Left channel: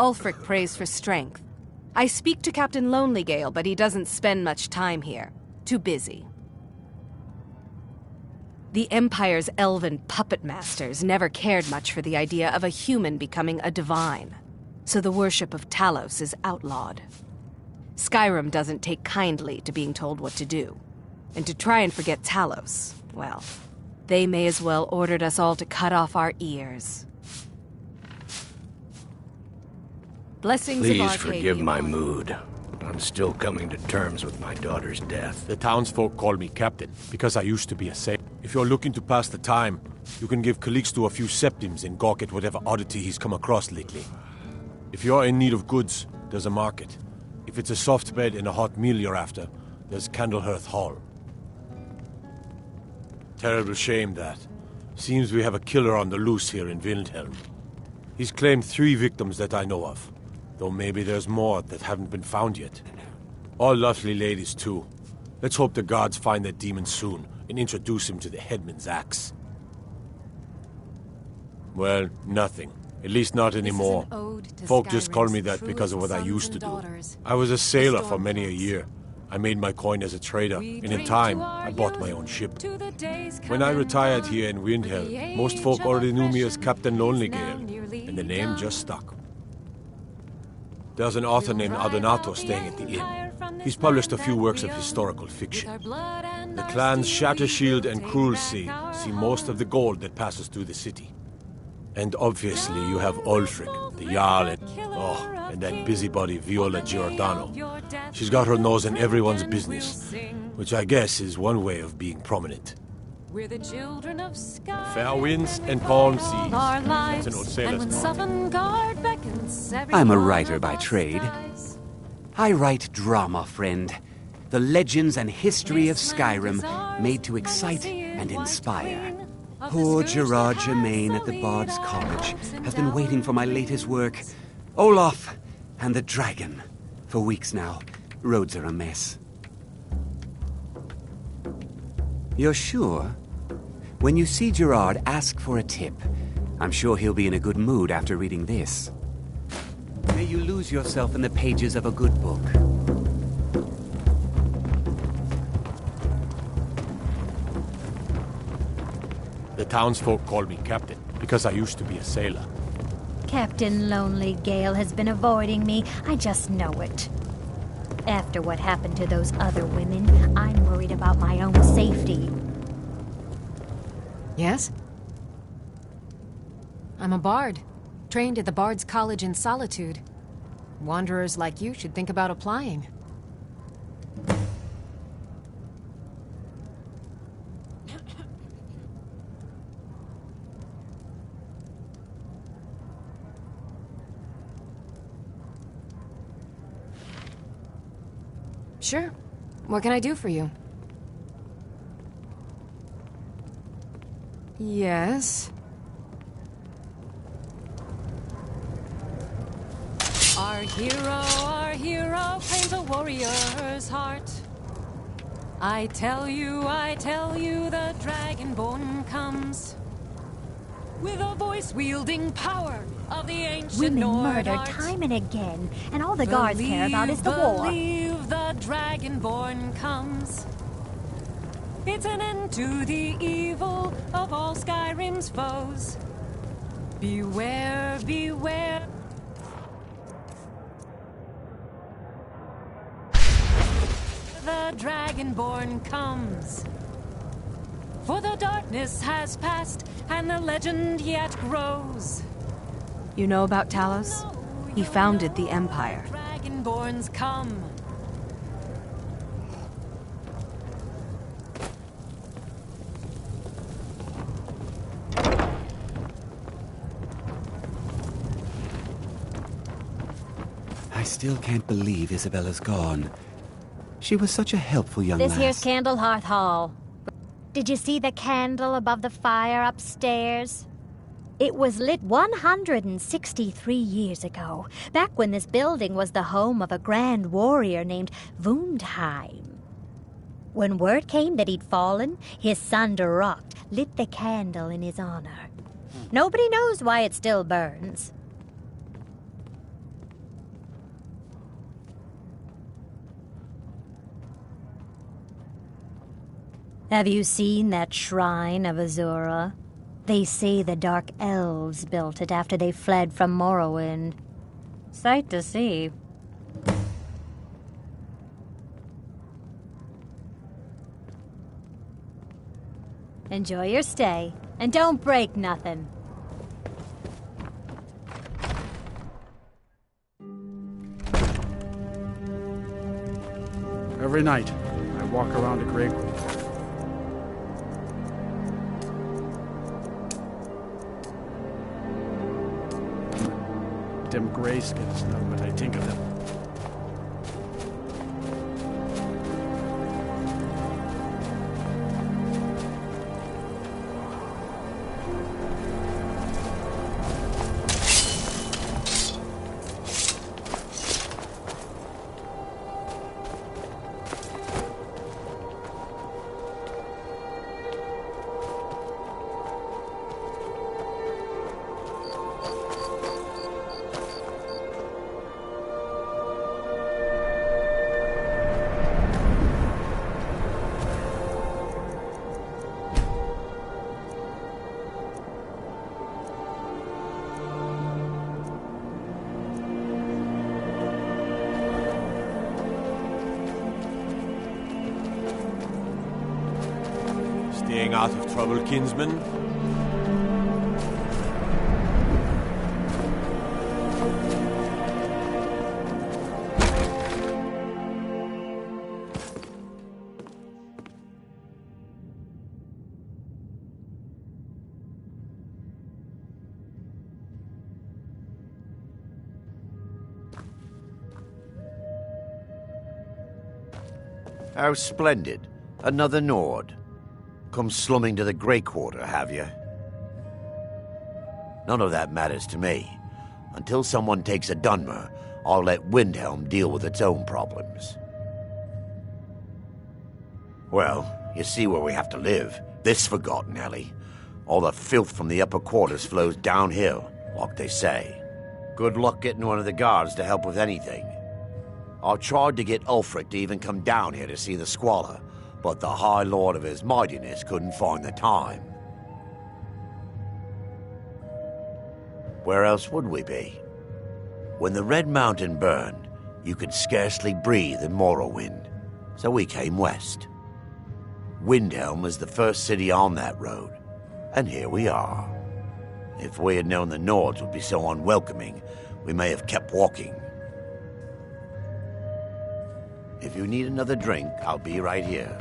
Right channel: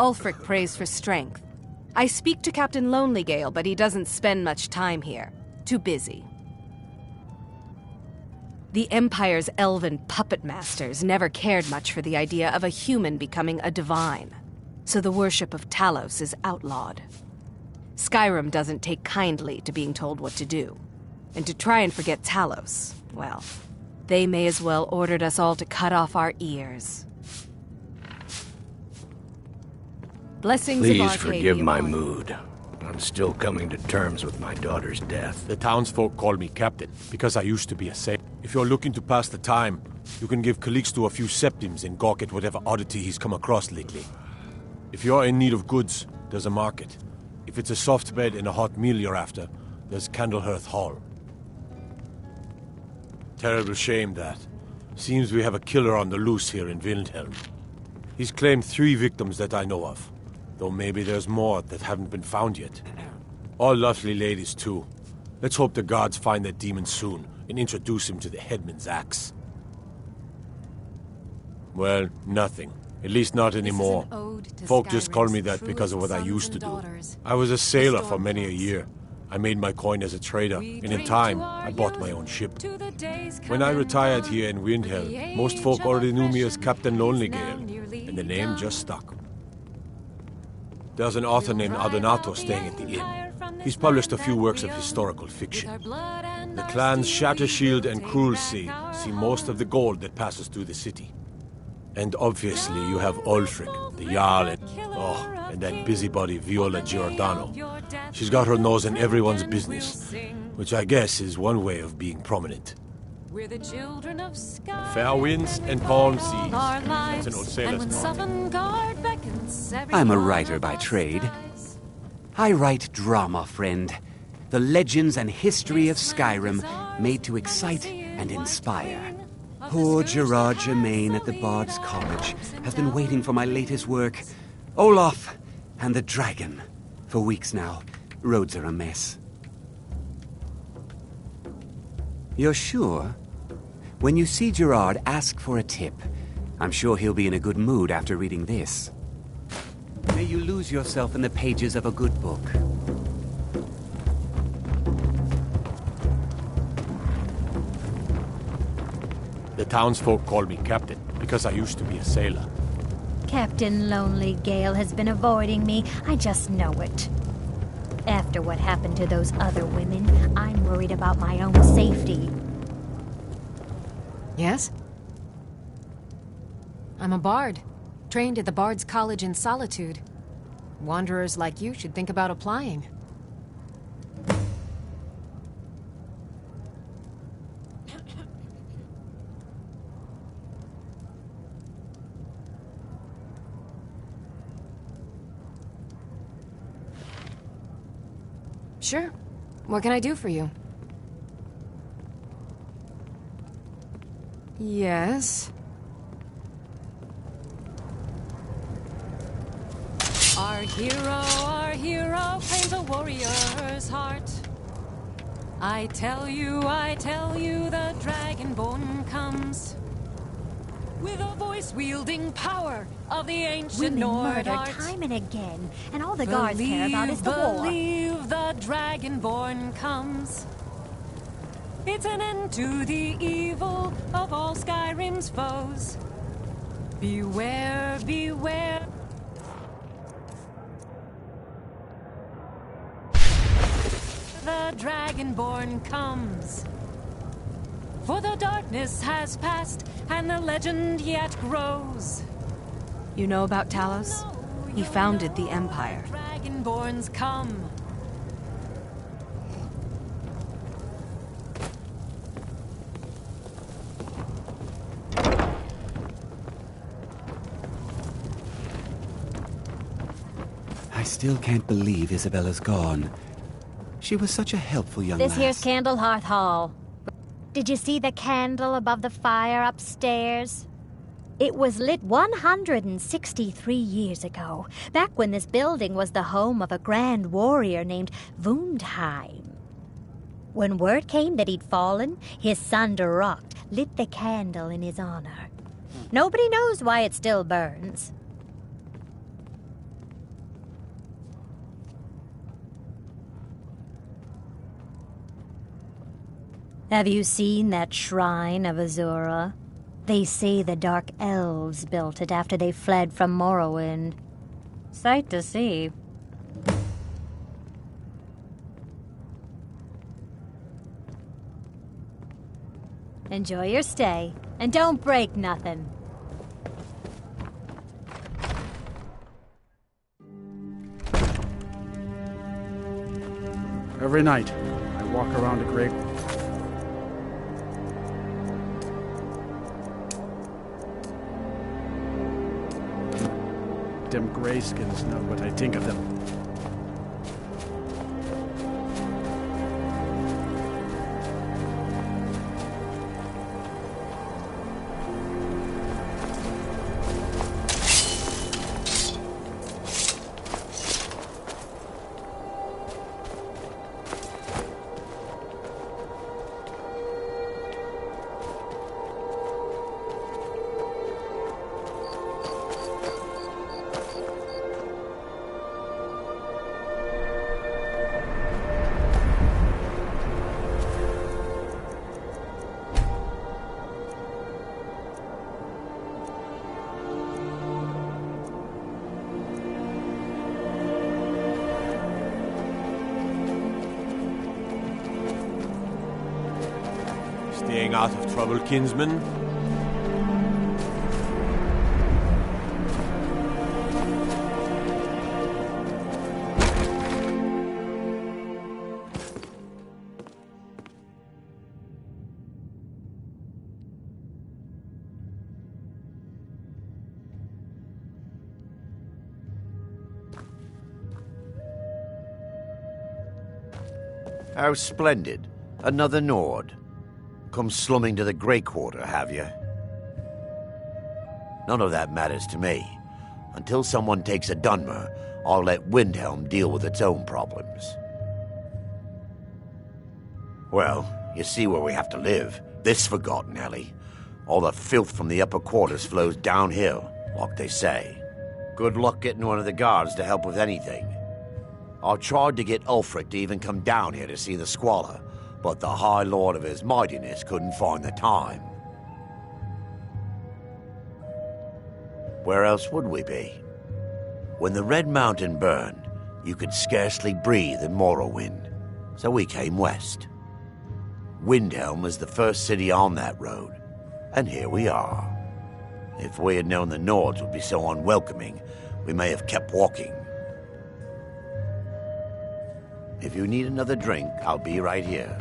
Ulfric prays for strength. I speak to Captain Lonelygale, but he doesn't spend much time here. Too busy. The Empire's elven puppet masters never cared much for the idea of a human becoming a divine, so the worship of Talos is outlawed. Skyrim doesn't take kindly to being told what to do. And to try and forget Talos, well, they may as well ordered us all to cut off our ears. Blessings of Arcadia. Please forgive my mood. I'm still coming to terms with my daughter's death. The townsfolk call me captain, because I used to be a sailor. If you're looking to pass the time, you can give Calixto a few septims and gawk at whatever oddity he's come across lately. If you're in need of goods, there's a market. If it's a soft bed and a hot meal you're after, there's Candlehearth Hall. Terrible shame that. Seems we have a killer on the loose here in Windhelm. He's claimed 3 victims that I know of, though maybe there's more that haven't been found yet. All lovely ladies, too. Let's hope the gods find that demon soon and introduce him to the headman's axe. Well, nothing. At least not anymore. Folk just call me that because of what I used to do. I was a sailor for many a year. I made my coin as a trader, and in time, I bought my own ship. When I retired here in Windhelm, most folk already knew me as Captain Lonelygale, and the name just stuck. There's an author named Adonato staying at the inn. He's published a few works of historical fiction. The clans Shattershield and Cruelsea see most of the gold that passes through the city. And obviously you have Ulfric, the Jarl, and that busybody Viola Giordano. She's got her nose in everyone's business, which I guess is one way of being prominent. We're the children of sky. Fair winds and calm seas. That's an old sailor's song. I'm a writer by trade. I write drama, friend. The legends and history of Skyrim made to excite and inspire. Poor Gerard Germain at the Bard's College has been waiting for my latest work, Olaf and the Dragon, for weeks now. Roads are a mess. You're sure? When you see Gerard, ask for a tip. I'm sure he'll be in a good mood after reading this. May you lose yourself in the pages of a good book. The townsfolk call me captain, because I used to be a sailor. Captain Lonelygale has been avoiding me. I just know it. After what happened to those other women, I'm worried about my own safety. Yes? I'm a bard, trained at the Bard's College in Solitude. Wanderers like you should think about applying. Sure. What can I do for you? Yes. Our hero claims a warrior's heart. I tell you, the Dragonborn comes. With a voice-wielding power of the ancient Women Nord murdered art. time and again, and all the guards care about is the war. Believe the Dragonborn comes. It's an end to the evil of all Skyrim's foes. Beware, beware. The Dragonborn comes. For the darkness has passed, and the legend yet grows. You know about Talos? He founded the Empire. Dragonborns come. I still can't believe Isabella's gone. She was such a helpful young lass. This here's Candlehearth Hall. Did you see the candle above the fire upstairs? It was lit 163 years ago, back when this building was the home of a grand warrior named Wundheim. When word came that he'd fallen, his son Durocht lit the candle in his honor. Nobody knows why it still burns. Have you seen that shrine of Azura? They say the Dark Elves built it after they fled from Morrowind. Sight to see. Enjoy your stay, and don't break nothing. Every night, I walk around a grave. Them grayskins know what I think of them. Staying out of trouble, kinsman? How splendid. Another Nord. Come slumming to the Grey Quarter, have you? None of that matters to me. Until someone takes a Dunmer, I'll let Windhelm deal with its own problems. Well, you see where we have to live. This forgotten alley. All the filth from the upper quarters flows downhill, like they say. Good luck getting one of the guards to help with anything. I tried to get Ulfric to even come down here to see the squalor, but the High Lord of his mightiness couldn't find the time. Where else would we be? When the Red Mountain burned, you could scarcely breathe in Morrowind, so we came west. Windhelm was the first city on that road, and here we are. If we had known the Nords would be so unwelcoming, we may have kept walking. If you need another drink, I'll be right here.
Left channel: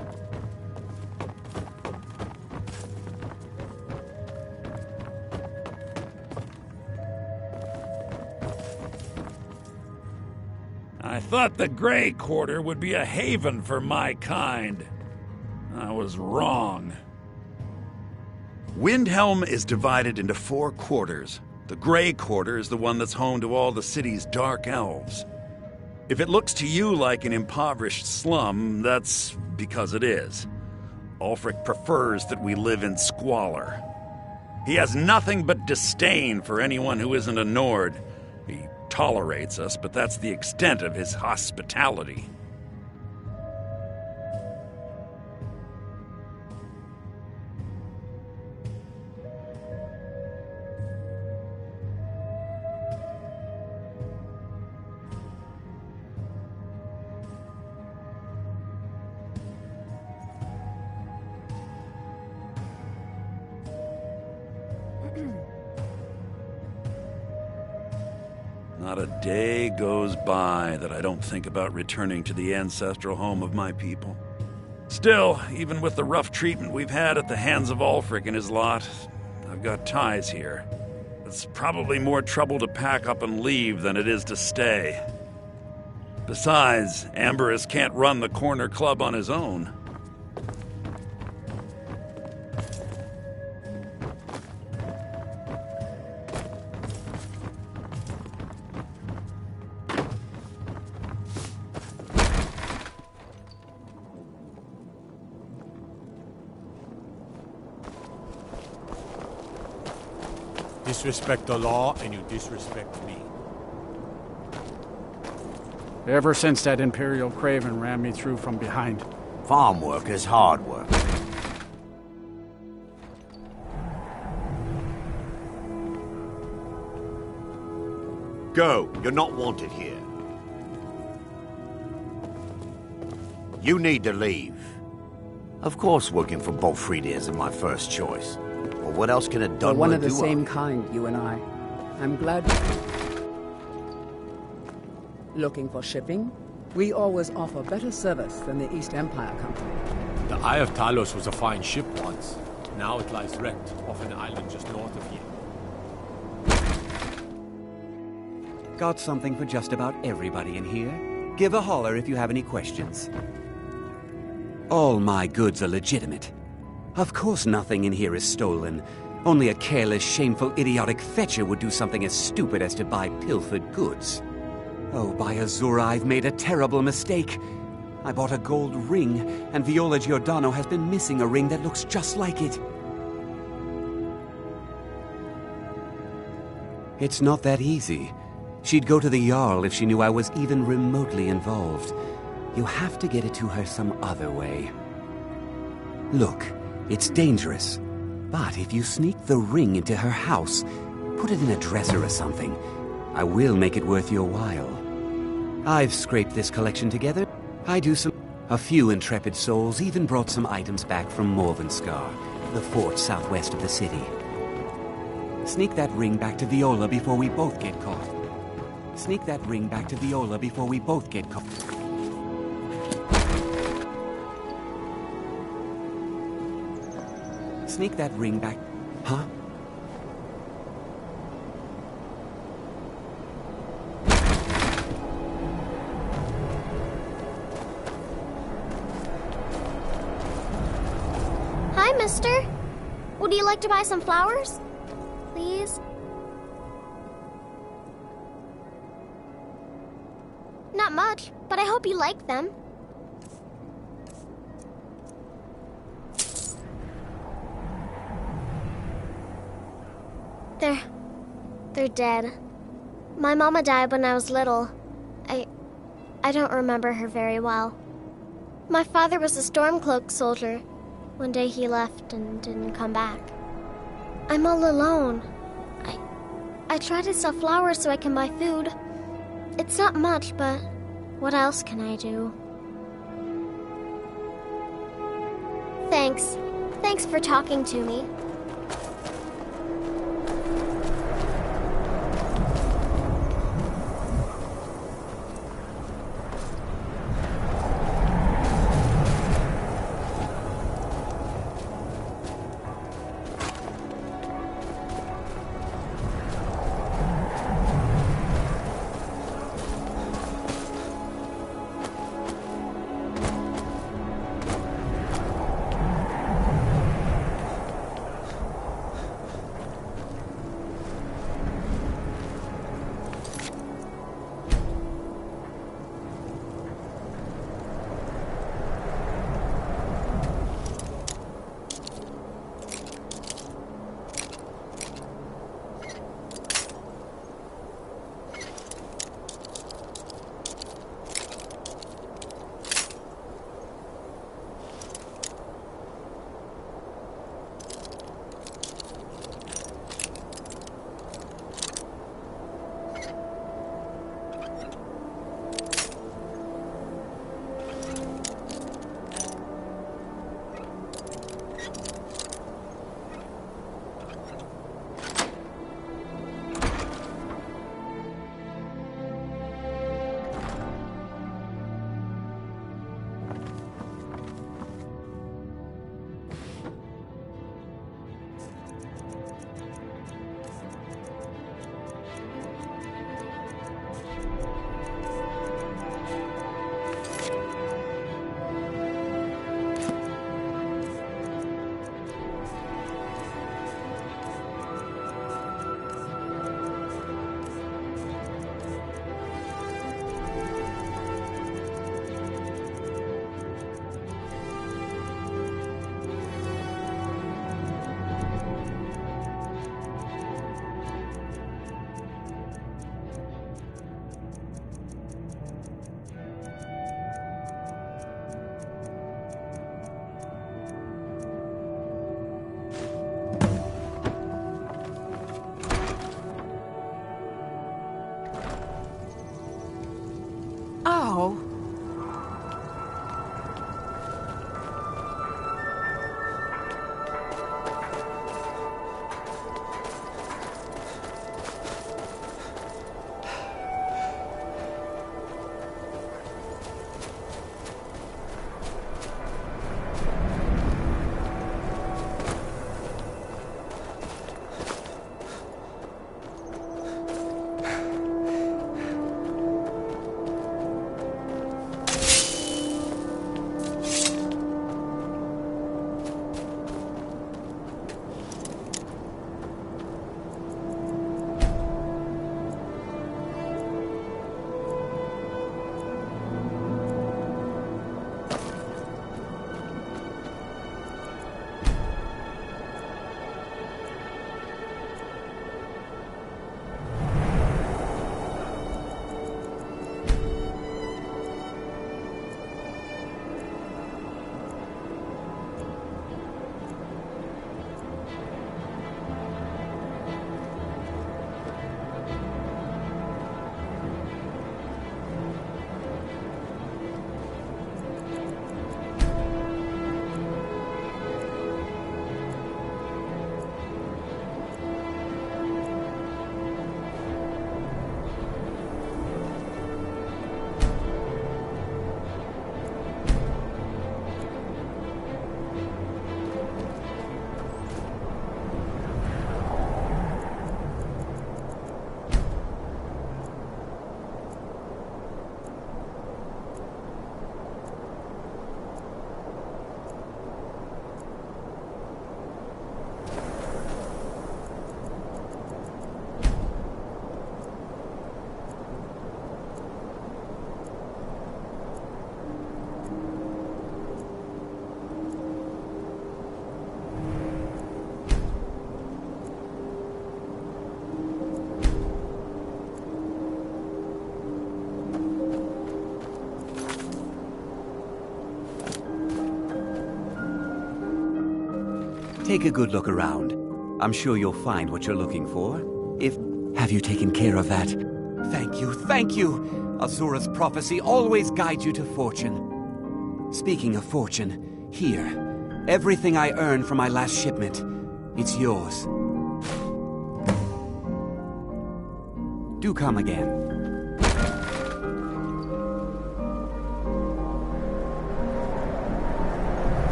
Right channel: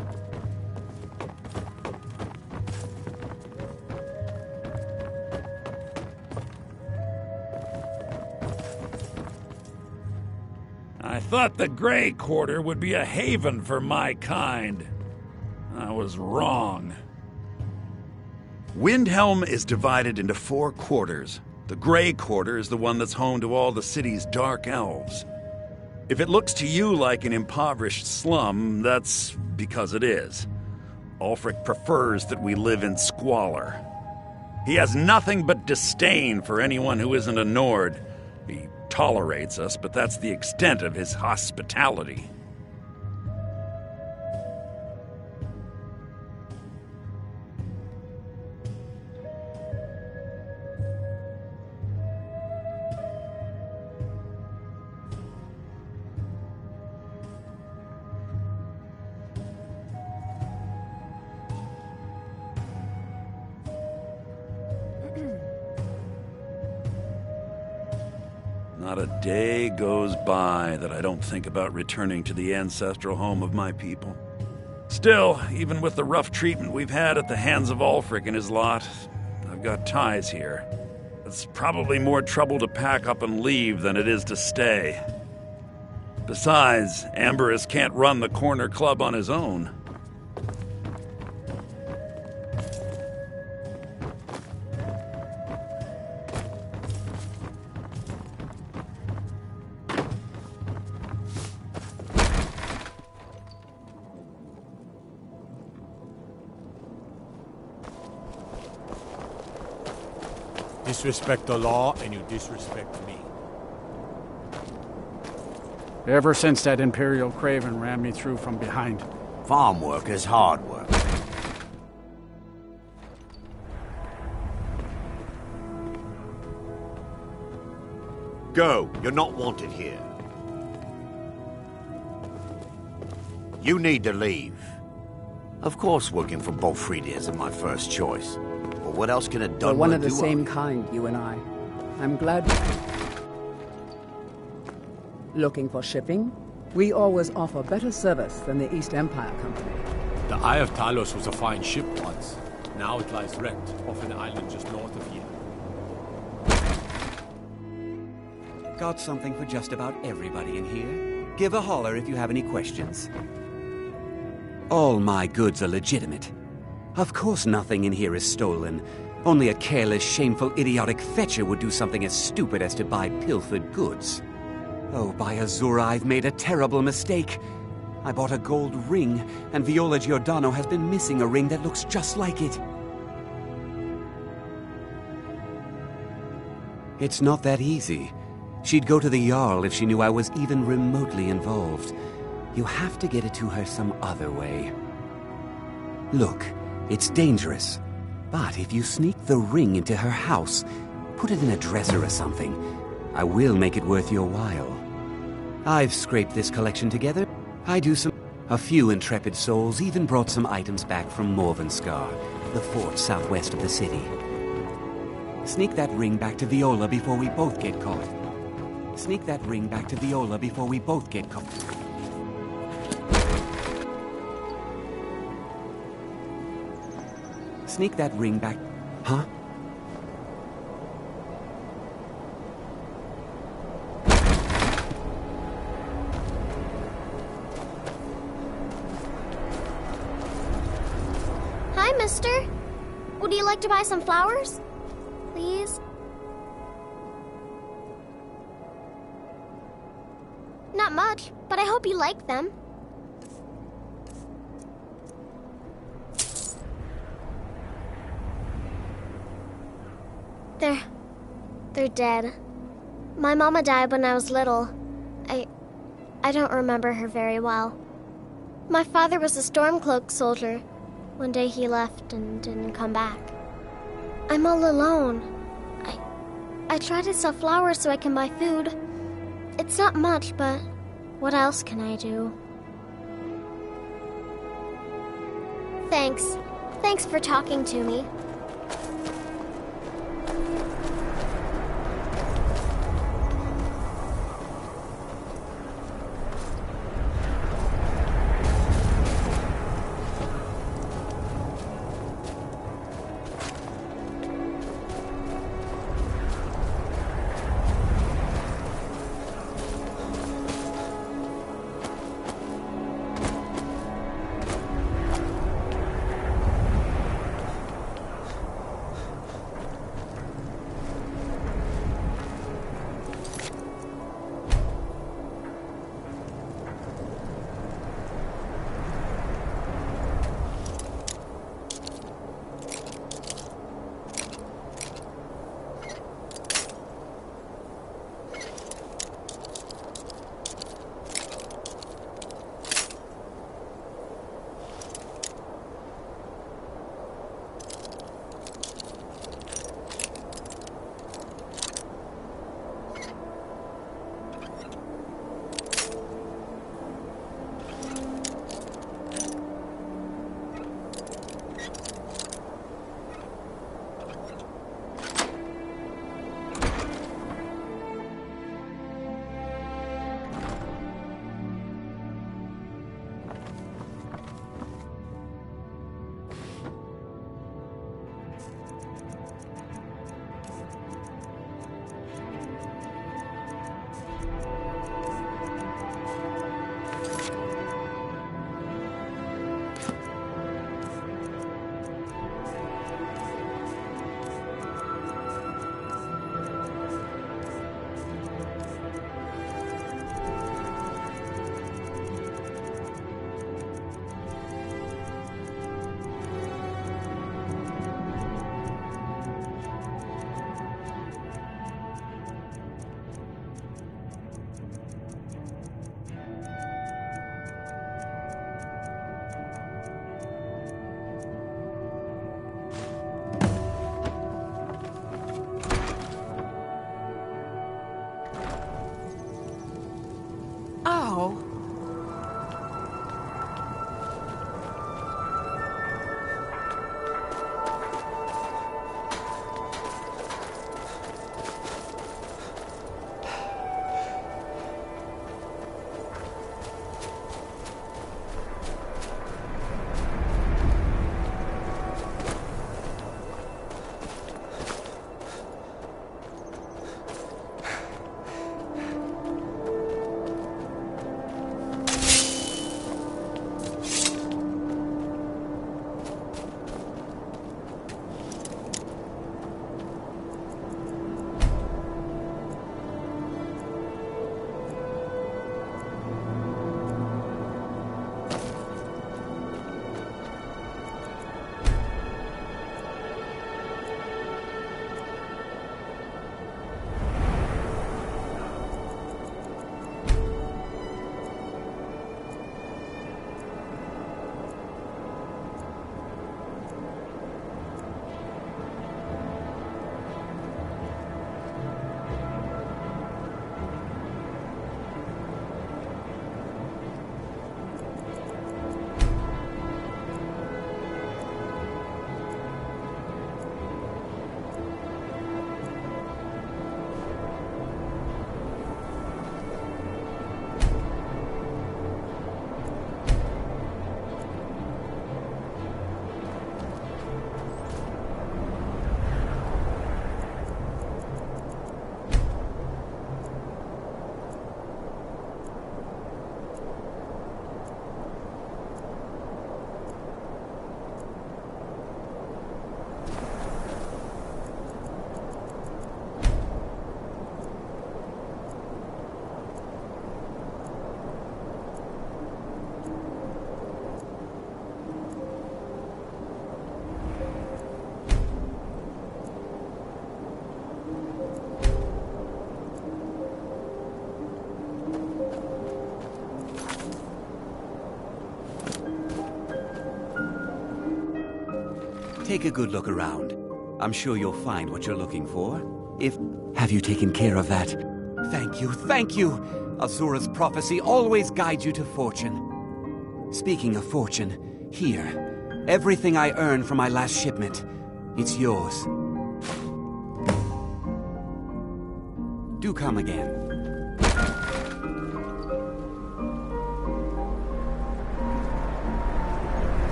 I thought the Grey Quarter would be a haven for my kind. I was wrong. Windhelm is divided into 4 quarters. The Grey Quarter is the one that's home to all the city's dark elves. If it looks to you like an impoverished slum, that's because it is. Ulfric prefers that we live in squalor. He has nothing but disdain for anyone who isn't a Nord. He tolerates us, but that's the extent of his hospitality. Not a day goes by that I don't think about returning to the ancestral home of my people. Still, even with the rough treatment we've had at the hands of Ulfric and his lot, I've got ties here. It's probably more trouble to pack up and leave than it is to stay. Besides, Amberus can't run the corner club on his own. Disrespect the law, and you disrespect me. Ever since that Imperial Craven ran me through from behind. Farm work is hard work. Go. You're not wanted here. You need to leave. Of course working for Bolfrida isn't my first choice. But what else can a We're Dunmer do? one of the same kind, you and I. I'm glad... Looking for shipping? We always offer better service than the East Empire Company. The Eye of Talos was a fine ship once. Now it lies wrecked off an island just north of here. Got something for just about everybody in here. Give a holler if you have any questions. All my goods are legitimate. Of course nothing in here is stolen. Only a careless, shameful, idiotic fetcher would do something as stupid as to buy pilfered goods. Oh, by Azura, I've made a terrible mistake. I bought a gold ring, and Viola Giordano has been missing a ring that looks just like it. It's not that easy. She'd go to the Jarl if she knew I was even remotely involved. You have to get it to her some other way. Look, it's dangerous. But if you sneak the ring into her house, put it in a dresser or something, I will make it worth your while. I've scraped this collection together. A few intrepid souls even brought some items back from Morvenskar, the fort southwest of the city. Sneak that ring back to Viola before we both get caught. Sneak that ring back to Viola before we both get caught. Sneak that ring back... Huh? Hi, mister. Would you like to buy some flowers? Please? Not much, but I hope you like them. They're dead. My mama died when I was little. I don't remember her very well. My father was a Stormcloak soldier. One day he left and didn't come back. I'm all alone. I try to sell flowers so I can buy food. It's not much, but what else can I do? Thanks. Thanks for talking to me. Oh. Take a good look around. I'm sure you'll find what you're looking for. Have you taken care of that? Thank you, thank you! Azura's prophecy always guides you to fortune. Speaking of fortune, here. Everything I earned from my last shipment. It's yours. Do come again.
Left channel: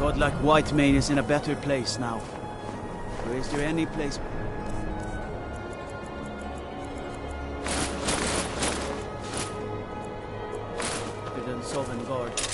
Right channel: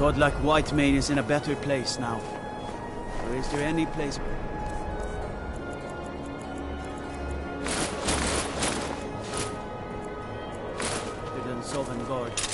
God like Whitemane is in a better place now. Or is there any place... better than Sovngarde?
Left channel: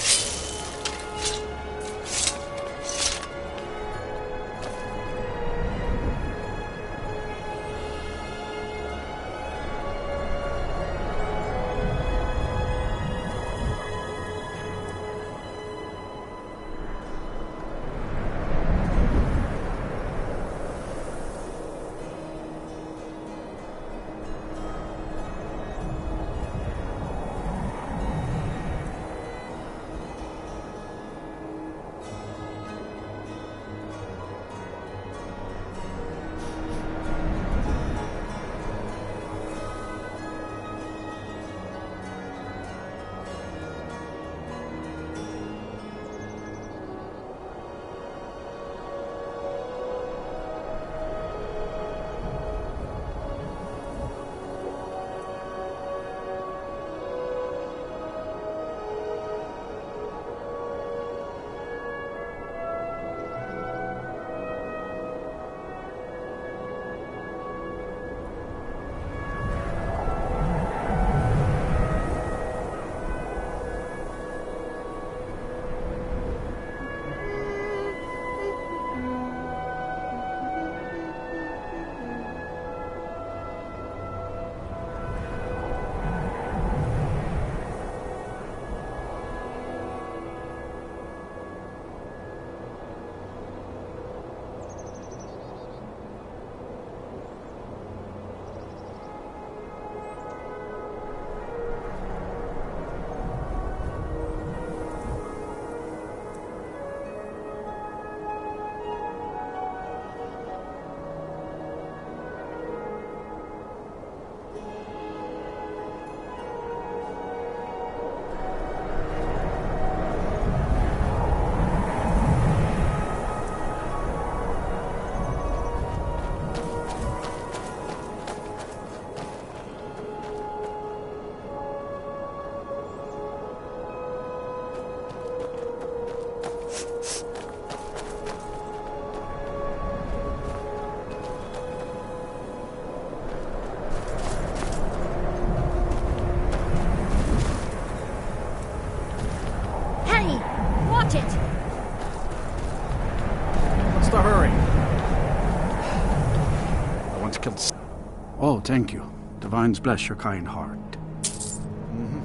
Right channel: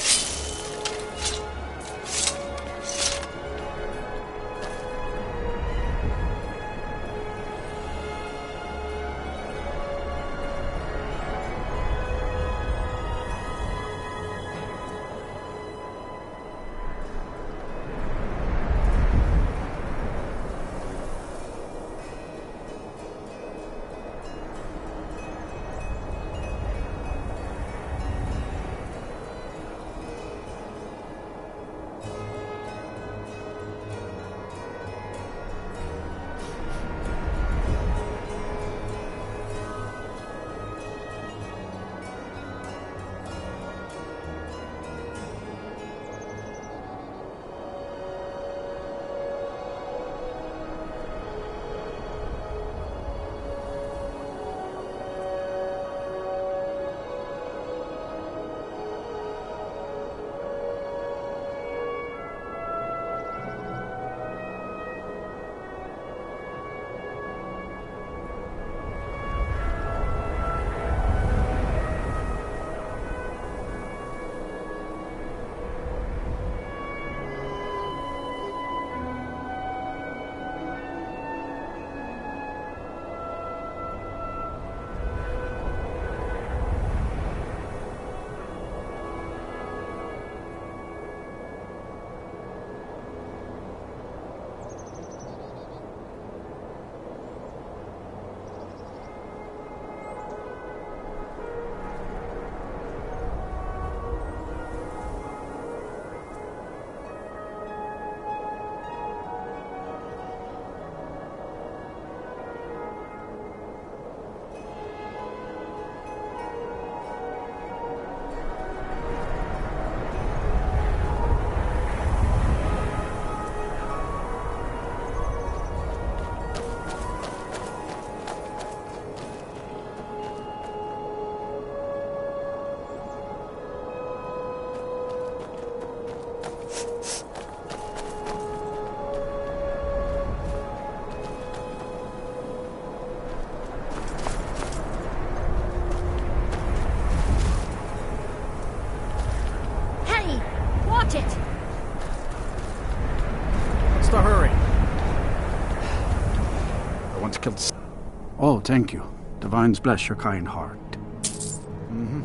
Watch it! What's the hurry? I want to kill... Oh, thank you. Divines bless your kind heart. Mm-hmm.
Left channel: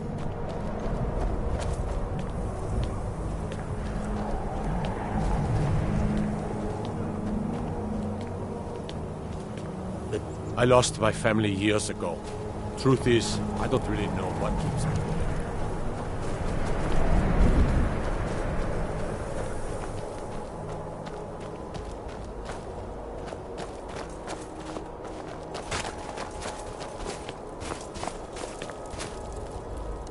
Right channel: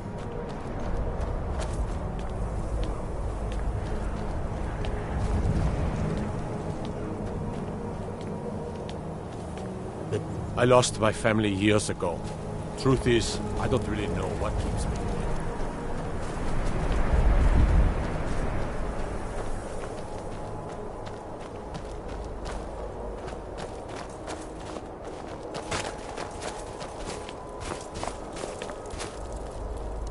I lost my family years ago. Truth is, I don't really know what keeps me going.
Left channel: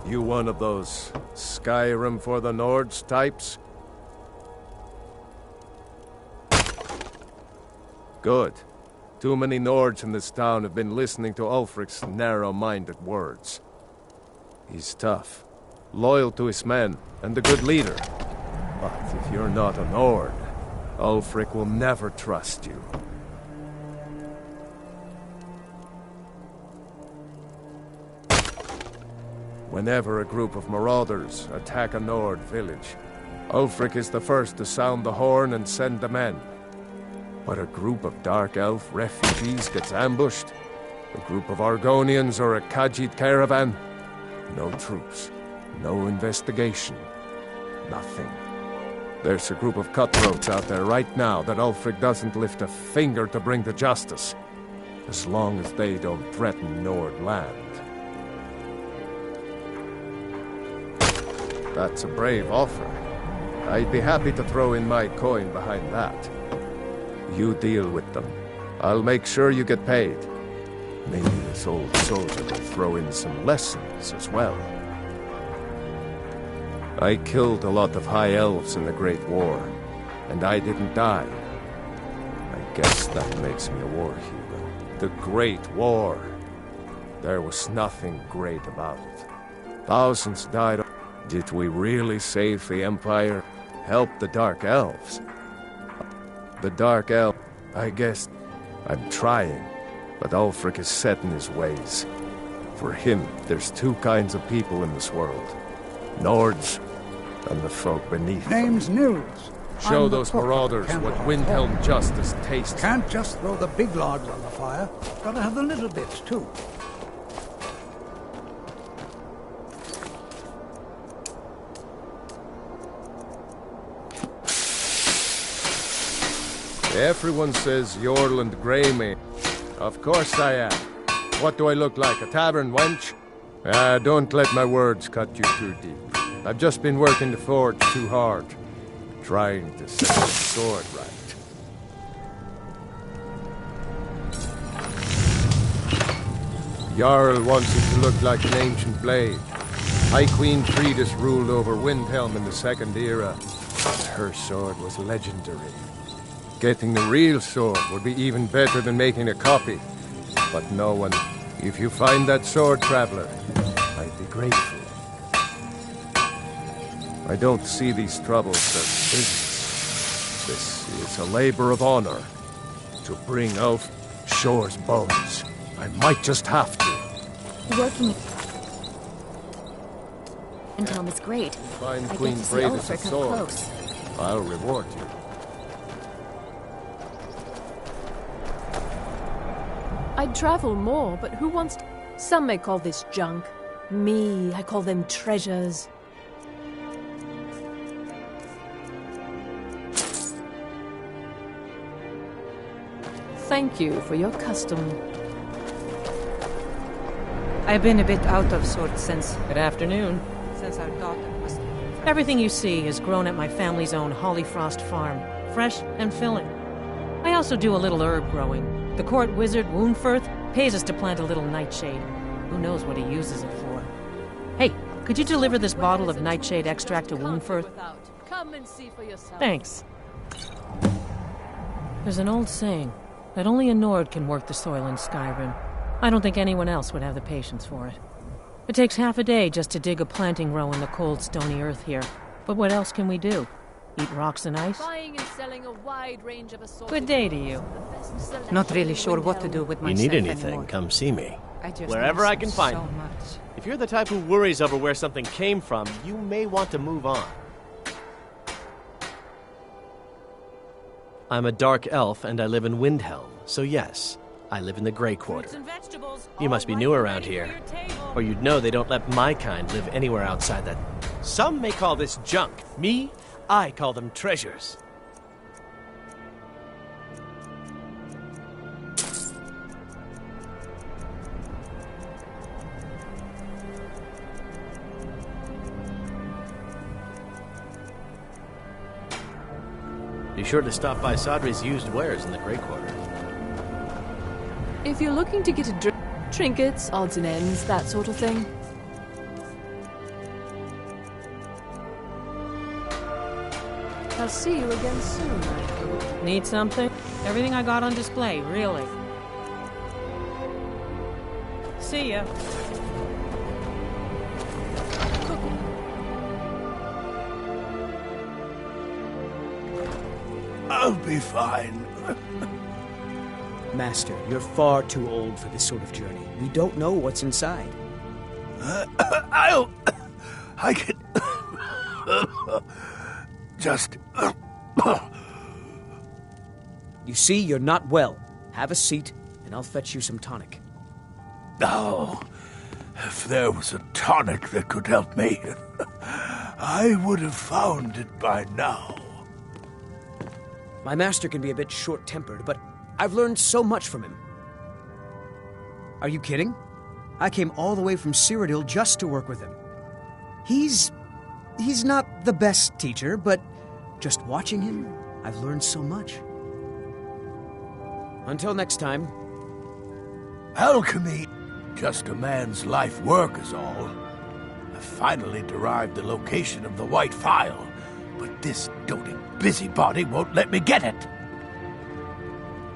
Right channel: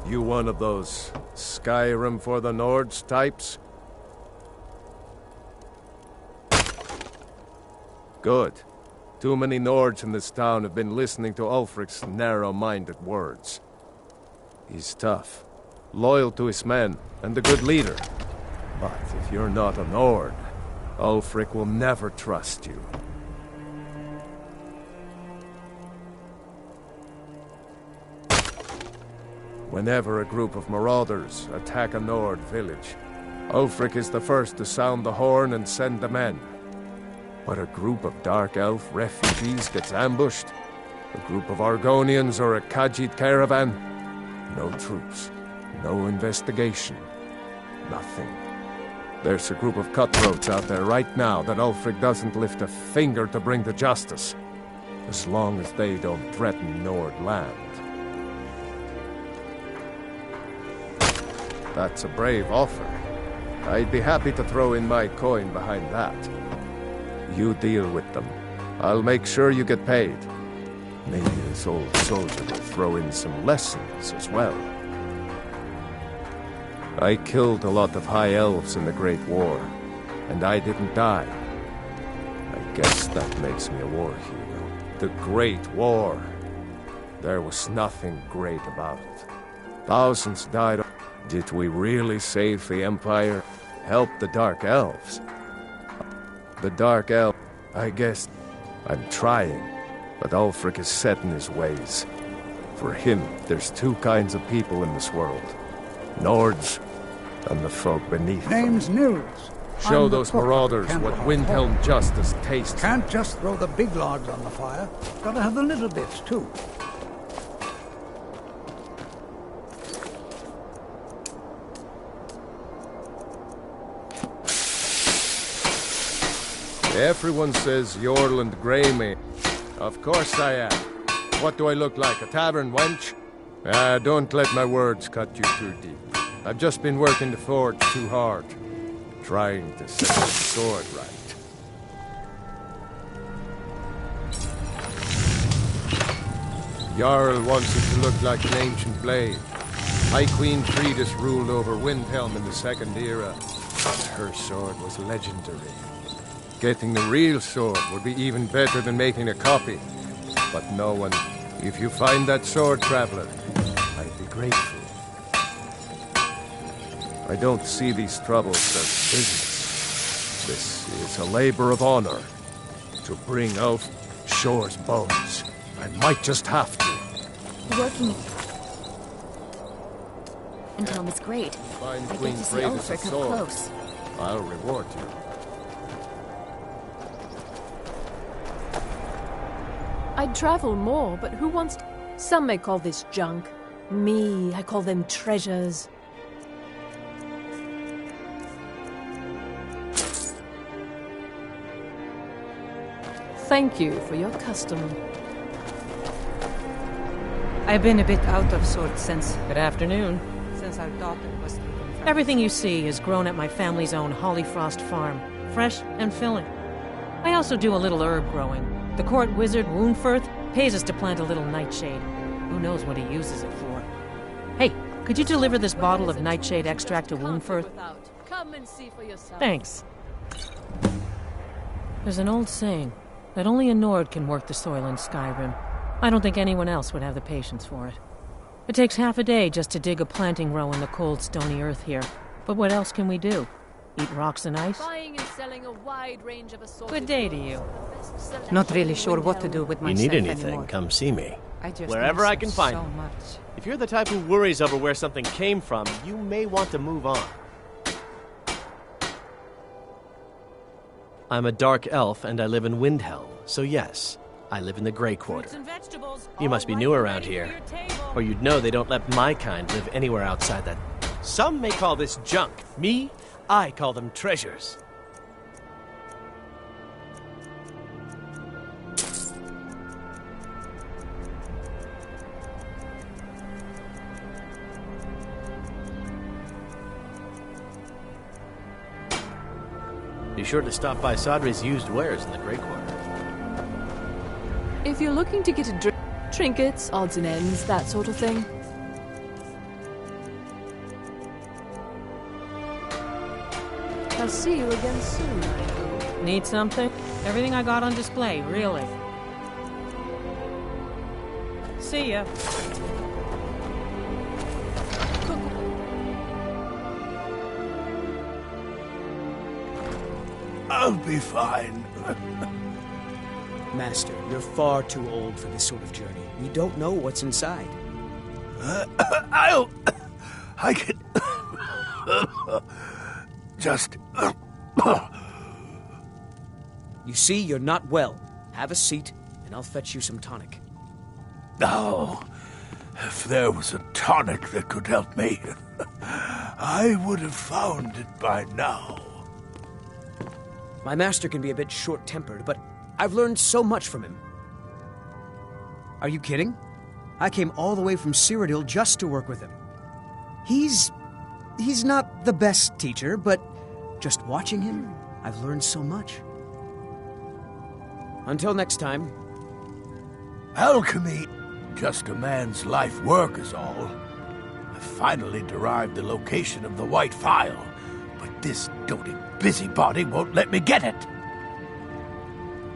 You one of those Skyrim for the Nords types? Good. Too many Nords in this town have been listening to Ulfric's narrow-minded words. He's tough, loyal to his men, and a good leader. But if you're not a Nord, Ulfric will never trust you. Whenever a group of marauders attack a Nord village, Ulfric is the first to sound the horn and send the men. But a group of Dark Elf refugees gets ambushed, a group of Argonians or a Khajiit caravan, no troops, no investigation, nothing. There's a group of cutthroats out there right now that Ulfric doesn't lift a finger to bring to justice, as long as they don't threaten Nord land. That's a brave offer. I'd be happy to throw in my coin behind that. You deal with them. I'll make sure you get paid. Maybe this old soldier will throw in some lessons as well. I killed a lot of High Elves in the Great War, and I didn't die. I guess that makes me a war hero. The Great War. There was nothing great about it. Thousands died. Did we really save the Empire? help the Dark Elves. The Dark Elf, I guess I'm trying, but Ulfric is set in his ways. For him, there's two kinds of people in this world. Nords and the folk beneath them. Name's Nils. Show I'm the those cook marauders at what Candlehearth Windhelm Hall. justice tastes. Can't just throw the big logs on the fire. Gotta have the little bits, too. Everyone says Jorland Greymane. Of course I am. What do I look like, a tavern wench? Don't let my words cut you too deep. I've just been working the forge too hard, trying to set the sword right. Jarl wants it to look like an ancient blade. High Queen Fridis ruled over Windhelm in the Second Era, and her sword was legendary. Getting the real sword would be even better than making a copy. But no one... If you find that sword, traveler, I'd be grateful. I don't see these troubles as business. This is a labor of honor. To bring Ulf Shore's bones. I might just have to. Working... Windhelm is great. Find I Queen get to see Freydis' Ulfric up sword. close. I'll reward you. I'd travel more, but who wants... Some may call this junk. Me, I call them treasures. Thank you for your custom. I've been a bit out of sorts since... Good afternoon. Since our daughter was taken from... Everything you see is grown at my family's own Hollyfrost farm. Fresh and filling. I also do a little herb growing. The court wizard, Woundfirth, pays us to plant a little nightshade. Who knows what he uses it for? Hey, could you deliver this bottle of nightshade extract to Woundfirth? Come and see for yourself. Thanks. There's an old saying that only a Nord can work the soil in Skyrim. I don't think anyone else would have the patience for it. It takes half a day just to dig a planting row in the cold, stony earth here. But what else can we do? Eat rocks and ice? Buying and selling a wide range of Good day to you. Not really sure what to do with myself You need anything, anymore. come see me. I just Wherever miss I can him find so him. much. If you're the type who worries over where something came from, you may want to move on. I'm a dark elf and I live in Windhelm, so yes, I live in the Grey Quarter. You must be new around here, or you'd know they don't let my kind live anywhere outside that. Some may call this junk. Me, I call them treasures. Be sure to stop by Sadri's used wares in the Grey Quarter. If you're looking to get a trinkets, odds and ends, that sort of thing. I'll see you again soon, I hope. Need something? Everything I got on display, really. See ya. I'll be fine. Master, you're far too old for this sort of journey. We don't know what's inside. I can... just... You see, you're not well. Have a seat, and I'll fetch you some tonic. Oh, if there was a tonic that could help me, I would have found it by now. My master can be a bit short-tempered, but I've learned so much from him. Are you kidding? I came all the way from Cyrodiil just to work with him. He's not the best teacher, but just watching him, I've learned so much. Until next time. Alchemy, just a man's life work is all. I finally derived the location of the White Phial, but this doting busybody won't let me get it.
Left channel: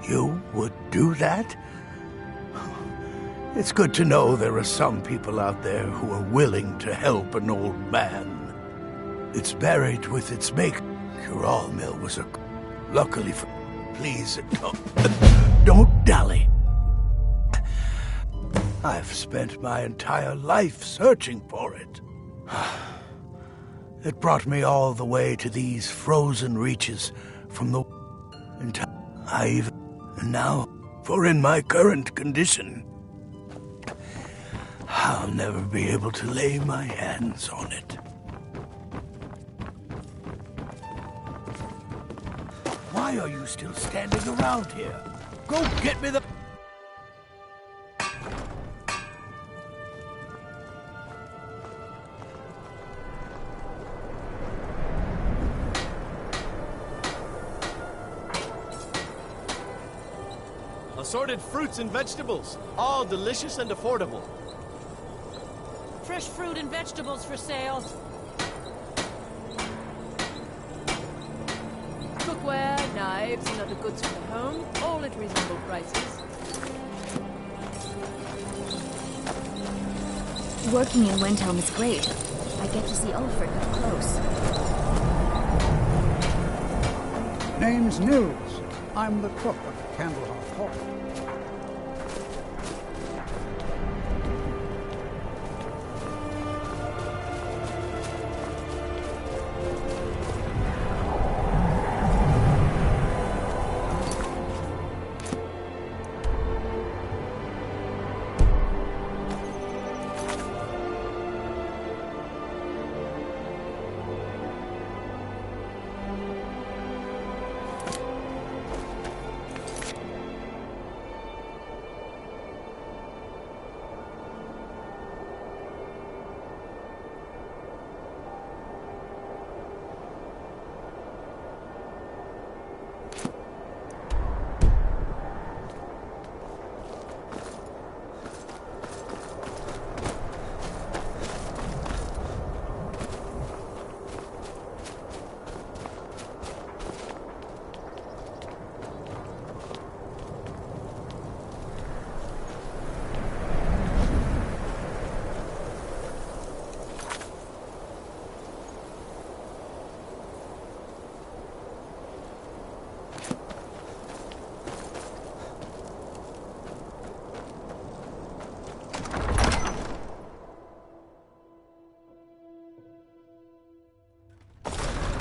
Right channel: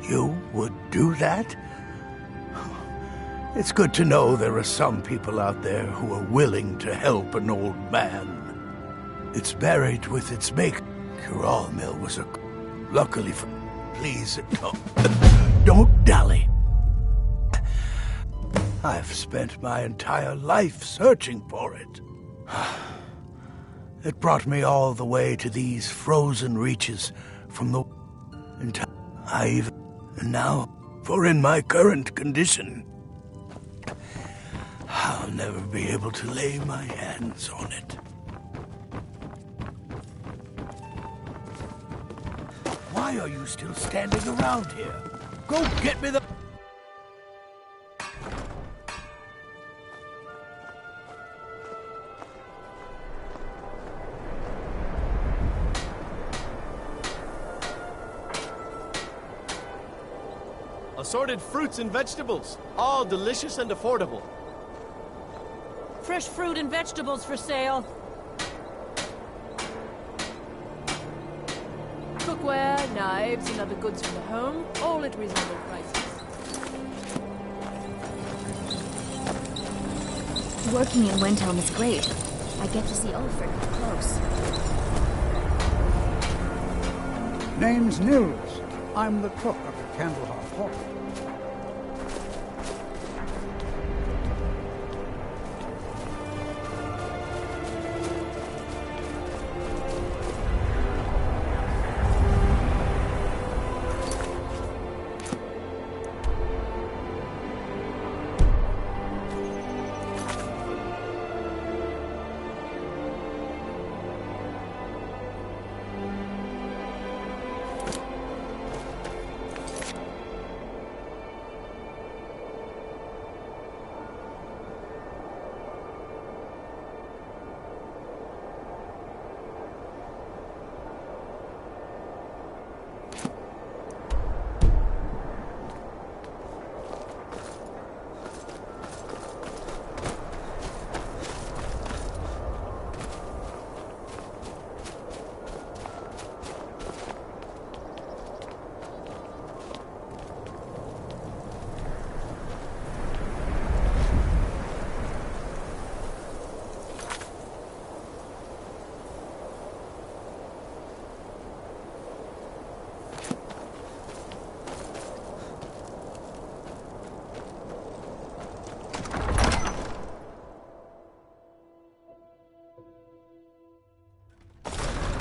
You would do that? It's good to know there are some people out there who are willing to help an old man. It's buried with its maker. Corral mill was a... Luckily for... Please, don't dally. I've spent my entire life searching for it. It brought me all the way to these frozen reaches from the... And now, for in my current condition, I'll never be able to lay my hands on it. Why are you still standing around here? Go get me the... Assorted fruits and vegetables, all delicious and affordable. Fresh fruit and vegetables for sale. Cookware, knives, and other goods from the home, all at reasonable prices. Working in Windhelm is great. I get to see Ulfric up close. Name's Nils. I'm the cook of the Candlehearth Hall.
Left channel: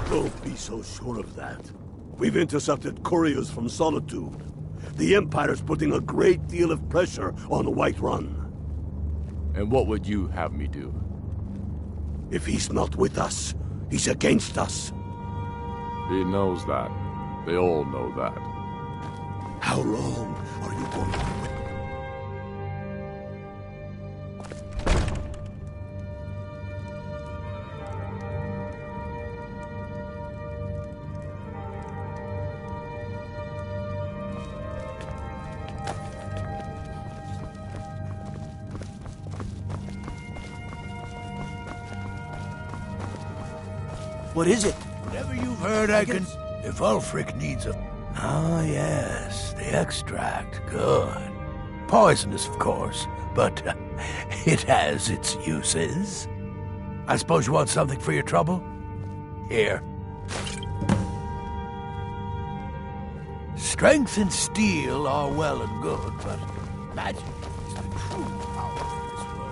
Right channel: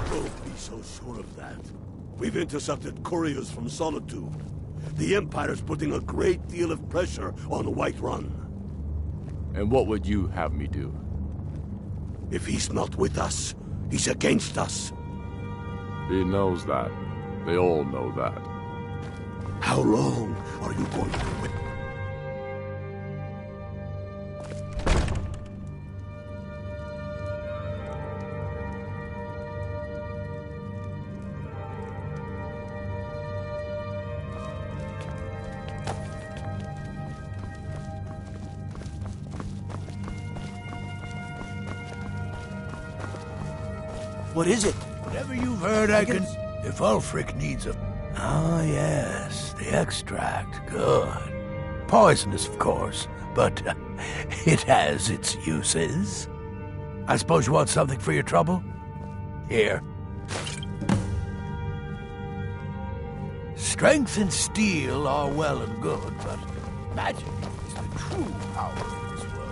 Don't be so sure of that. We've intercepted couriers from Solitude. The Empire's putting a great deal of pressure on Whiterun. And what would you have me do? If he's not with us, he's against us. He knows that. They all know that. How long are you going to wait? What is it? Whatever you've heard, I can... If Ulfric needs a... Ah, yes, the extract. Good. Poisonous, of course, but it has its uses. I suppose you want something for your trouble? Here. Strength and steel are well and good, but magic is the true power of this world.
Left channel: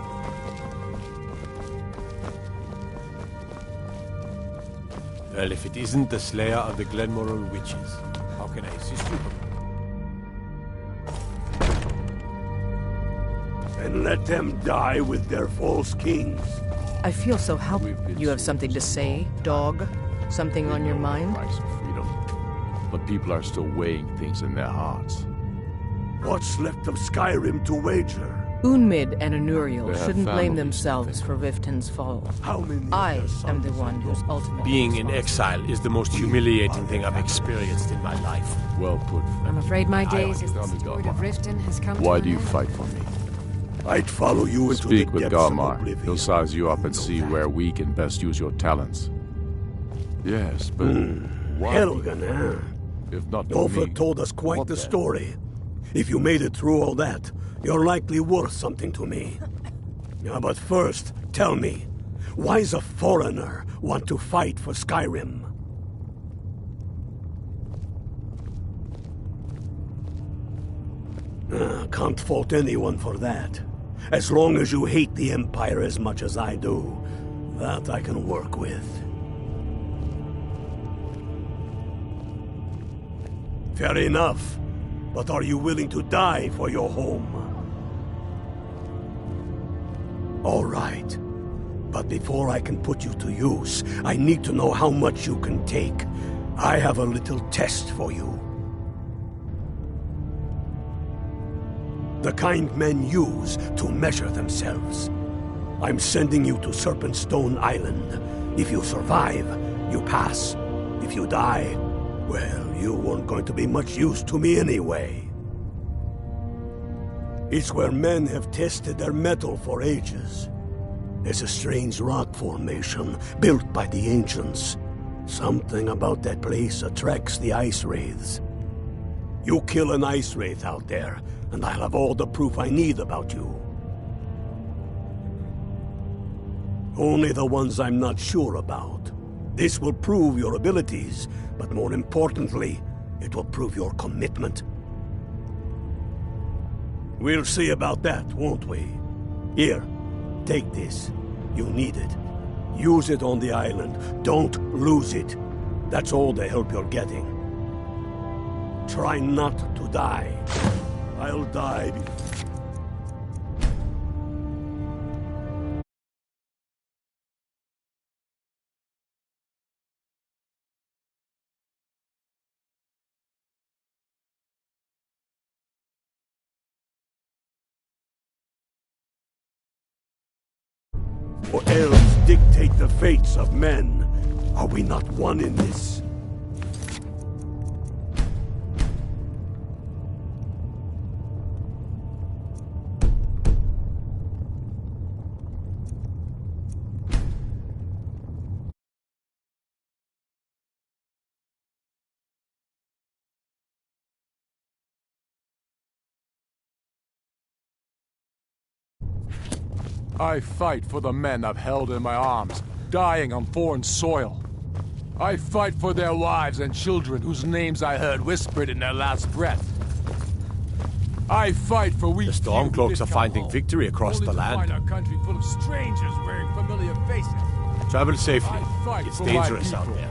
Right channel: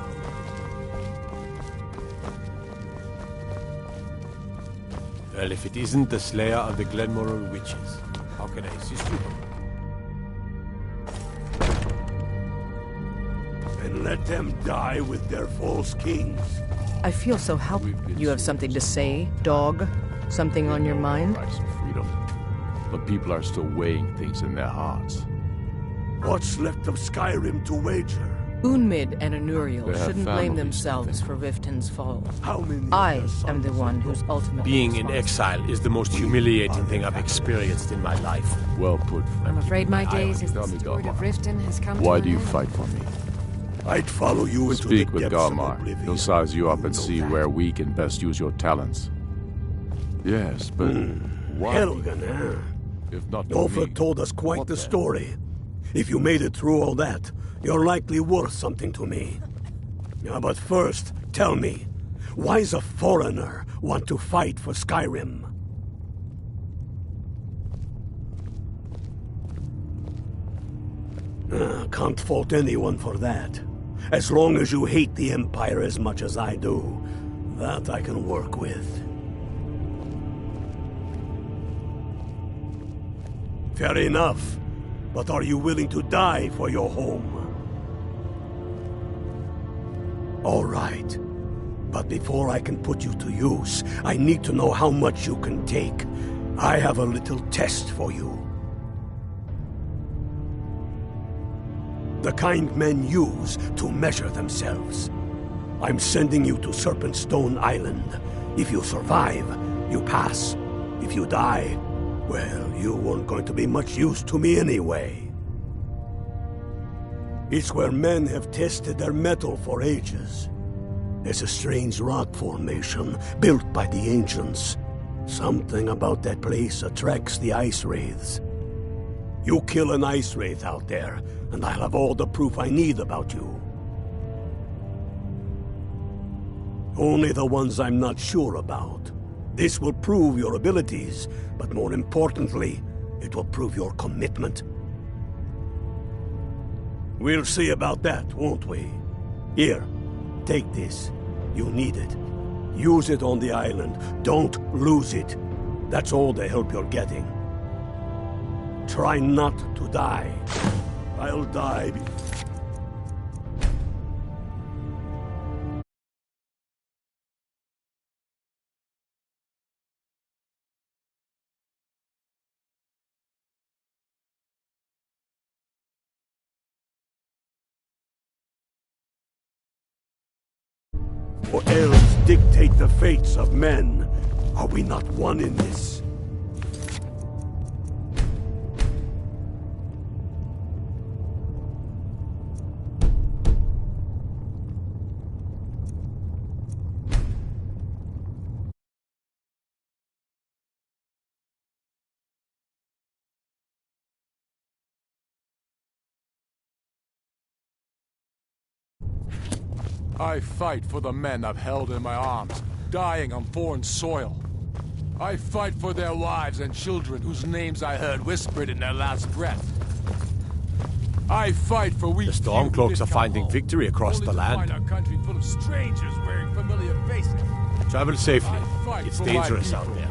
Well, if it isn't the slayer of the Glenmoral witches, how can I assist you? And let them die with their false kings. I feel so helpless. You have something to say, dog? Something on your mind? Price of freedom. But people are still weighing things in their hearts. What's left of Skyrim to wager? Unmid and Anuriel They have shouldn't blame families themselves for Riften's fall. How many I am the one who's ultimately Being in exile is the most humiliating thing I've experienced in my life. Well put, friend. I'm afraid my days as the steward of Riften has come to Why an do you end. fight for me? I'd follow you into Speak the with depths of Garmar. oblivion. He'll size you up and see where we can best use your talents. Yes, but why? Helgen, huh? If not for Ulfric me, told us quite what the then? story. If you made it through all that, you're likely worth something to me. Yeah, but first, tell me, why's a foreigner want to fight for Skyrim? Can't fault anyone for that. As long as you hate the Empire as much as I do, that I can work with. Fair enough. But are you willing to die for your home? All right. But before I can put you to use, I need to know how much you can take. I have a little test for you. The kind men use to measure themselves. I'm sending you to Serpentstone Island. If you survive, you pass. If you die, well, you weren't going to be much use to me anyway. It's where men have tested their metal for ages. There's a strange rock formation built by the ancients. Something about that place attracts the ice wraiths. You kill an ice wraith out there, and I'll have all the proof I need about you. Only the ones I'm not sure about. This will prove your abilities, but more importantly, it will prove your commitment. We'll see about that, won't we? Here, take this. You'll need it. Use it on the island. Don't lose it. That's all the help you're getting. Try not to die. I'll die before... For elves dictate the fates of men. Are we not one in this? I fight for the men I've held in my arms, dying on foreign soil. I fight for their wives and children whose names I heard whispered in their last breath. I fight for we. The Stormcloaks are finding victory across the land. Find our country full of strangers wearing familiar faces. Travel safely. It's dangerous out there.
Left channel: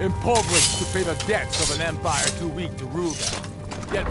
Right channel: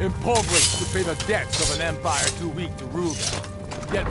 Impoverished to pay the debts of an empire too weak to rule them. Yet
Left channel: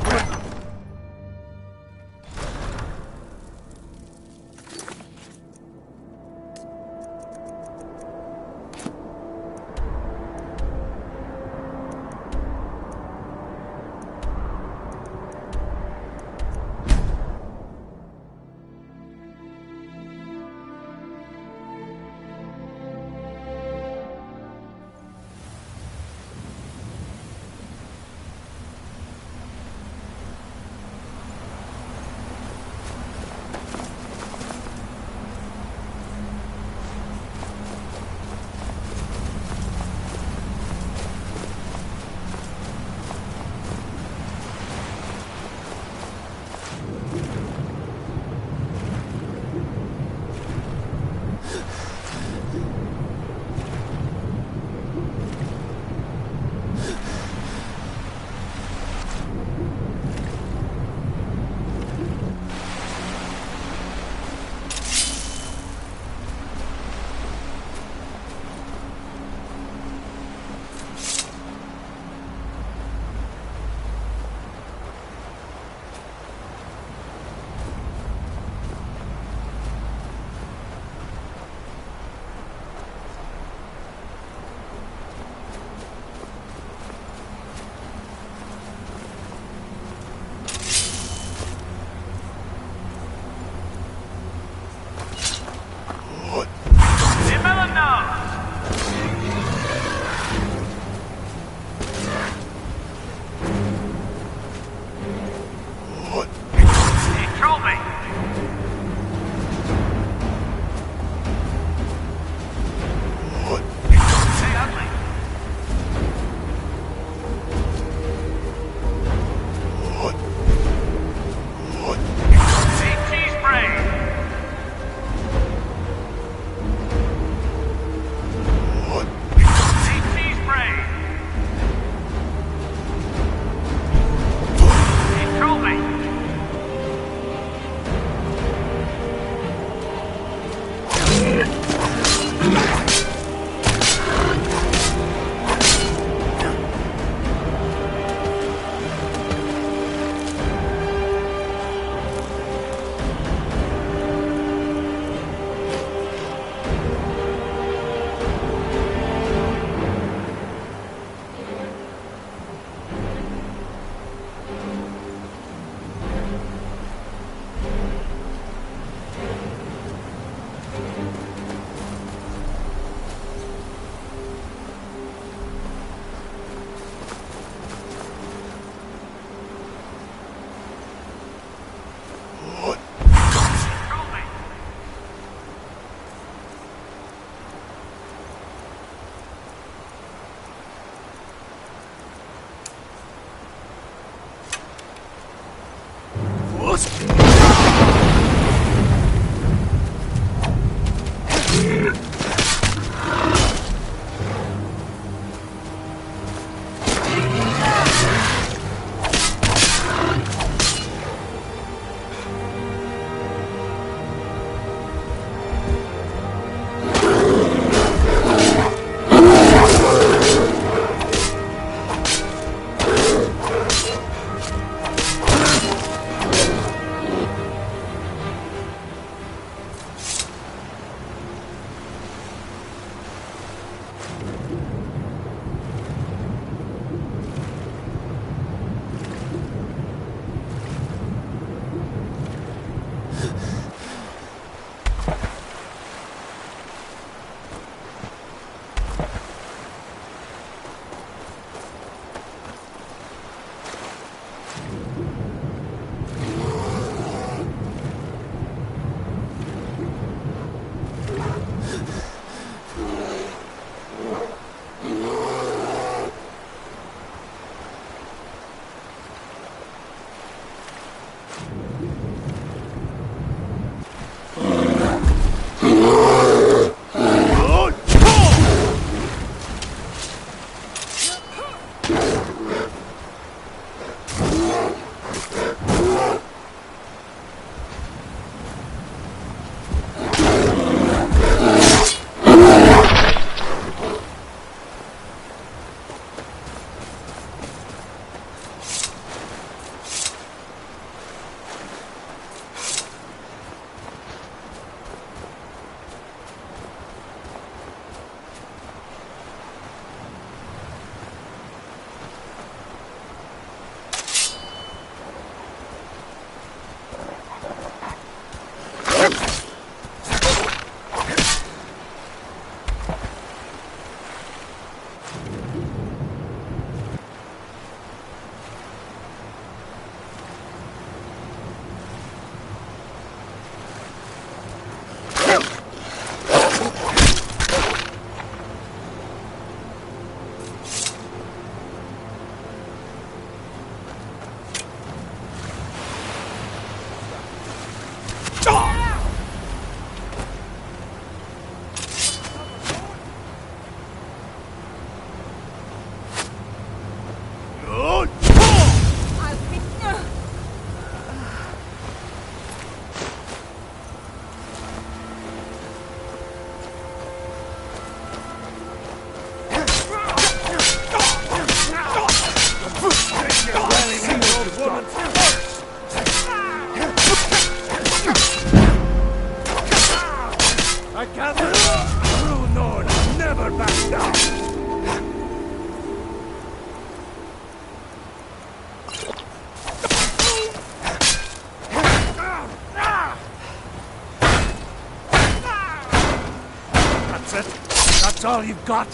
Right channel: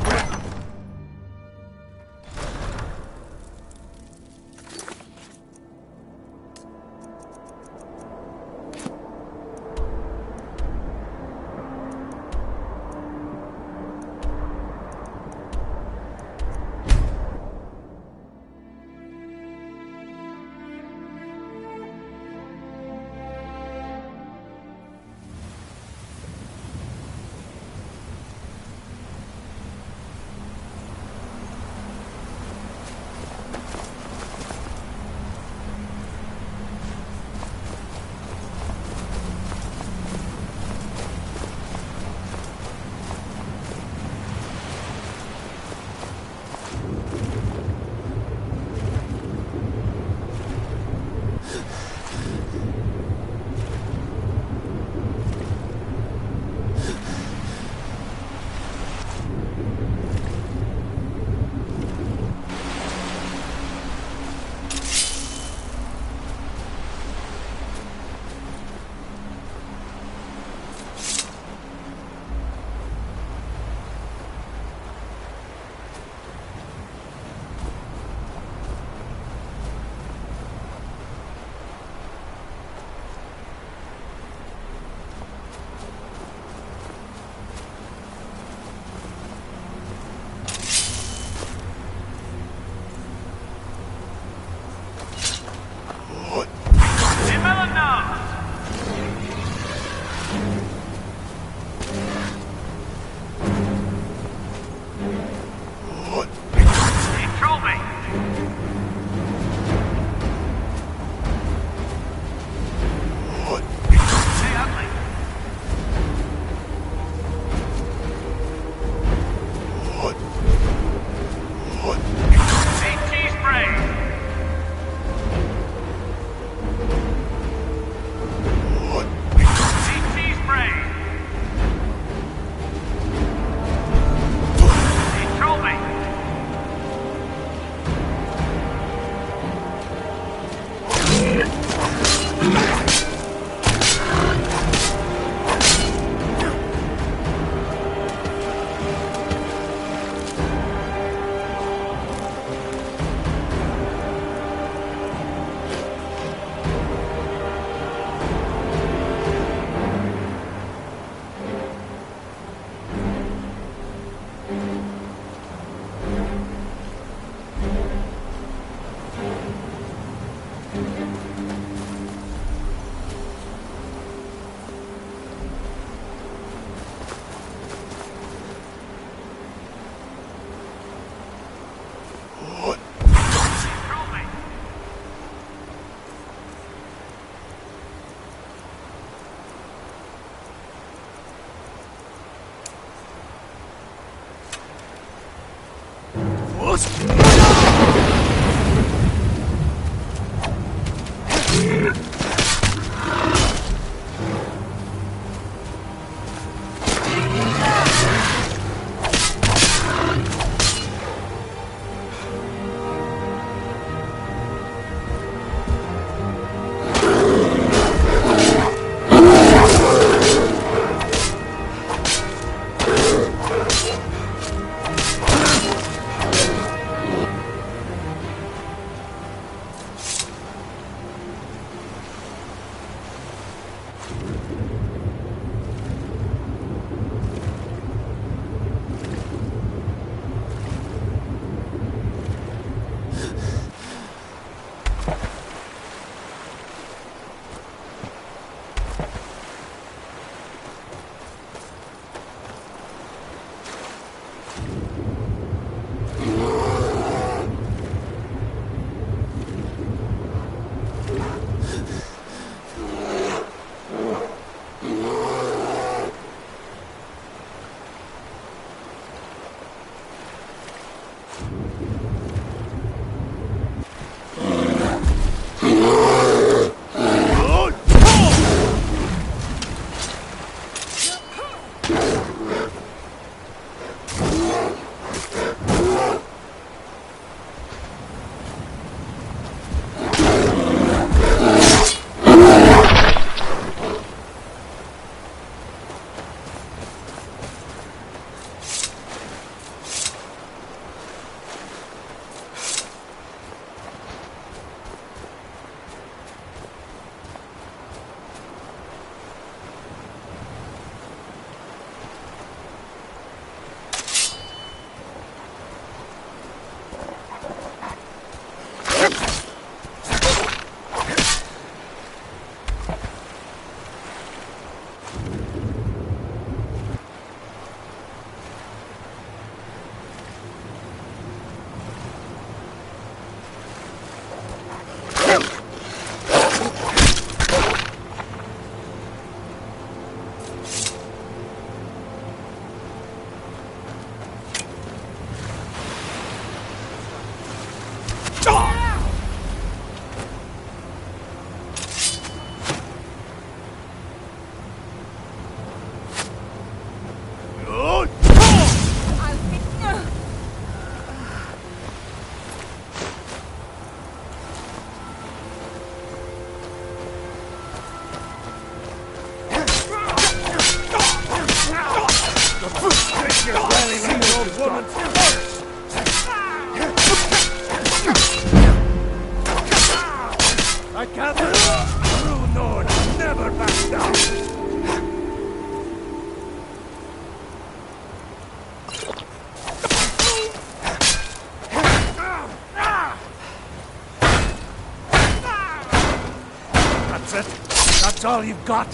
I gather, true Nord never back down. That's it? That's all you've got?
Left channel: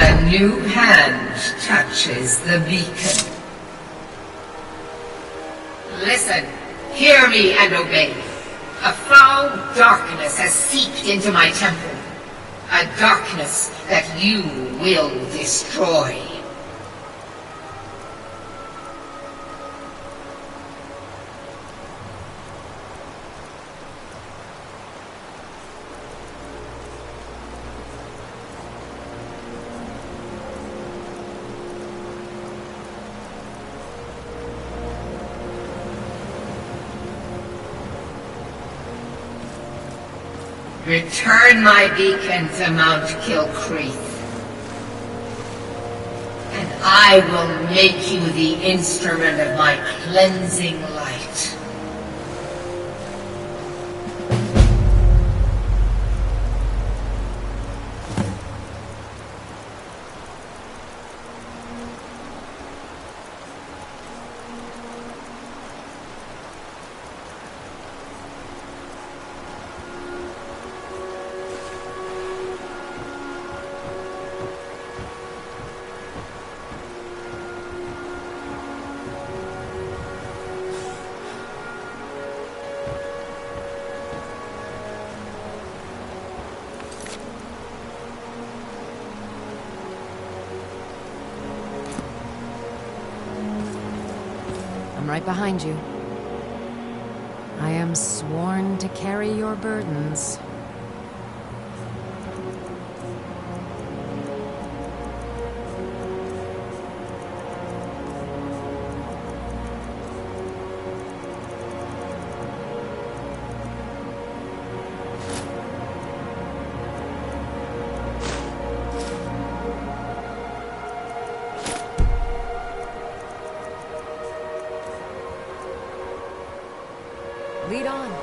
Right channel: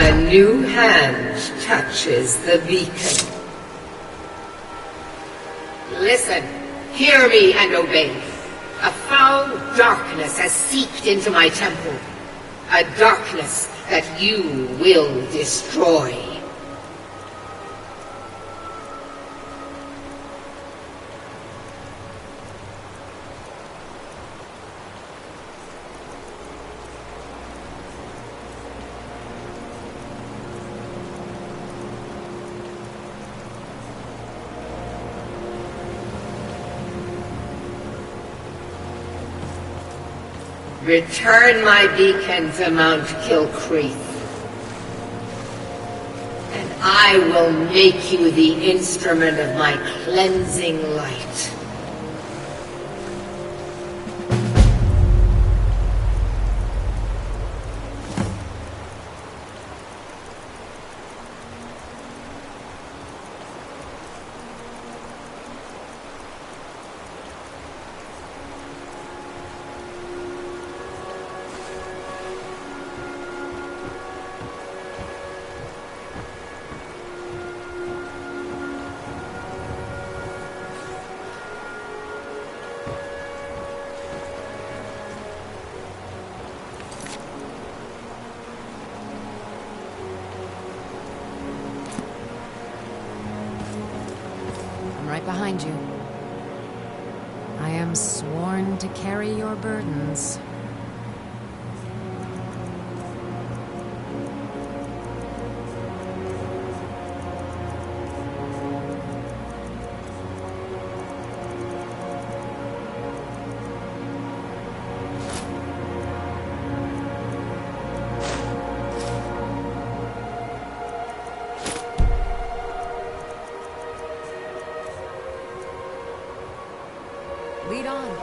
A new hand touches the beacon. Listen, hear me and obey. A foul darkness has seeped into my temple. A darkness that you will destroy. Return my beacon to Mount Kilcreath, and I will make you the instrument of my cleansing light. I'm right behind you. I am sworn to carry your burdens. Lead on.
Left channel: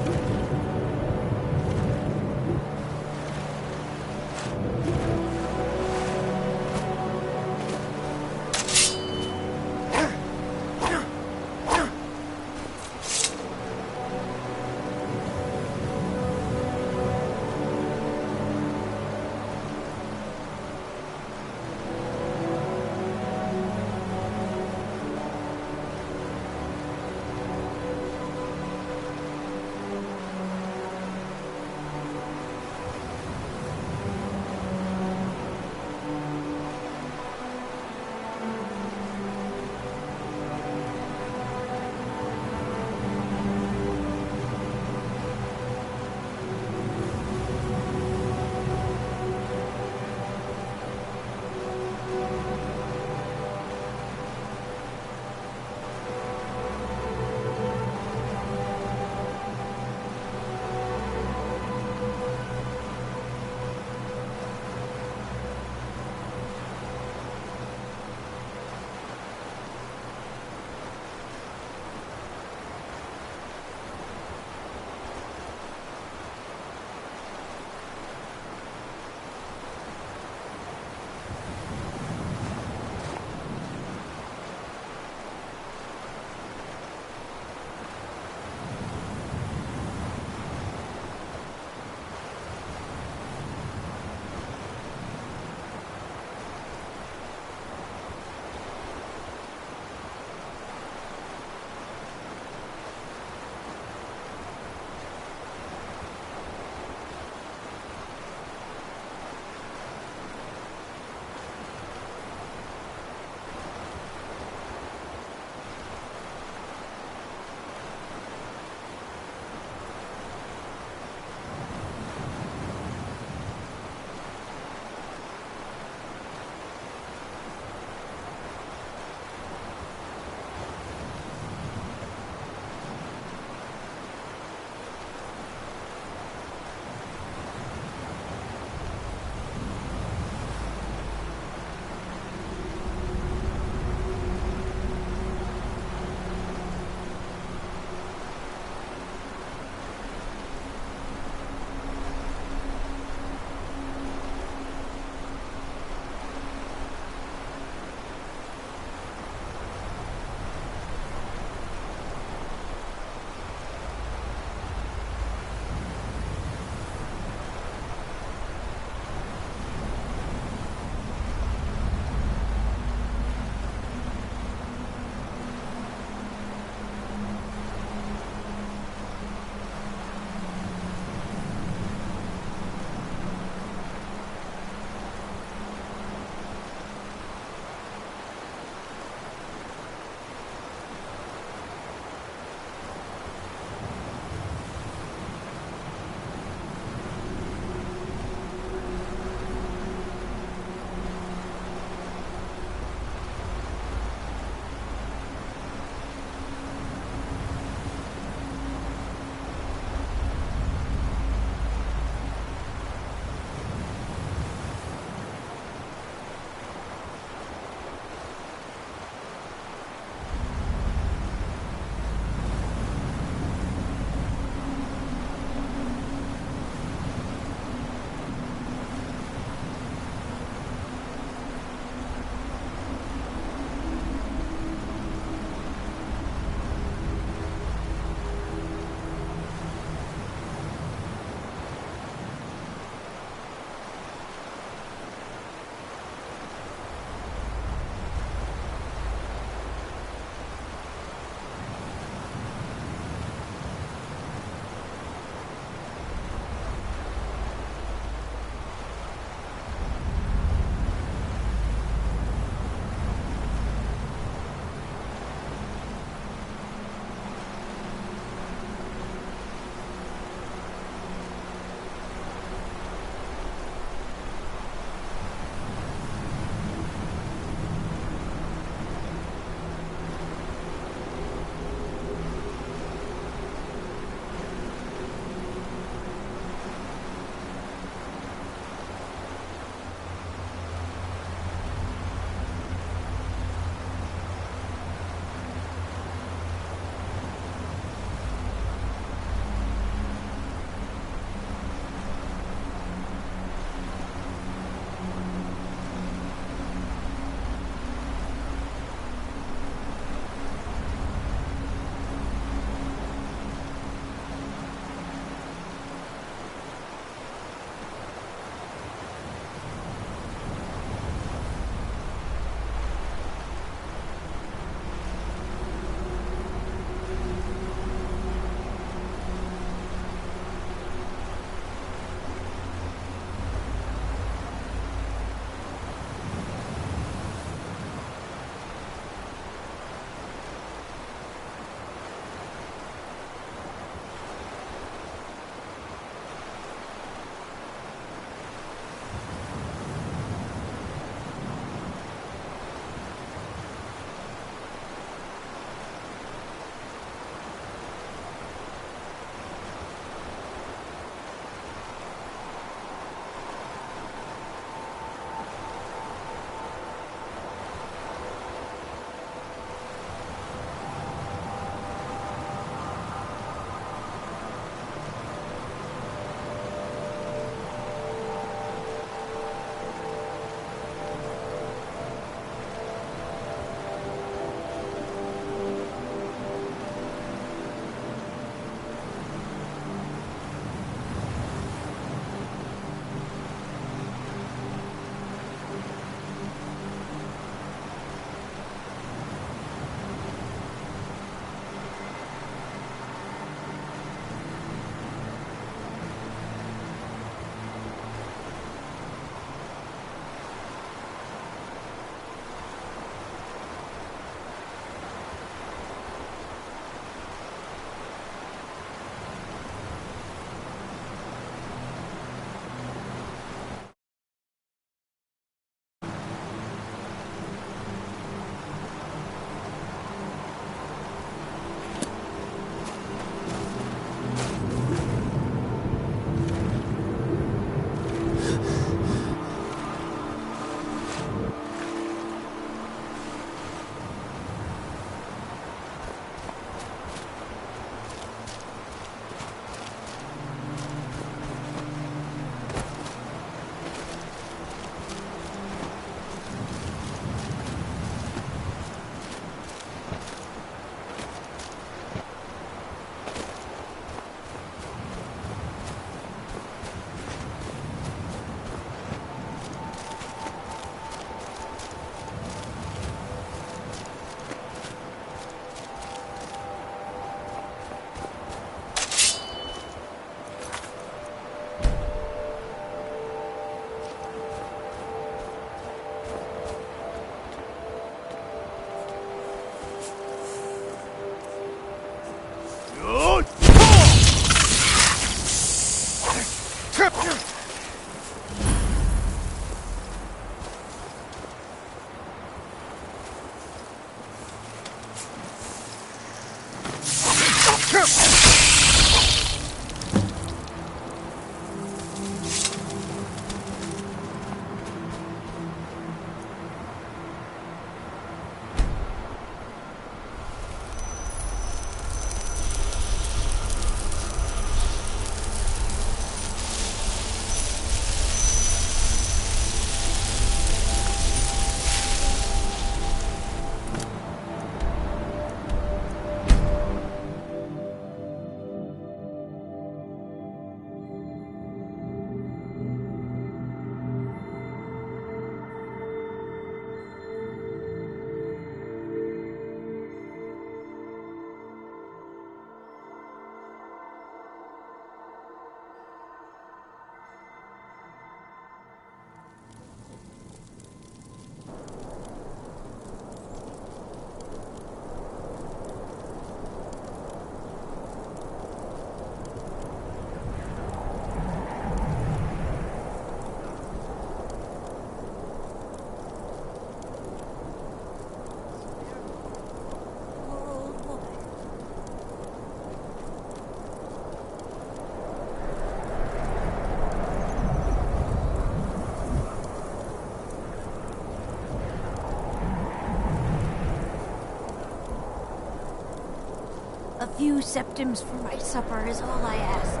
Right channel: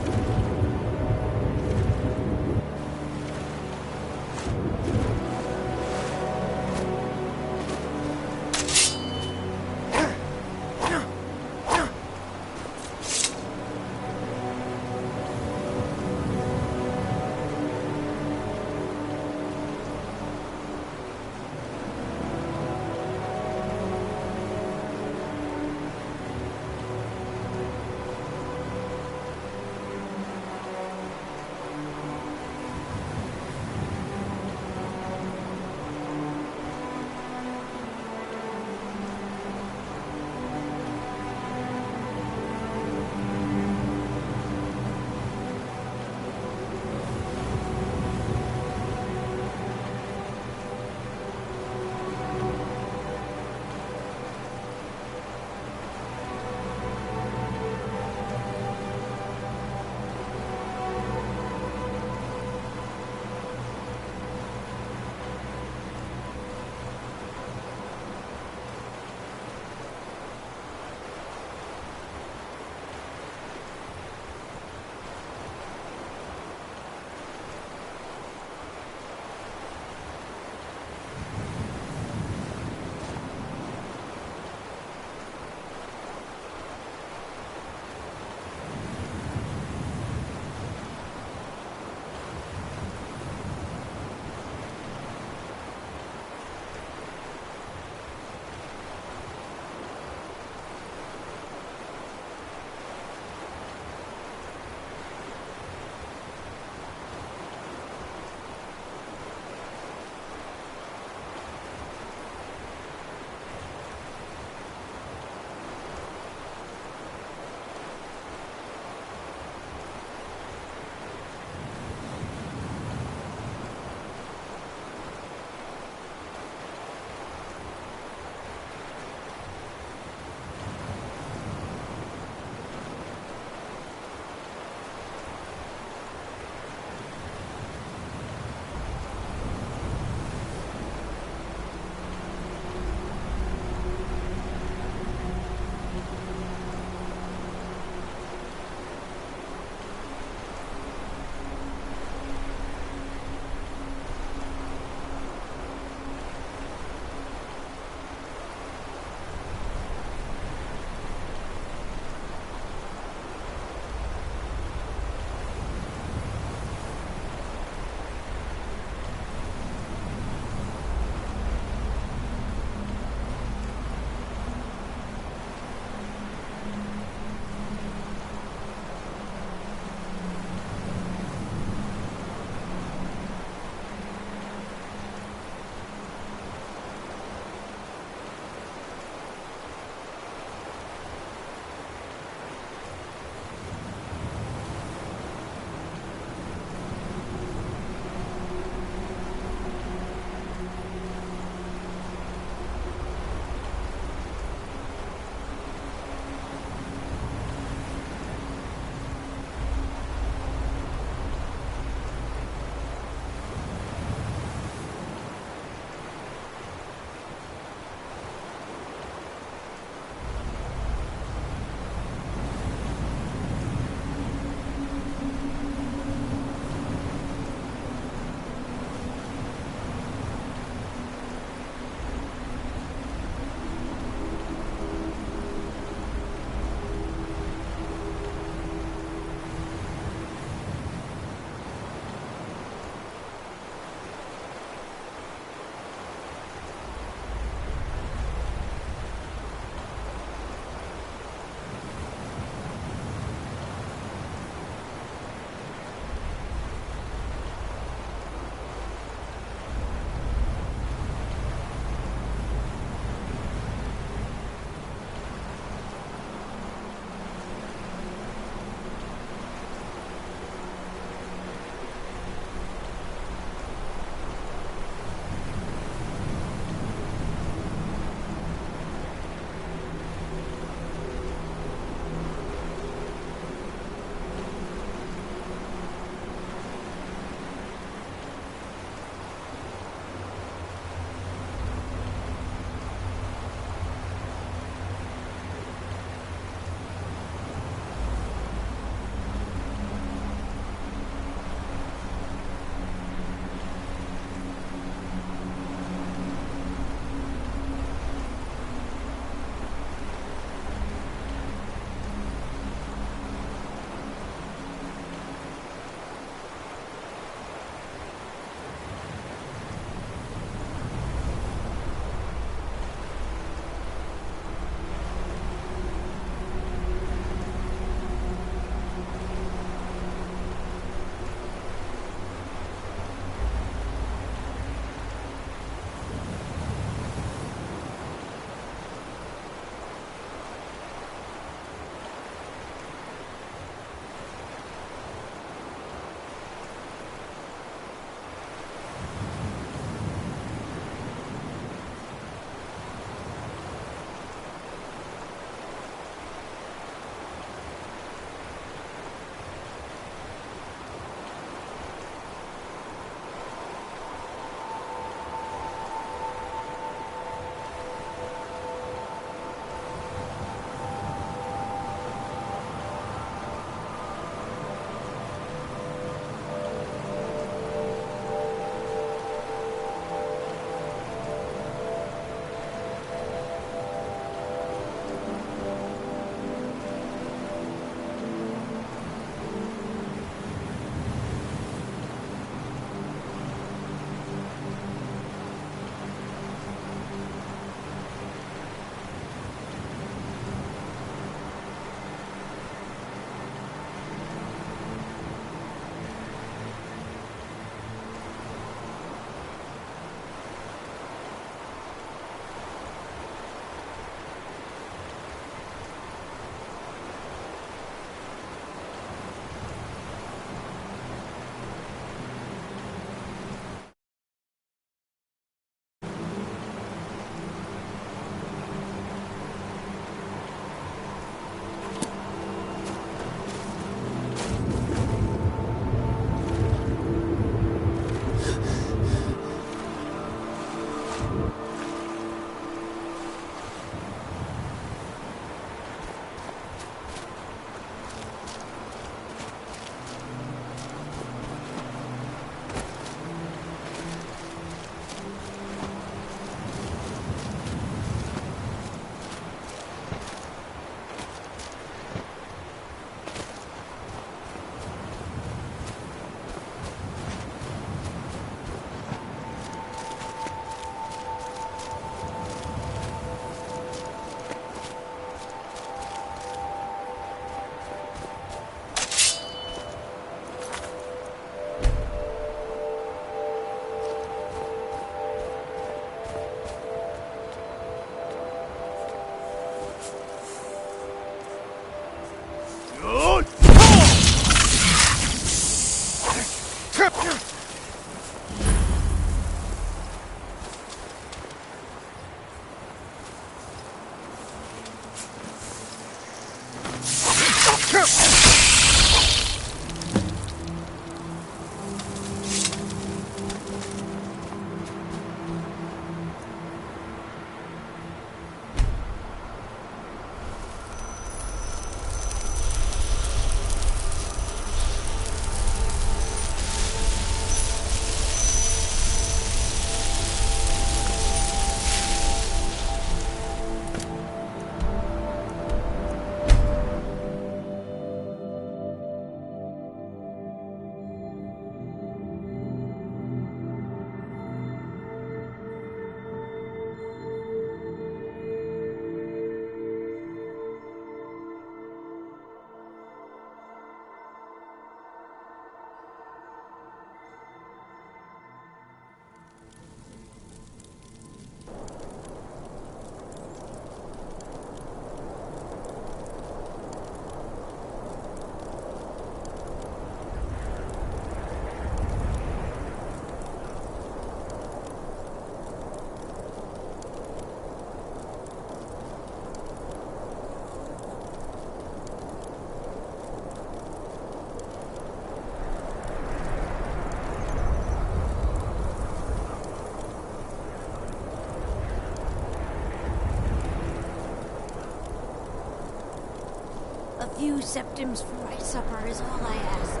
A few septims for my supper is all I ask.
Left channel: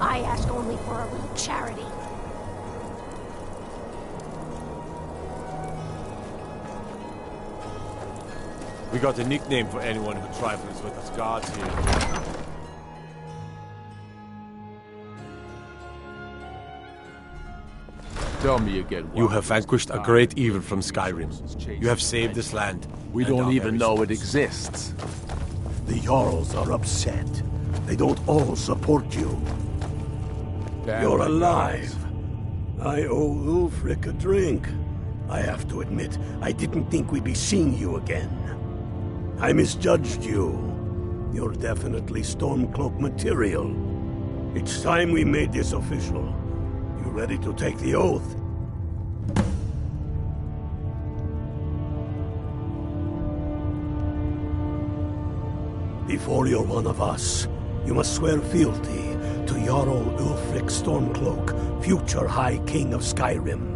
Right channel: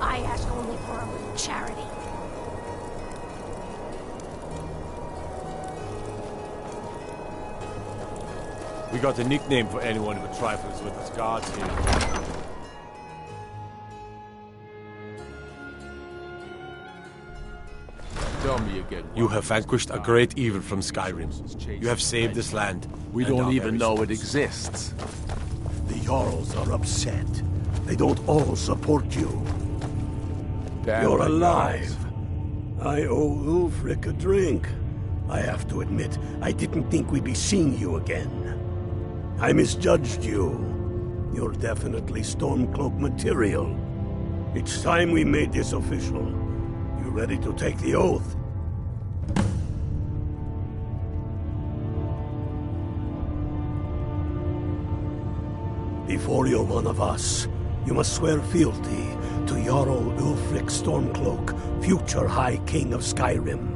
I ask only for a little charity. We got a nickname for anyone who trifles with us gods here. Tell me again. You have vanquished a great evil from Skyrim. You have saved this land. We don't even know it exists. The Jarls are upset. They don't all support you. You're alive. I owe Ulfric a drink. I have to admit, I didn't think we'd be seeing you again. I misjudged you. You're definitely Stormcloak material. It's time we made this official. You ready to take the oath? Before you're one of us, you must swear fealty to Jarl Ulfric Stormcloak, future High King of Skyrim.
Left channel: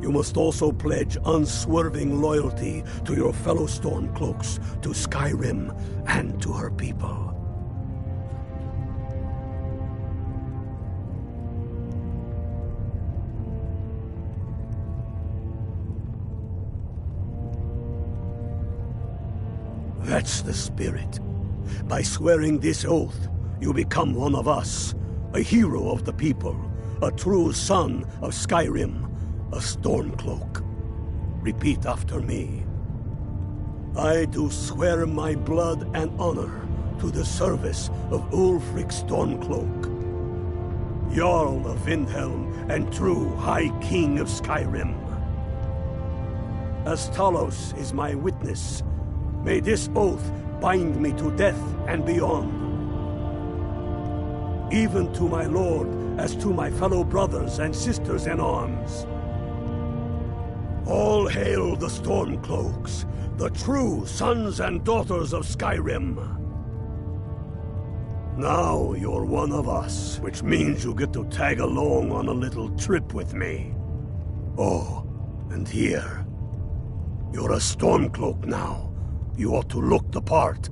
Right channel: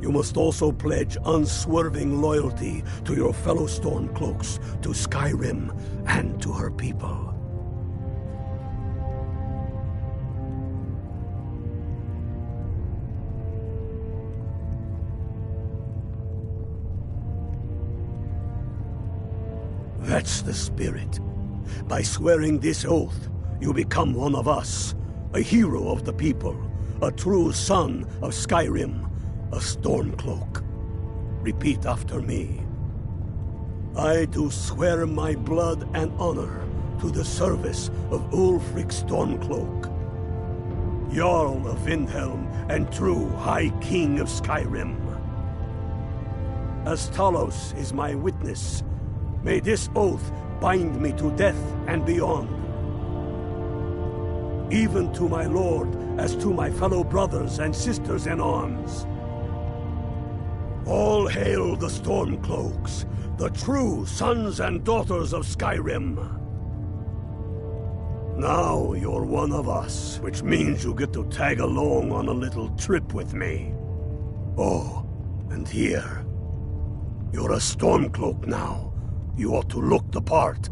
You must also pledge unswerving loyalty to your fellow Stormcloaks, to Skyrim, and to her people. That's the spirit. By swearing this oath, you become one of us, a hero of the people, a true son of Skyrim, a Stormcloak. Repeat after me. I do swear my blood and honor to the service of Ulfric Stormcloak, Jarl of Windhelm and true High King of Skyrim. As Talos is my witness, may this oath bind me to death and beyond. Even to my lord, as to my fellow brothers and sisters in arms. All hail the Stormcloaks, the true sons and daughters of Skyrim. Now you're one of us, which means you get to tag along on a little trip with me. Oh, and here. You're a Stormcloak now. You ought to look the part.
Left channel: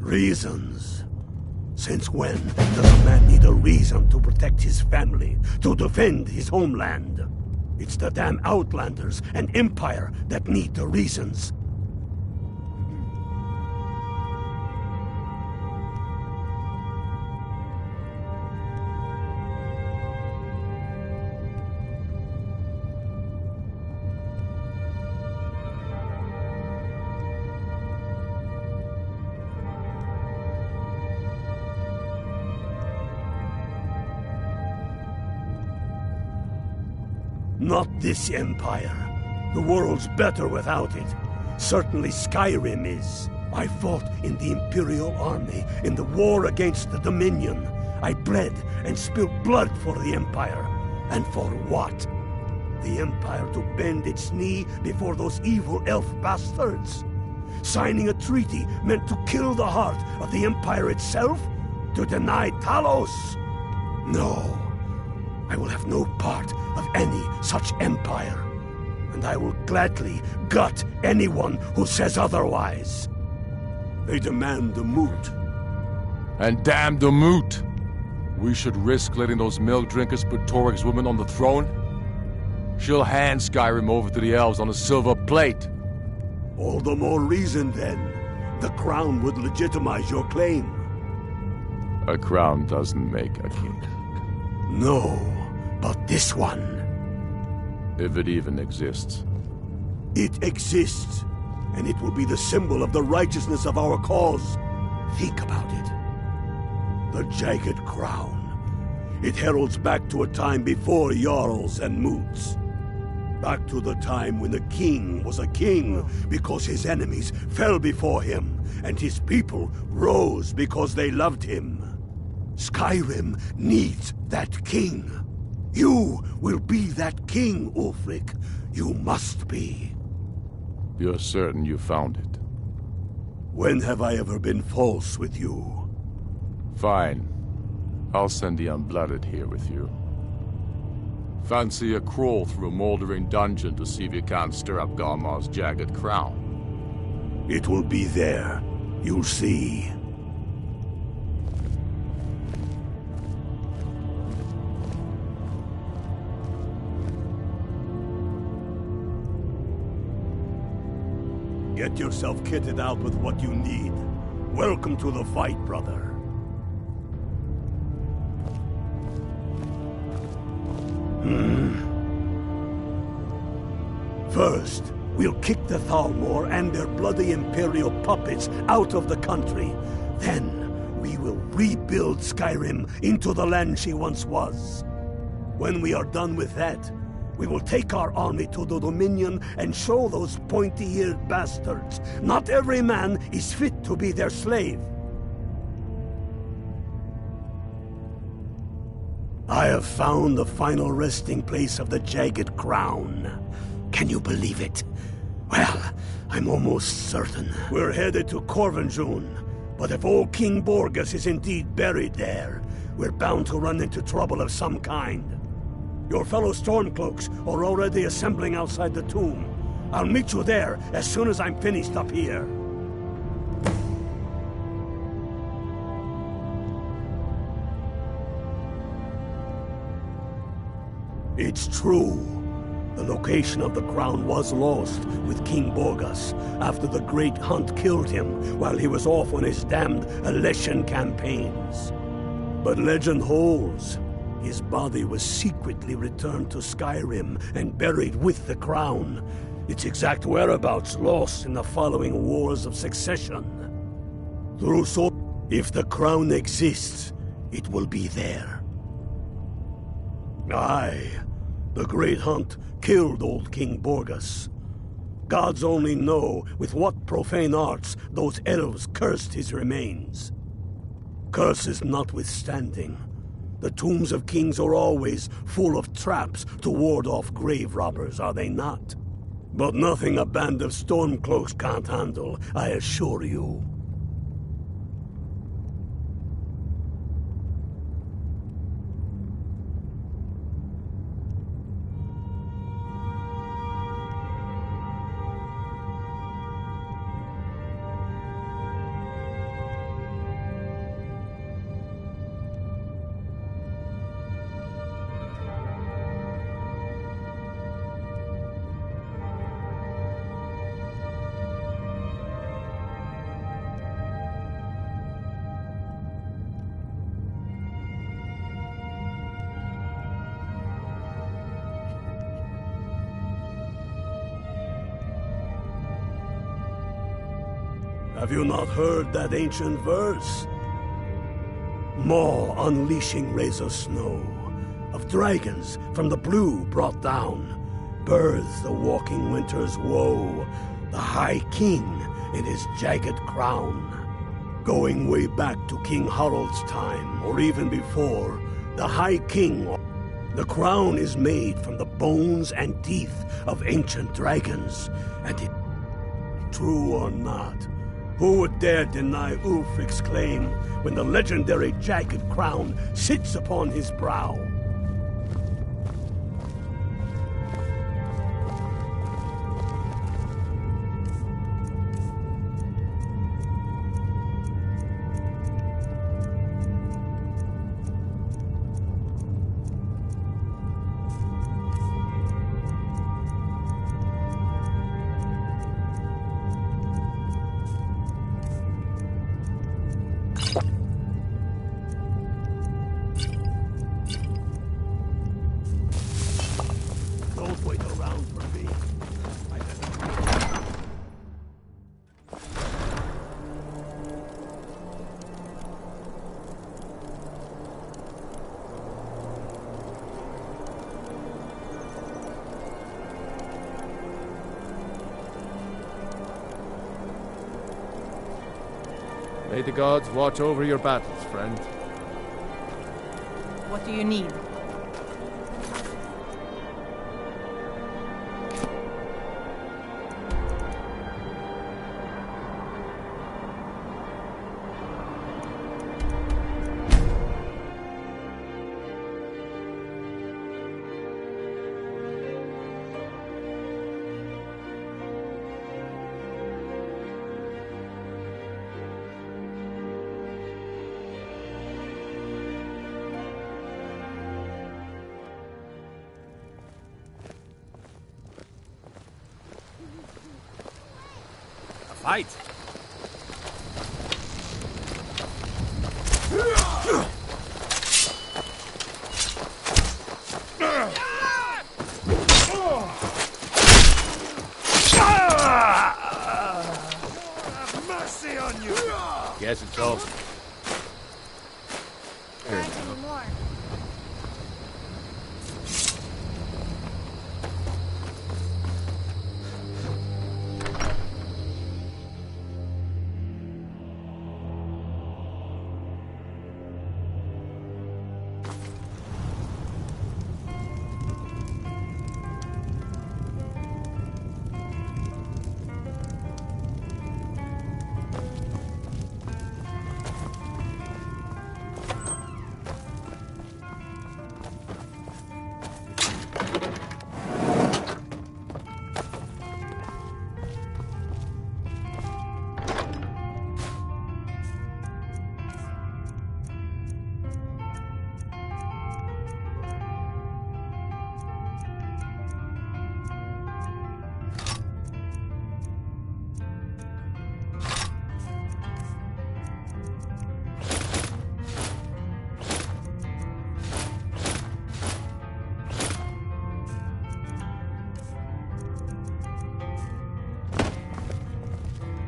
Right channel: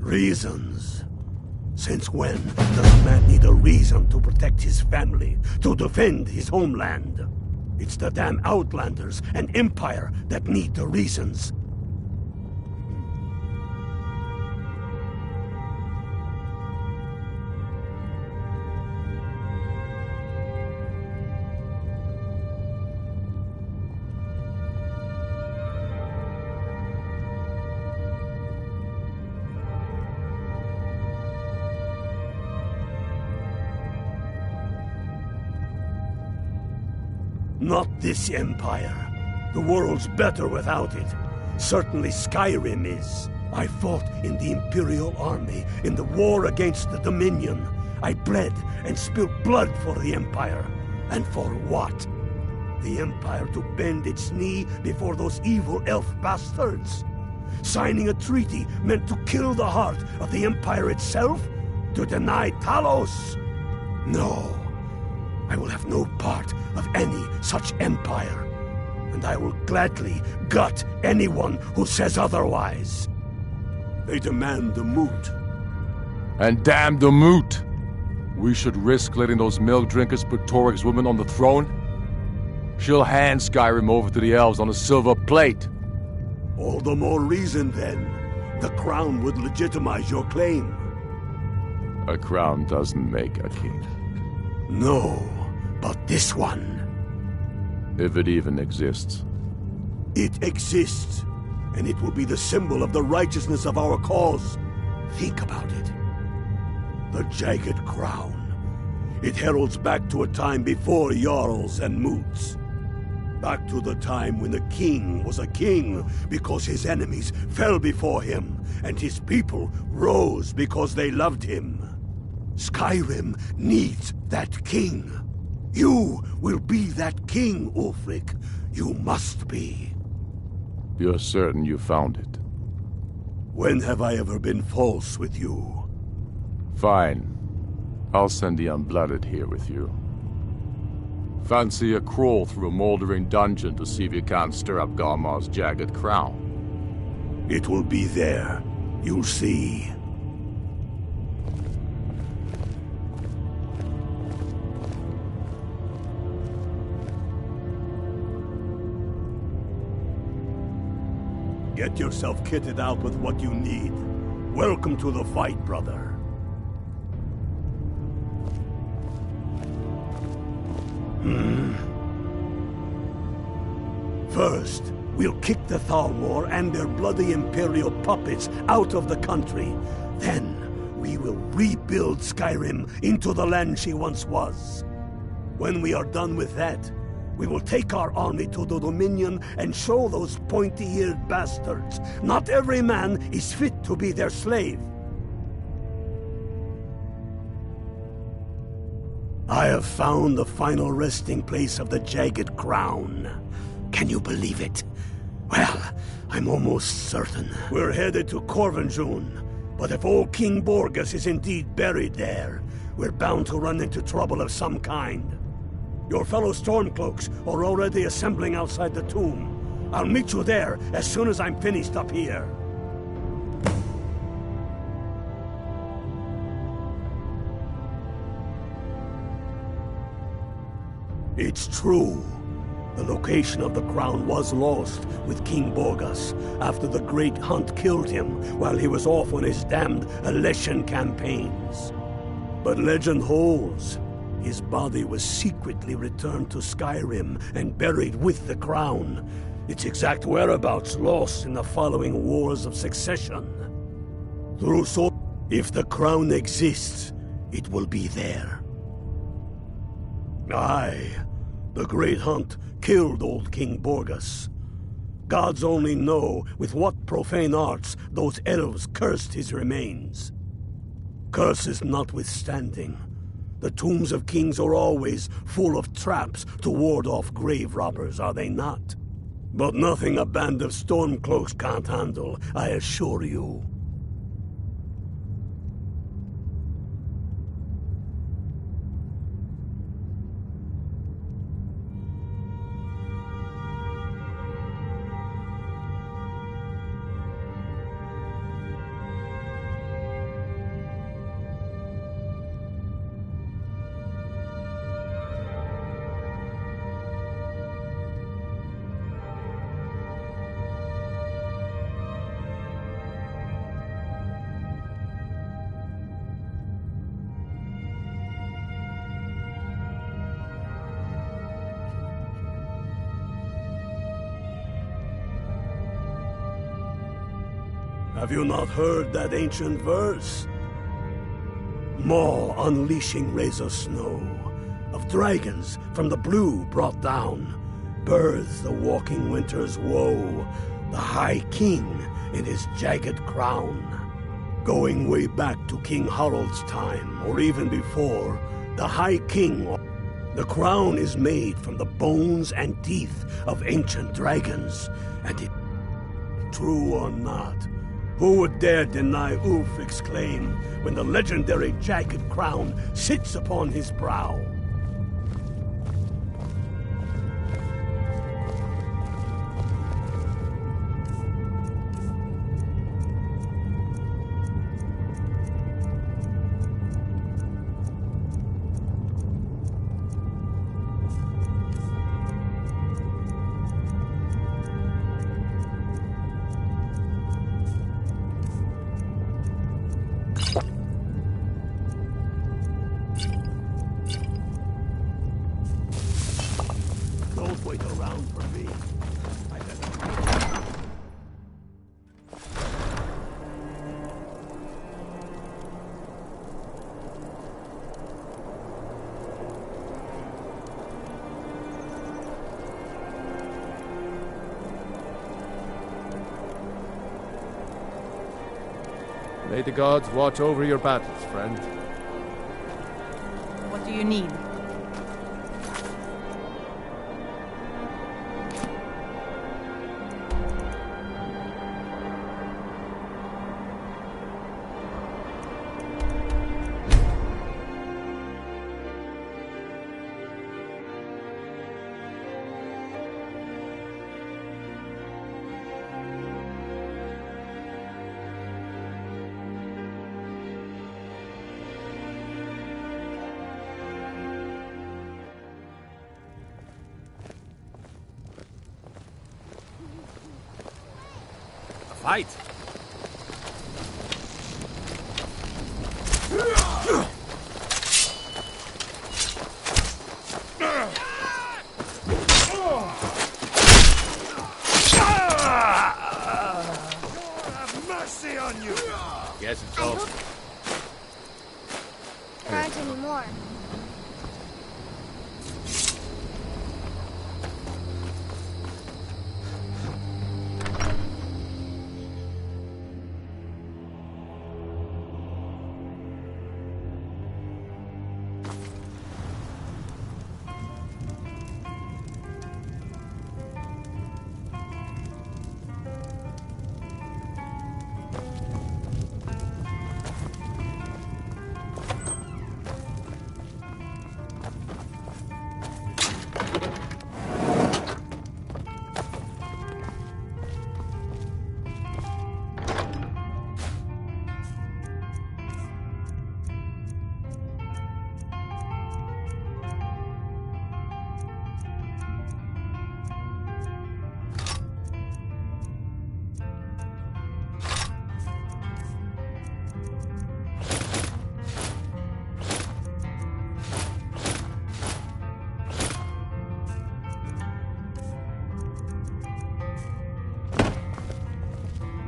Reasons. Since when does a man need a reason to protect his family, to defend his homeland? It's the damn Outlanders and Empire that need the reasons. Not this Empire. The world's better without it. Certainly Skyrim is. I fought in the Imperial Army in the war against the Dominion. I bled and spilled blood for the Empire. And for what? The Empire to bend its knee before those evil elf bastards? Signing a treaty meant to kill the heart of the Empire itself? To deny Talos? No. I will have no part of any such empire, and I will gladly gut anyone who says otherwise. They demand the moot. And damn the moot! We should risk letting those milk drinkers put Torik's woman on the throne? She'll hand Skyrim over to the elves on a silver plate. All the more reason, then. The crown would legitimize your claim. A crown doesn't make a king. No, but this one. If it even exists. It exists, and it will be the symbol of the righteousness of our cause. Think about it. The Jagged Crown. It heralds back to a time before Jarls and Moots. Back to the time when the king was a king because his enemies fell before him, and his people rose because they loved him. Skyrim needs that king. You will be that king, Ulfric. You must be. You're certain you found it? When have I ever been false with you? Fine. I'll send the Unblooded here with you. Fancy a crawl through a moldering dungeon to see if you can't stir up Garmar's Jagged Crown. It will be there. You'll see. Get yourself kitted out with what you need. Welcome to the fight, brother. First, we'll kick the Thalmor and their bloody Imperial puppets out of the country. Then, we will rebuild Skyrim into the land she once was. When we are done with that, we will take our army to the Dominion and show those pointy-eared bastards. Not every man is fit to be their slave. I have found the final resting place of the Jagged Crown. Can you believe it? Well, I'm almost certain. We're headed to Corvinjun, but if old King Borgas is indeed buried there, we're bound to run into trouble of some kind. Your fellow Stormcloaks are already assembling outside the tomb. I'll meet you there as soon as I'm finished up here. It's true. The location of the crown was lost with King Borgas after the Great Hunt killed him while he was off on his damned Alessian campaigns. But legend holds, his body was secretly returned to Skyrim and buried with the crown. Its exact whereabouts lost in the following Wars of Succession. If the crown exists, it will be there. Aye. The Great Hunt killed old King Borgas. Gods only know with what profane arts those elves cursed his remains. Curses notwithstanding, the tombs of kings are always full of traps to ward off grave robbers, are they not? But nothing a band of Stormcloaks can't handle, I assure you. Have you not heard that ancient verse? Maw unleashing razor snow, of dragons from the blue brought down, births the walking winter's woe, the High King in his jagged crown. Going way back to King Harold's time, or even before, the High King. The crown is made from the bones and teeth of ancient dragons, and it... True or not, who would dare deny Ulfric's claim when the legendary jagged crown sits upon his brow? Don't wait around for me. May the gods watch over your battles, friend. What do you need? Fight! Have mercy on you! Guess it's all. There aren't any more.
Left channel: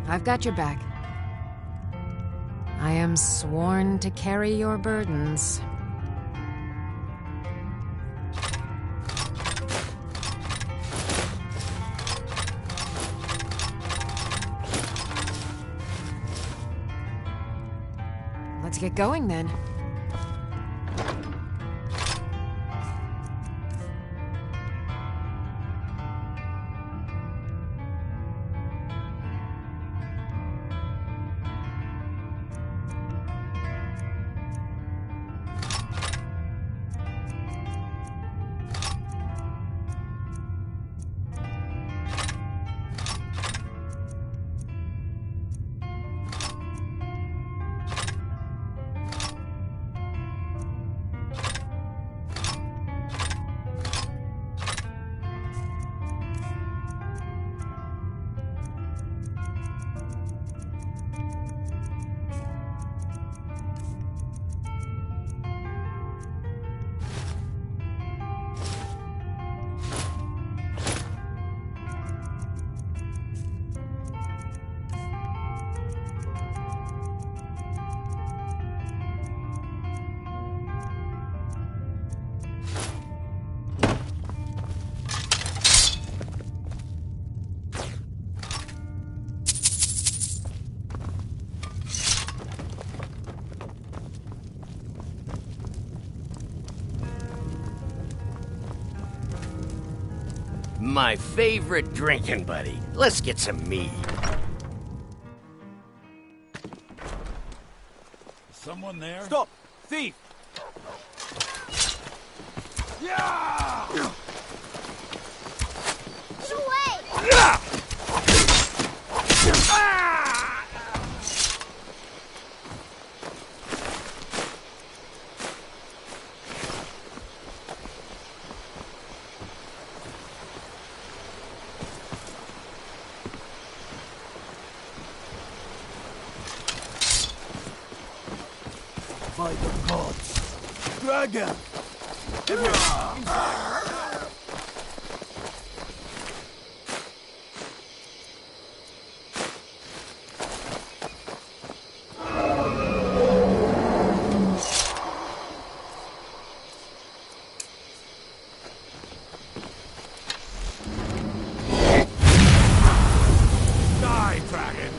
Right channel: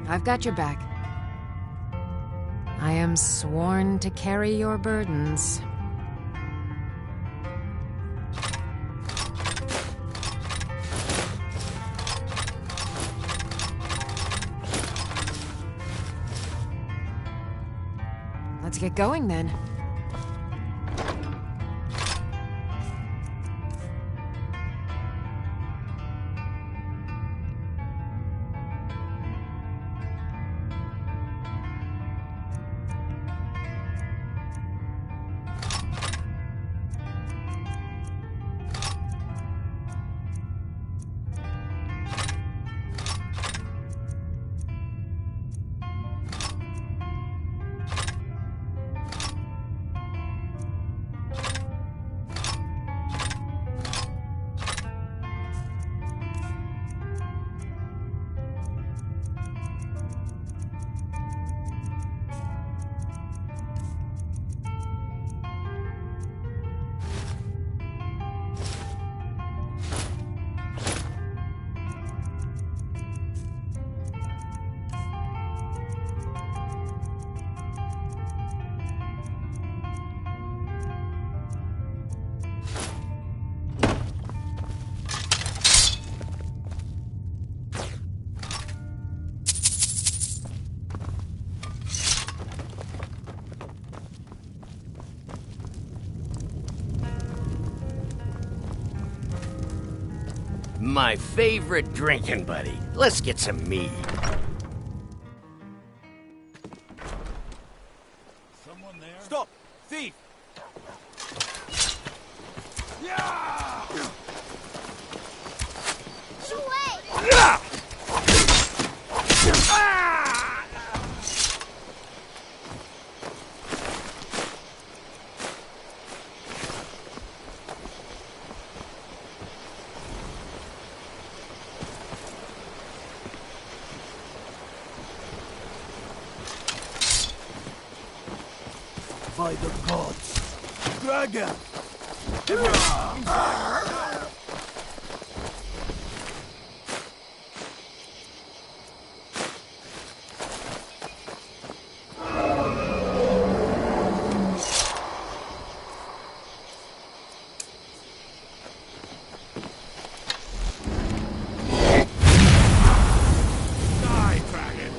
I've got your back. I am sworn to carry your burdens. Let's get going then. My favorite drinking buddy. Let's get some mead. Someone there? Stop! Thief! Yeah! Get away! Yeah! By the gods. Dragon! Die, dragon!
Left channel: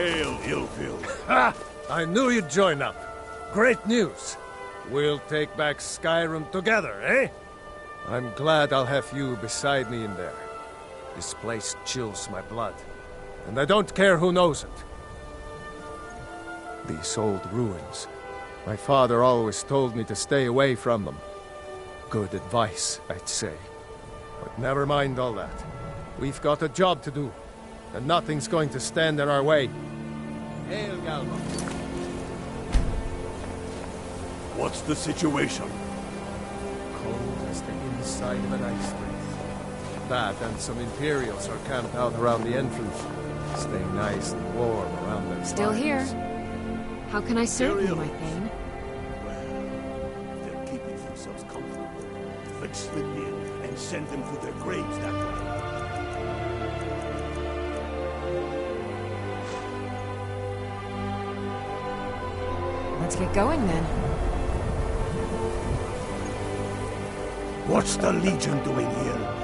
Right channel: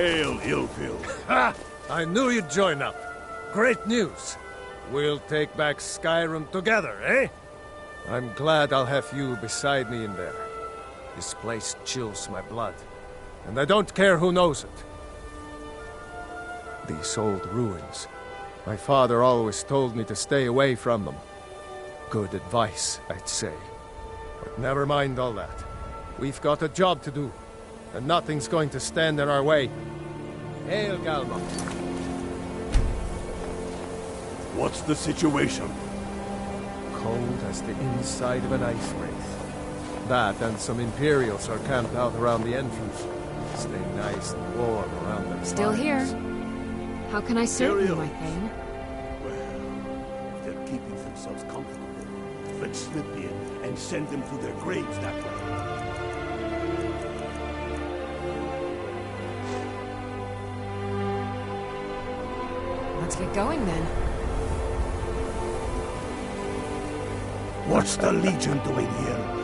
Hail, Illfield. Ha! I knew you'd join up. Great news. We'll take back Skyrim together, eh? I'm glad I'll have you beside me in there. This place chills my blood, and I don't care who knows it. These old ruins. My father always told me to stay away from them. Good advice, I'd say. But never mind all that. We've got a job to do, and nothing's going to stand in our way. Hail, Galma. What's the situation? Cold as the inside of an ice wraith. That and some Imperials are camped out around the entrance, staying nice and warm around their Still fires. here. How can I serve you, my Thane? Well, if they're keeping themselves comfortable, let's slip in and send them to their graves that way. Let's get going then. What's the Legion doing here?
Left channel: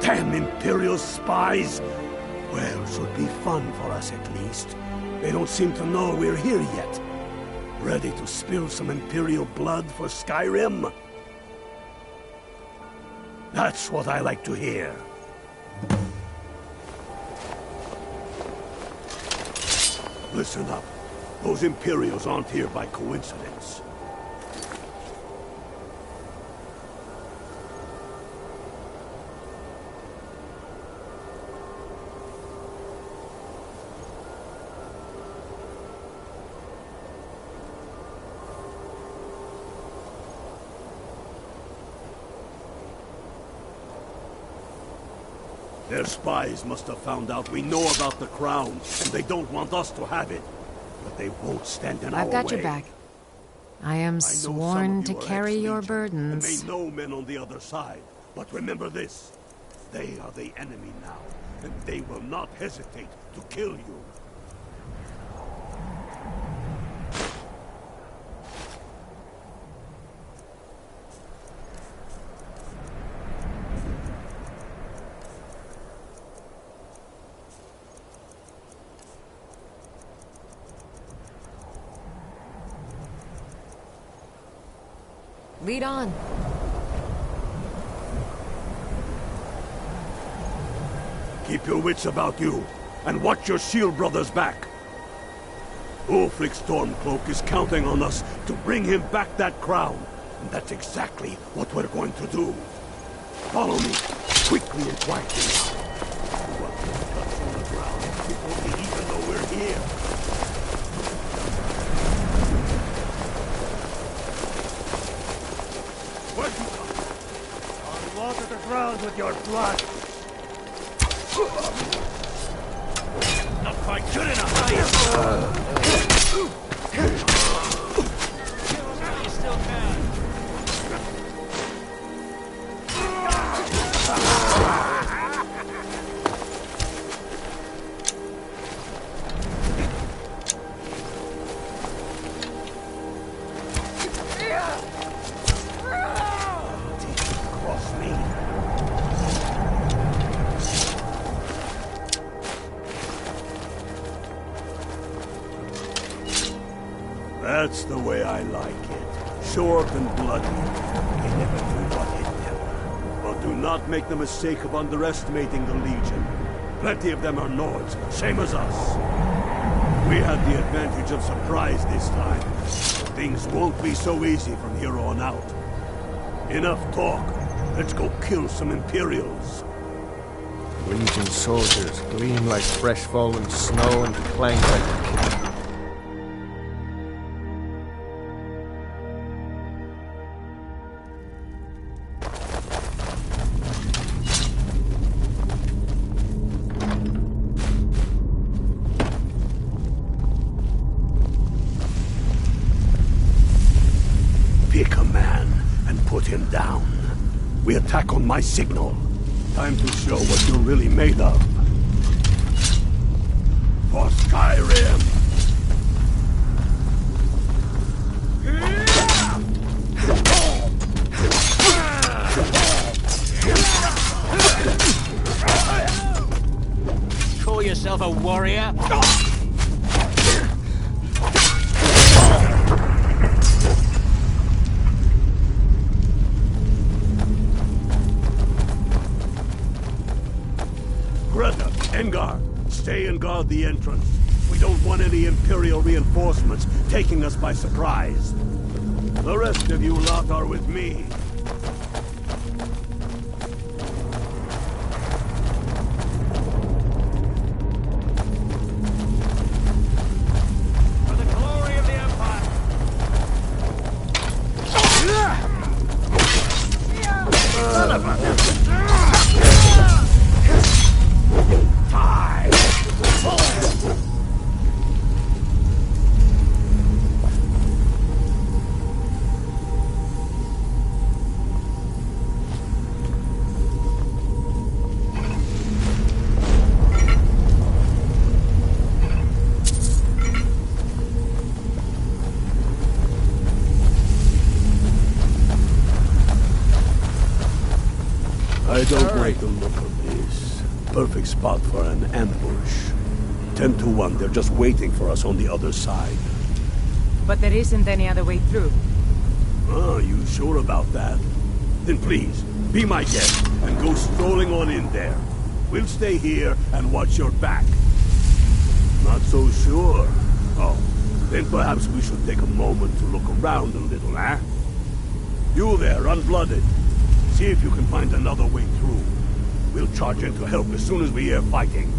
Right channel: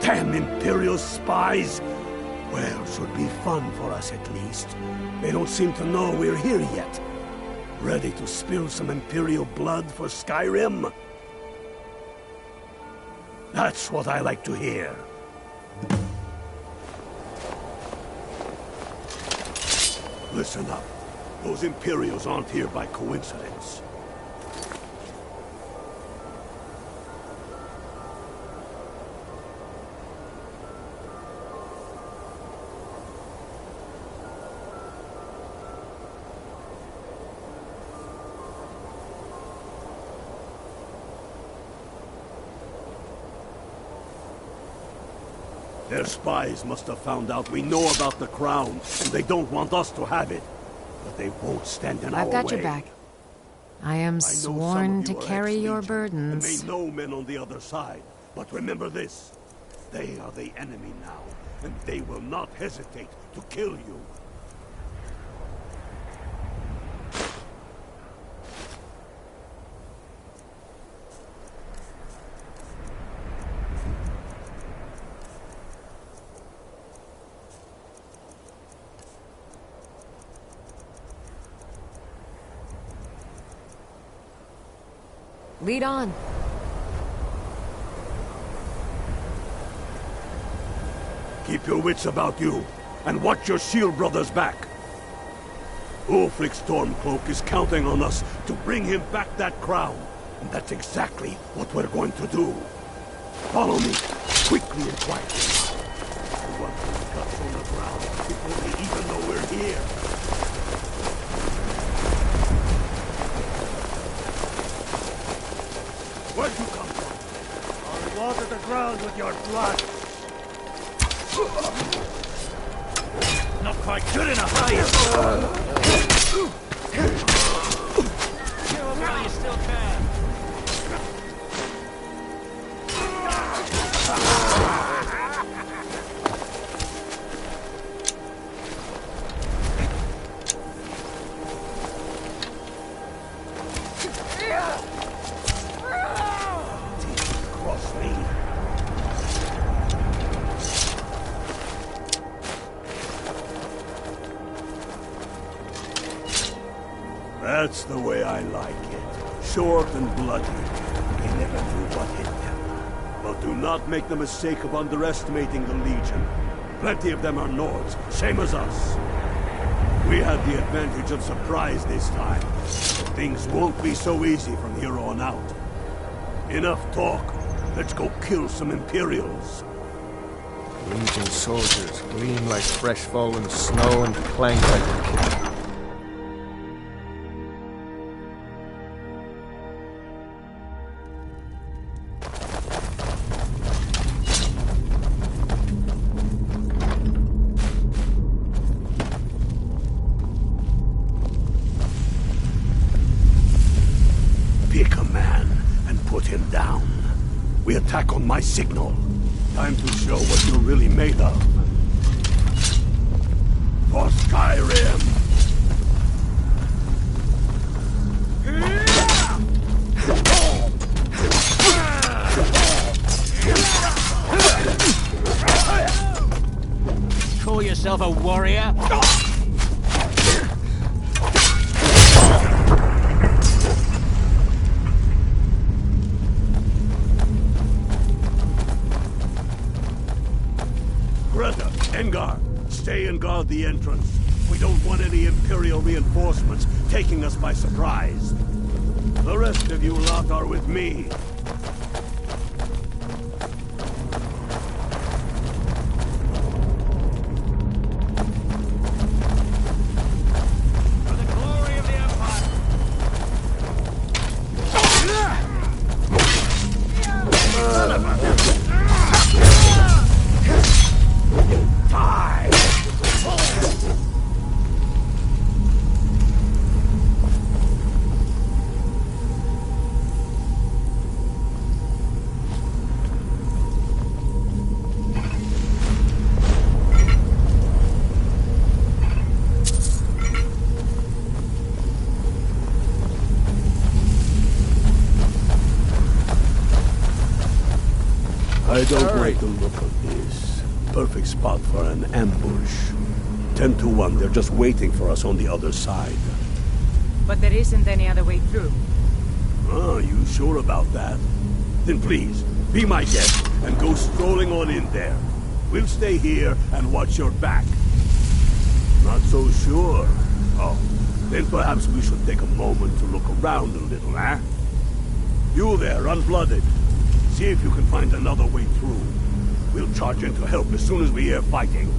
Damn Imperial spies! Well, should be fun for us at least. They don't seem to know we're here yet. Ready to spill some Imperial blood for Skyrim? That's what I like to hear. Listen up. Those Imperials aren't here by coincidence. Their spies must have found out we know about the crown, and they don't want us to have it. But they won't stand in our way. I've got your back. I am sworn to carry your And burdens. they know men on the other side. But remember this. They are the enemy now, and they will not hesitate to kill you. Lead on. Keep your wits about you, and watch your shield brother's back. Ulfric Stormcloak is counting on us to bring him back that crown, and that's exactly what we're going to do. Follow me, quickly and quietly now. We want those guts on the ground before they even know we're here. Where'd you come from? I'll water the ground with your blood. Not quite good enough, are you? Kill him while you still can. Cross me. That's the way I like it. Short and bloody. They never knew what hit them. But do not make the mistake of underestimating the Legion. Plenty of them are Nords, same as us. We had the advantage of surprise this time. But things won't be so easy from here on out. Enough talk. Let's go kill some Imperials. Legion soldiers gleam like fresh fallen snow and clank like Pick a man and put him down. We attack on my signal. Time to show what you're really made of. For Skyrim! Call yourself a warrior? Engar, stay and guard the entrance. We don't want any Imperial reinforcements taking us by surprise. The rest of you lot are with me. For the glory of the Empire! Son of a... Die! I don't like the look of this. Perfect spot for an ambush. 10 to 1, they're just waiting for us on the other side. But there isn't any other way through. Oh, you sure about that? Then please, be my guest and go strolling on in there. We'll stay here and watch your back. Not so sure. Oh, then perhaps we should take a moment to look around a little, eh? You there, unblooded. See if you can find another way through. We'll charge in to help as soon as we hear fighting.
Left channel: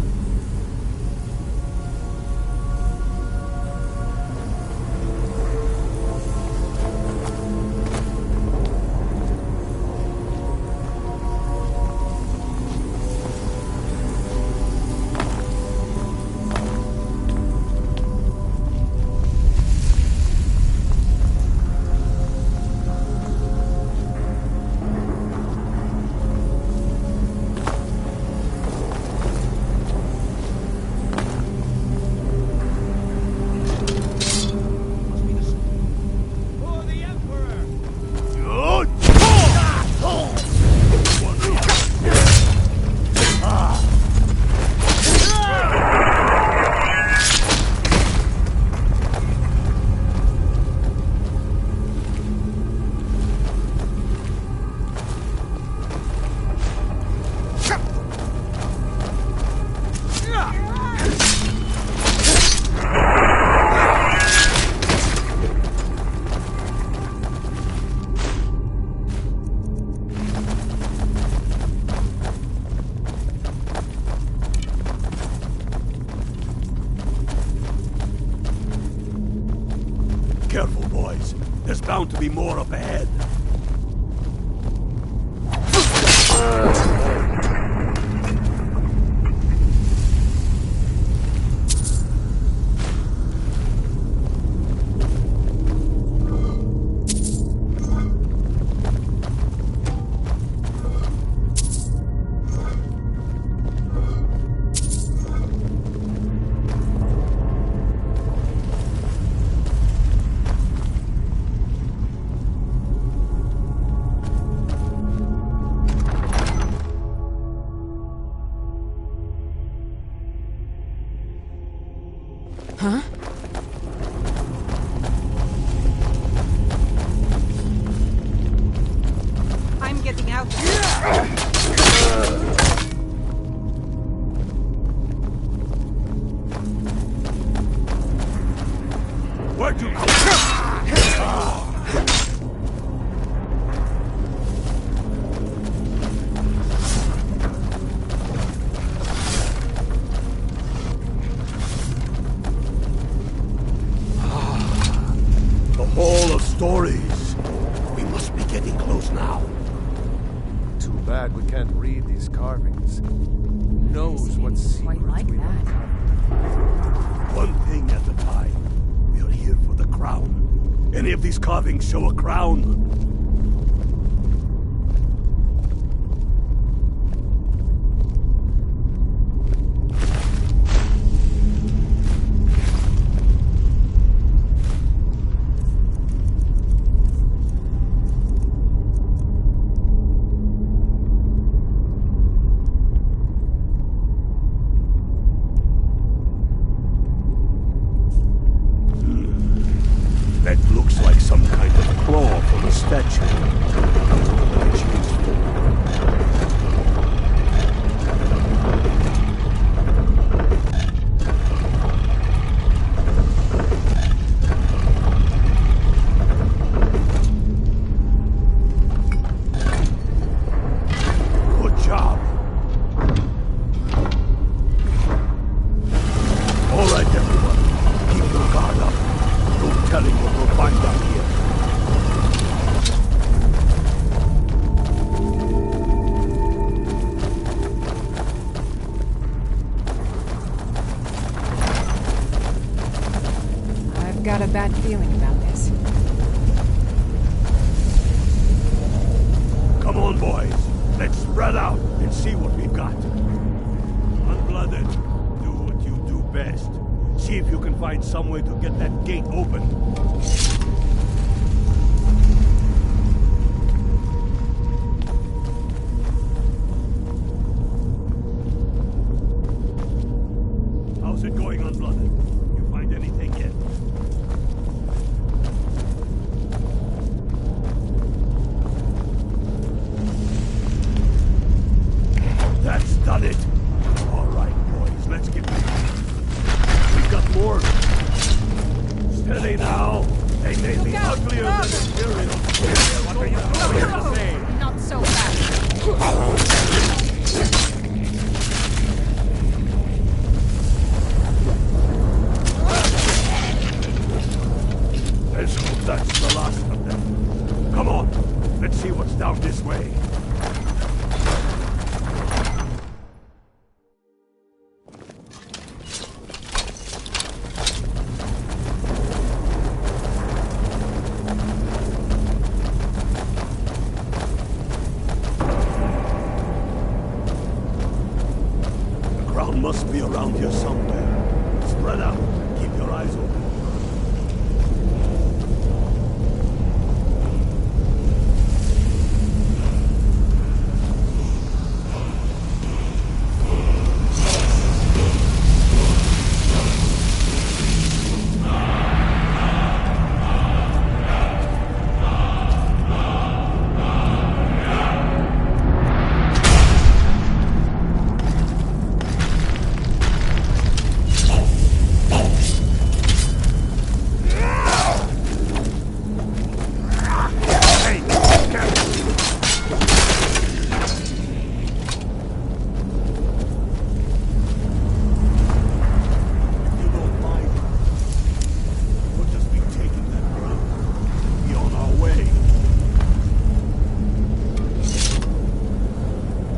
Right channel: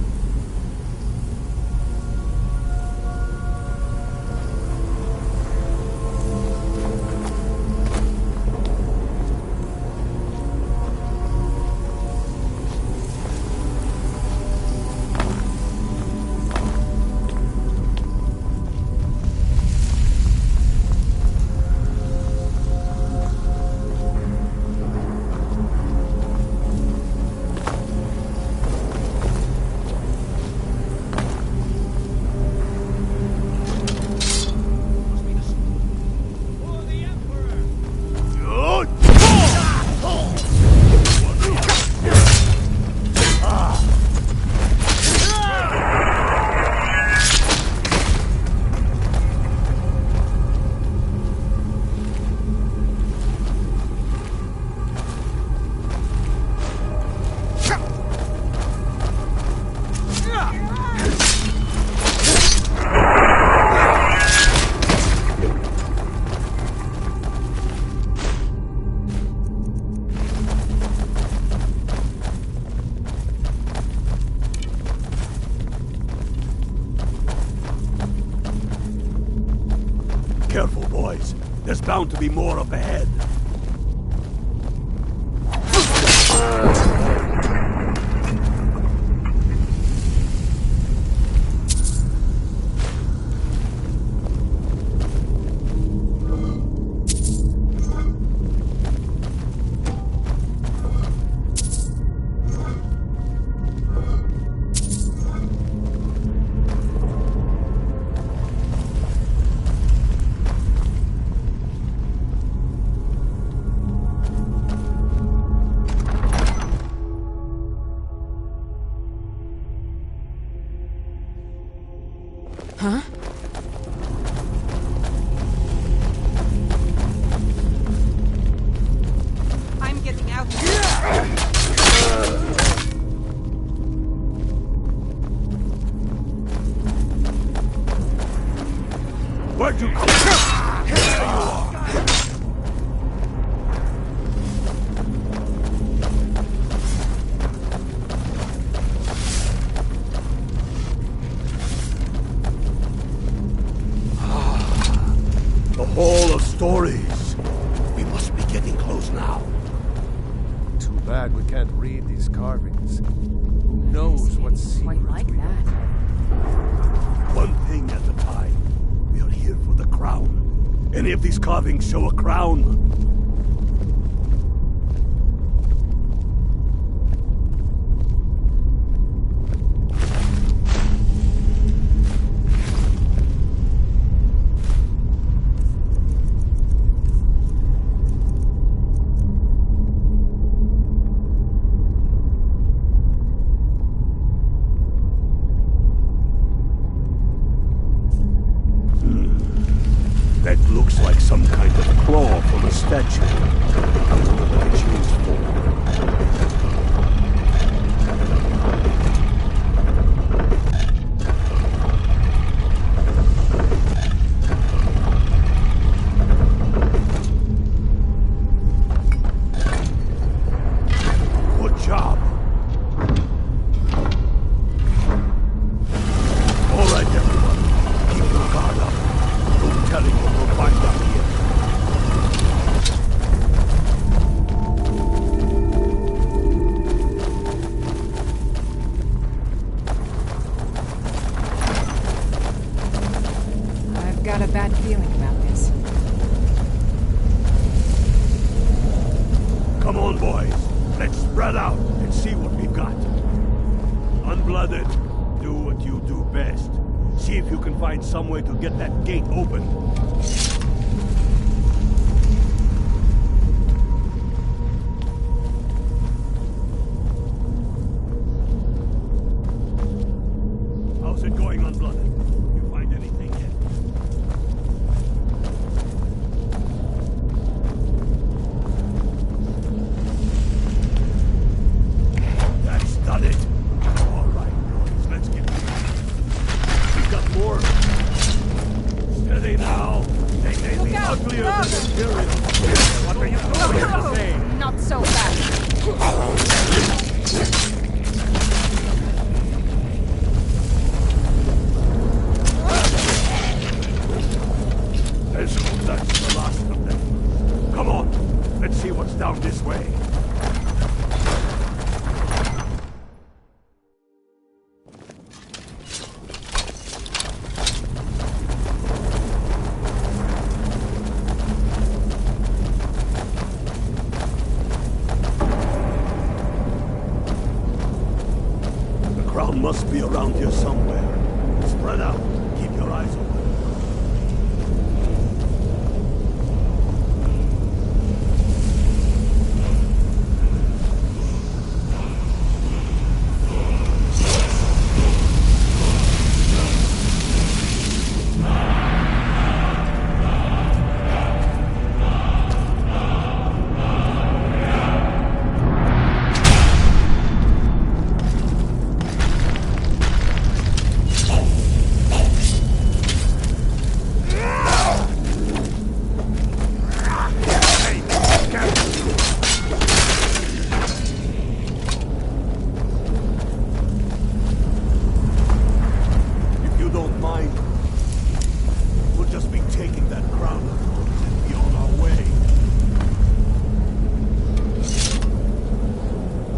Careful, boys. There's bound to be more up ahead. Huh? I'm getting out. Where'd you come? The Hall of Stories. We must be getting close now. Too bad we can't read these carvings. Who knows what secrets we've uncovered? One thing at a time. We are here for the crown. Any of these carvings show a crown? That looks like some kind of claw from a statue. I wonder what it's used for. got a bad feeling about this. Come on, boys. Let's spread out and see what we've got. Unblooded, do what you do best. See if you can find some way to get that gate open. How's it going, Unblooded? You find anything yet? That's done it! All right, boys, let's get moving. We've got more. Steady now. They may be uglier than Imperial. What are you going to say? Not so fast. Let's hope that's the last of them. Come on, let's see what's down this way. The crown must be around here somewhere. Spread out. Keep your eyes open.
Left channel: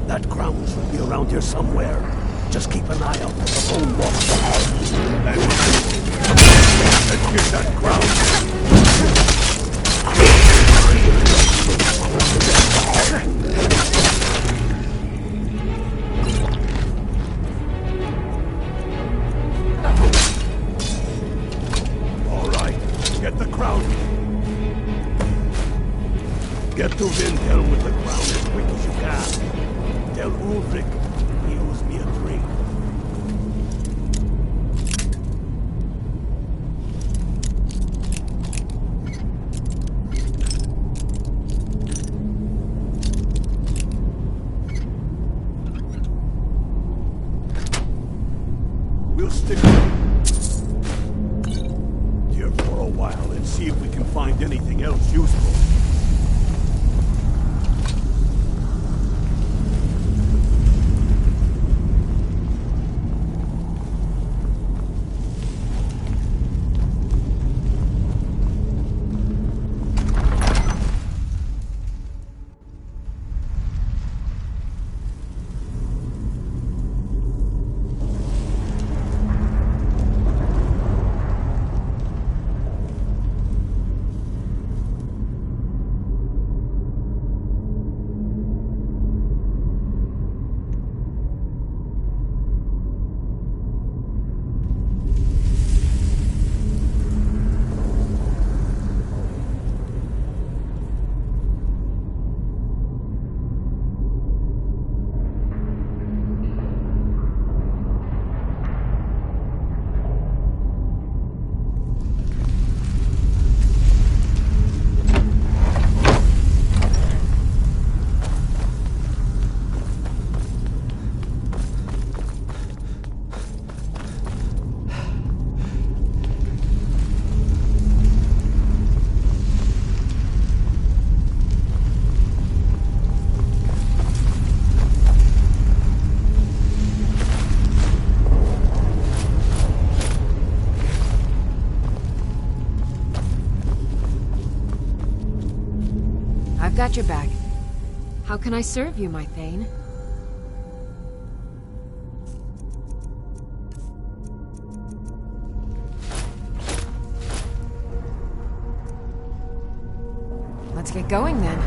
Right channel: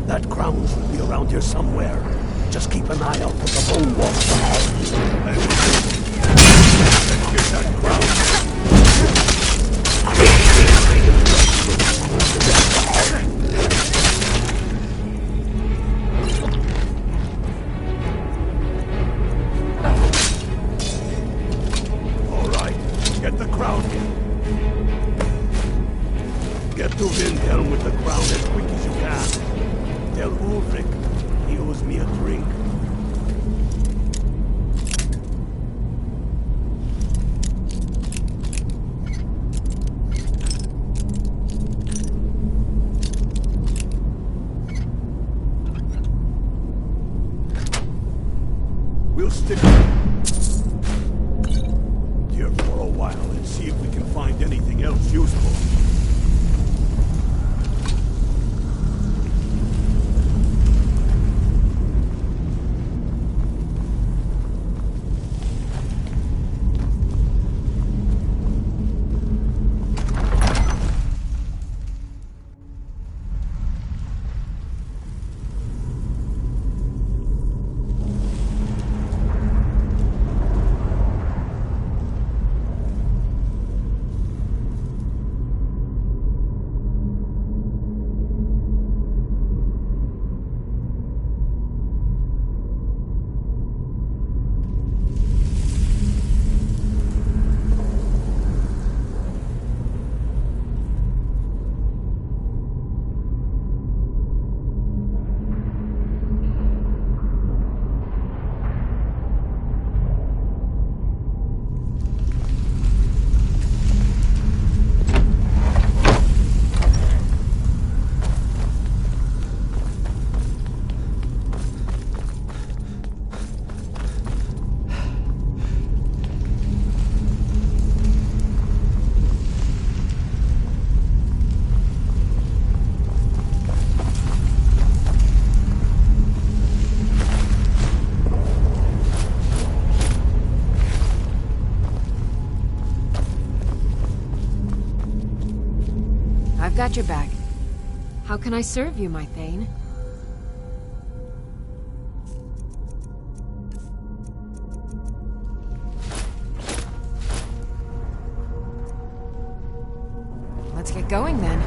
That crown should be around here somewhere. Just keep an eye out for the bone walls. Let's get that crown. All right, get the crown. Get to Windhelm with the crown as quick as you can. Tell Ulfric he owes me a drink. We'll stick here for a while and see if we can find anything else useful. I've got your back. How can I serve you, my Thane? Let's get going then.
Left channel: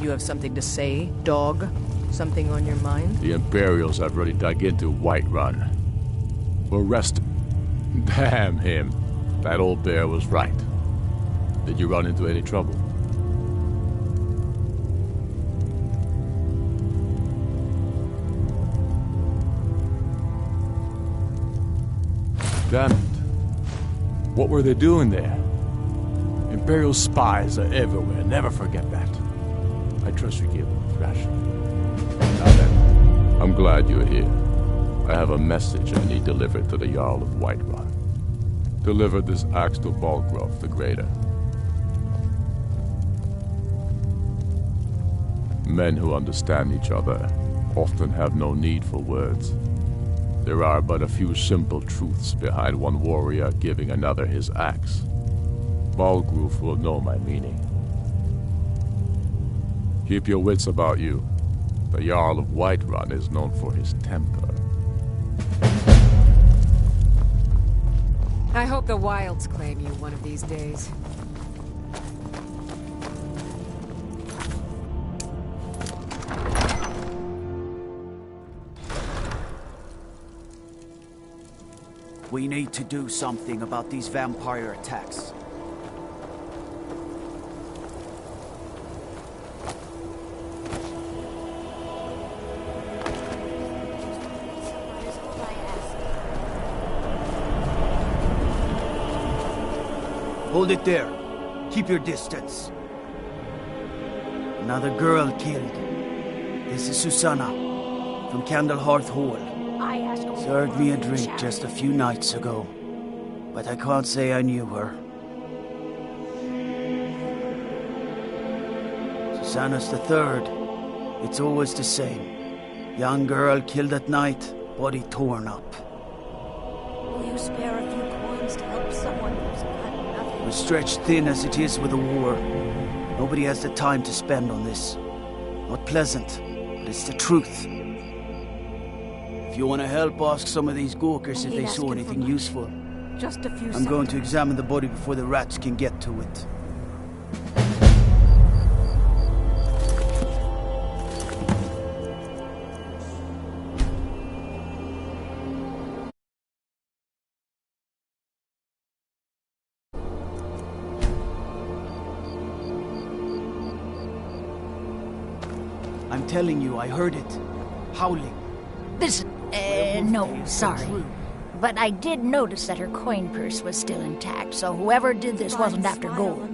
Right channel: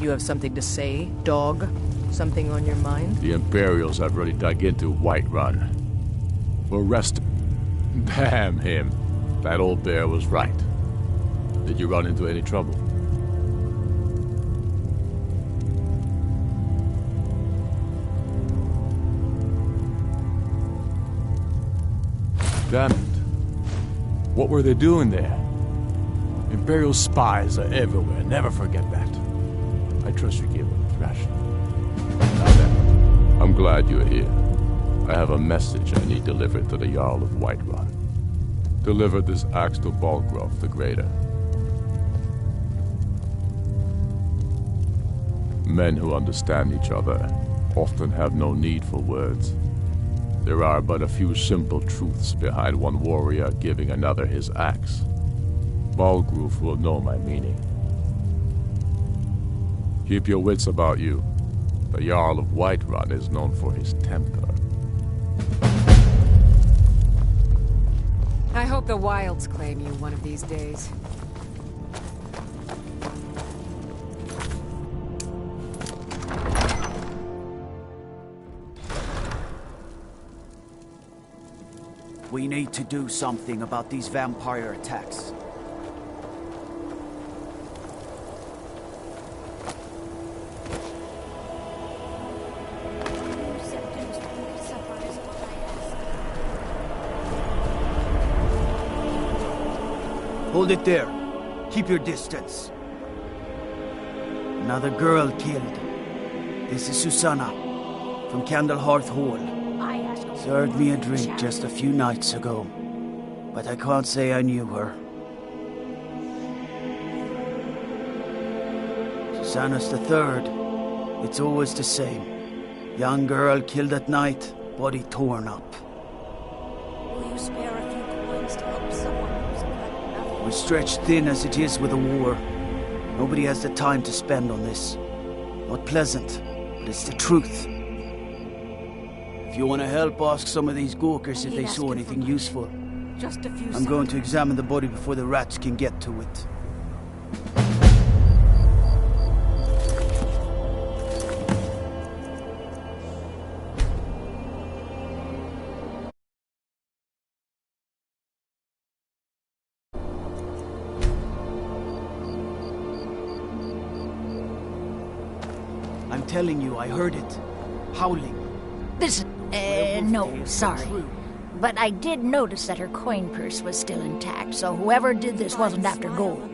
You have something to say, dog? Something on your mind? The Imperials have really dug into Whiterun. We'll arrest him. Damn him. That old bear was right. Did you run into any trouble? Damn it. What were they doing there? Imperial spies are everywhere. Never forget that. I trust you gave them a thrashing. Now then, I'm glad you're here. I have a message I need delivered to the Jarl of Whiterun. Deliver this axe to Balgrove the Greater. Men who understand each other often have no need for words. There are but a few simple truths behind one warrior giving another his axe. Balgrove will know my meaning. Keep your wits about you. The Jarl of Whiterun is known for his temper. I hope the wilds claim you one of these days. We need to do something about these vampire attacks. Hold it there. Keep your distance. Another girl killed. This is Susanna, from Candlehearth Hall. Served me a drink just a few nights ago, but I can't say I knew her. Susanna's the third. It's always the same. Young girl killed at night, body torn up. Will you spare a few coins to help someone who's got nothing? We're stretched thin as it is with the war. Nobody has the time to spend on this. Not pleasant, but it's the truth. If you want to help, ask some of these gawkers if they saw anything useful. Just a few I'm going to examine the body before the rats can get to it. I'm telling you, I heard it. Howling. Listen, no, sorry. But I did notice that her coin purse was still intact, so whoever did this wasn't after gold.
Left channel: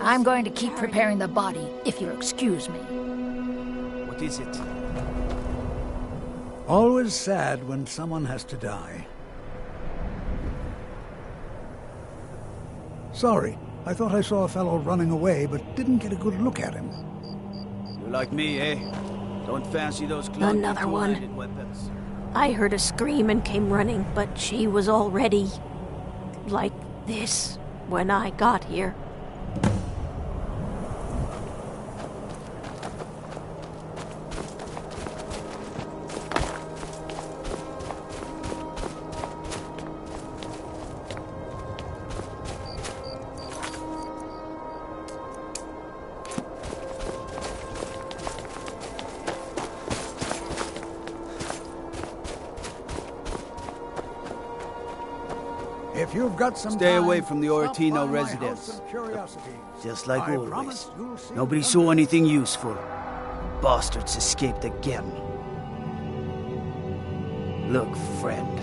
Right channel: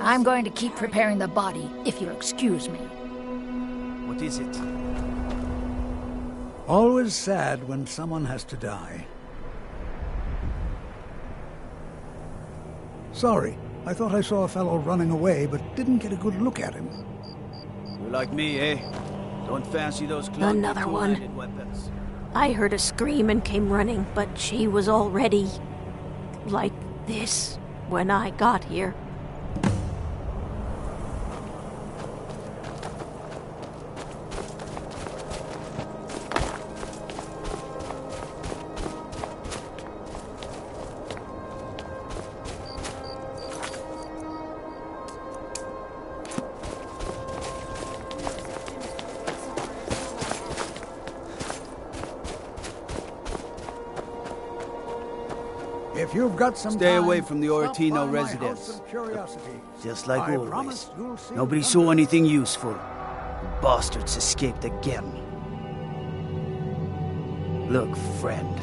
I'm going to keep preparing the body, if you'll excuse me. What is it? Always sad when someone has to die. Sorry, I thought I saw a fellow running away, but didn't get a good look at him. You're like me, eh? Don't fancy those clunky Another one. two-handed weapons. I heard a scream and came running, but she was already... like this when I got here. If you've got some Stay time, away from the stop Oretino by my residence. house of curiosities. Just like I always. promise you'll see Nobody what saw anything useful. The bastards escaped again. Look, friend.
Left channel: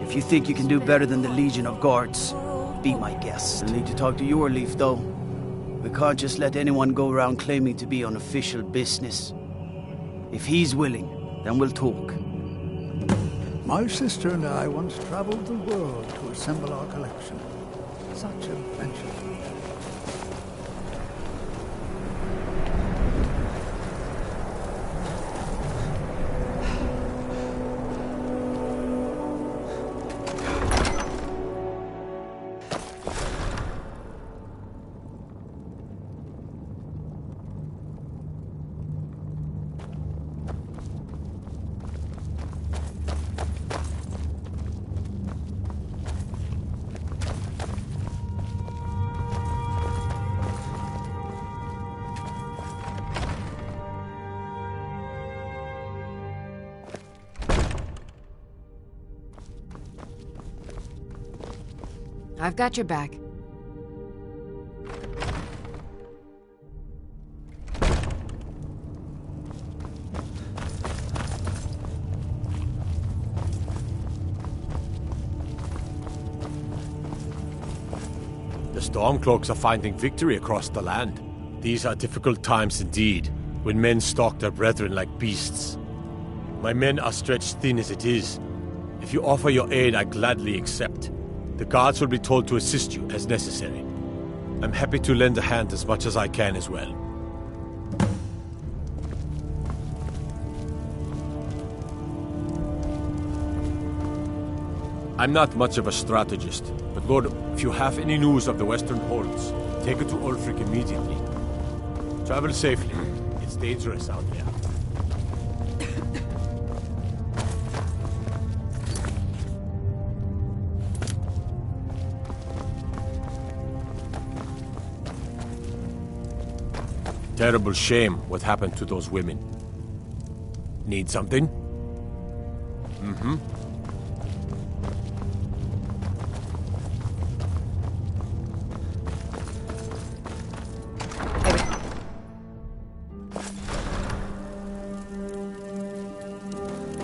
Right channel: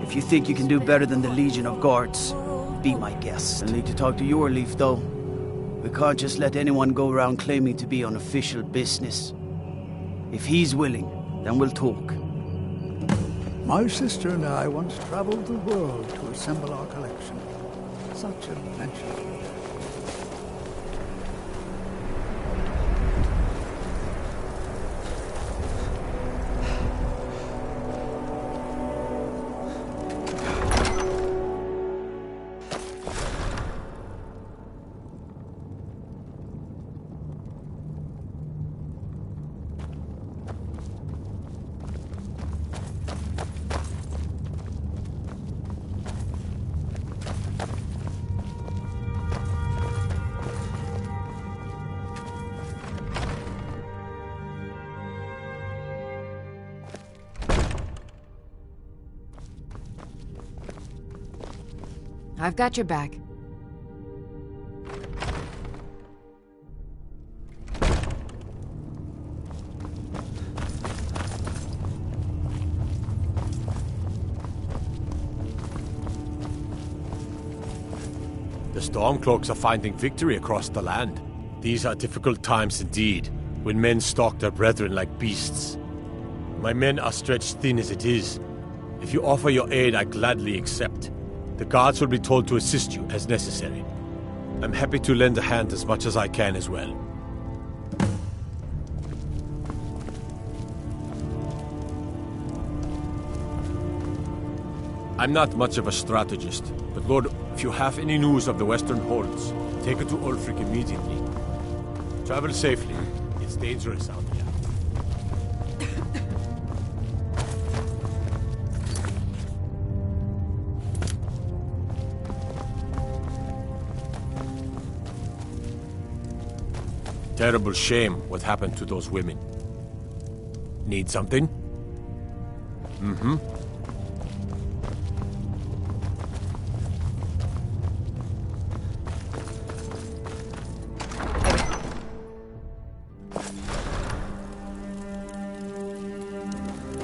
If you think you can do better than the Legion of Guards, be my guest. I'll need to talk to your Leaf, though. We can't just let anyone go around claiming to be on official business. If he's willing, then we'll talk. My sister and I once traveled the world to assemble our collection. Such adventures we had. I've got your back. The Stormcloaks are finding victory across the land. These are difficult times indeed, when men stalk their brethren like beasts. My men are stretched thin as it is. If you offer your aid, I gladly accept. The guards will be told to assist you as necessary. I'm happy to lend a hand as much as I can as well. I'm not much of a strategist, but Lord, if you have any news of the Western Holds, take it to Ulfric immediately. Travel safely. It's dangerous out there. Terrible shame what happened to those women. Need something? Mm-hmm.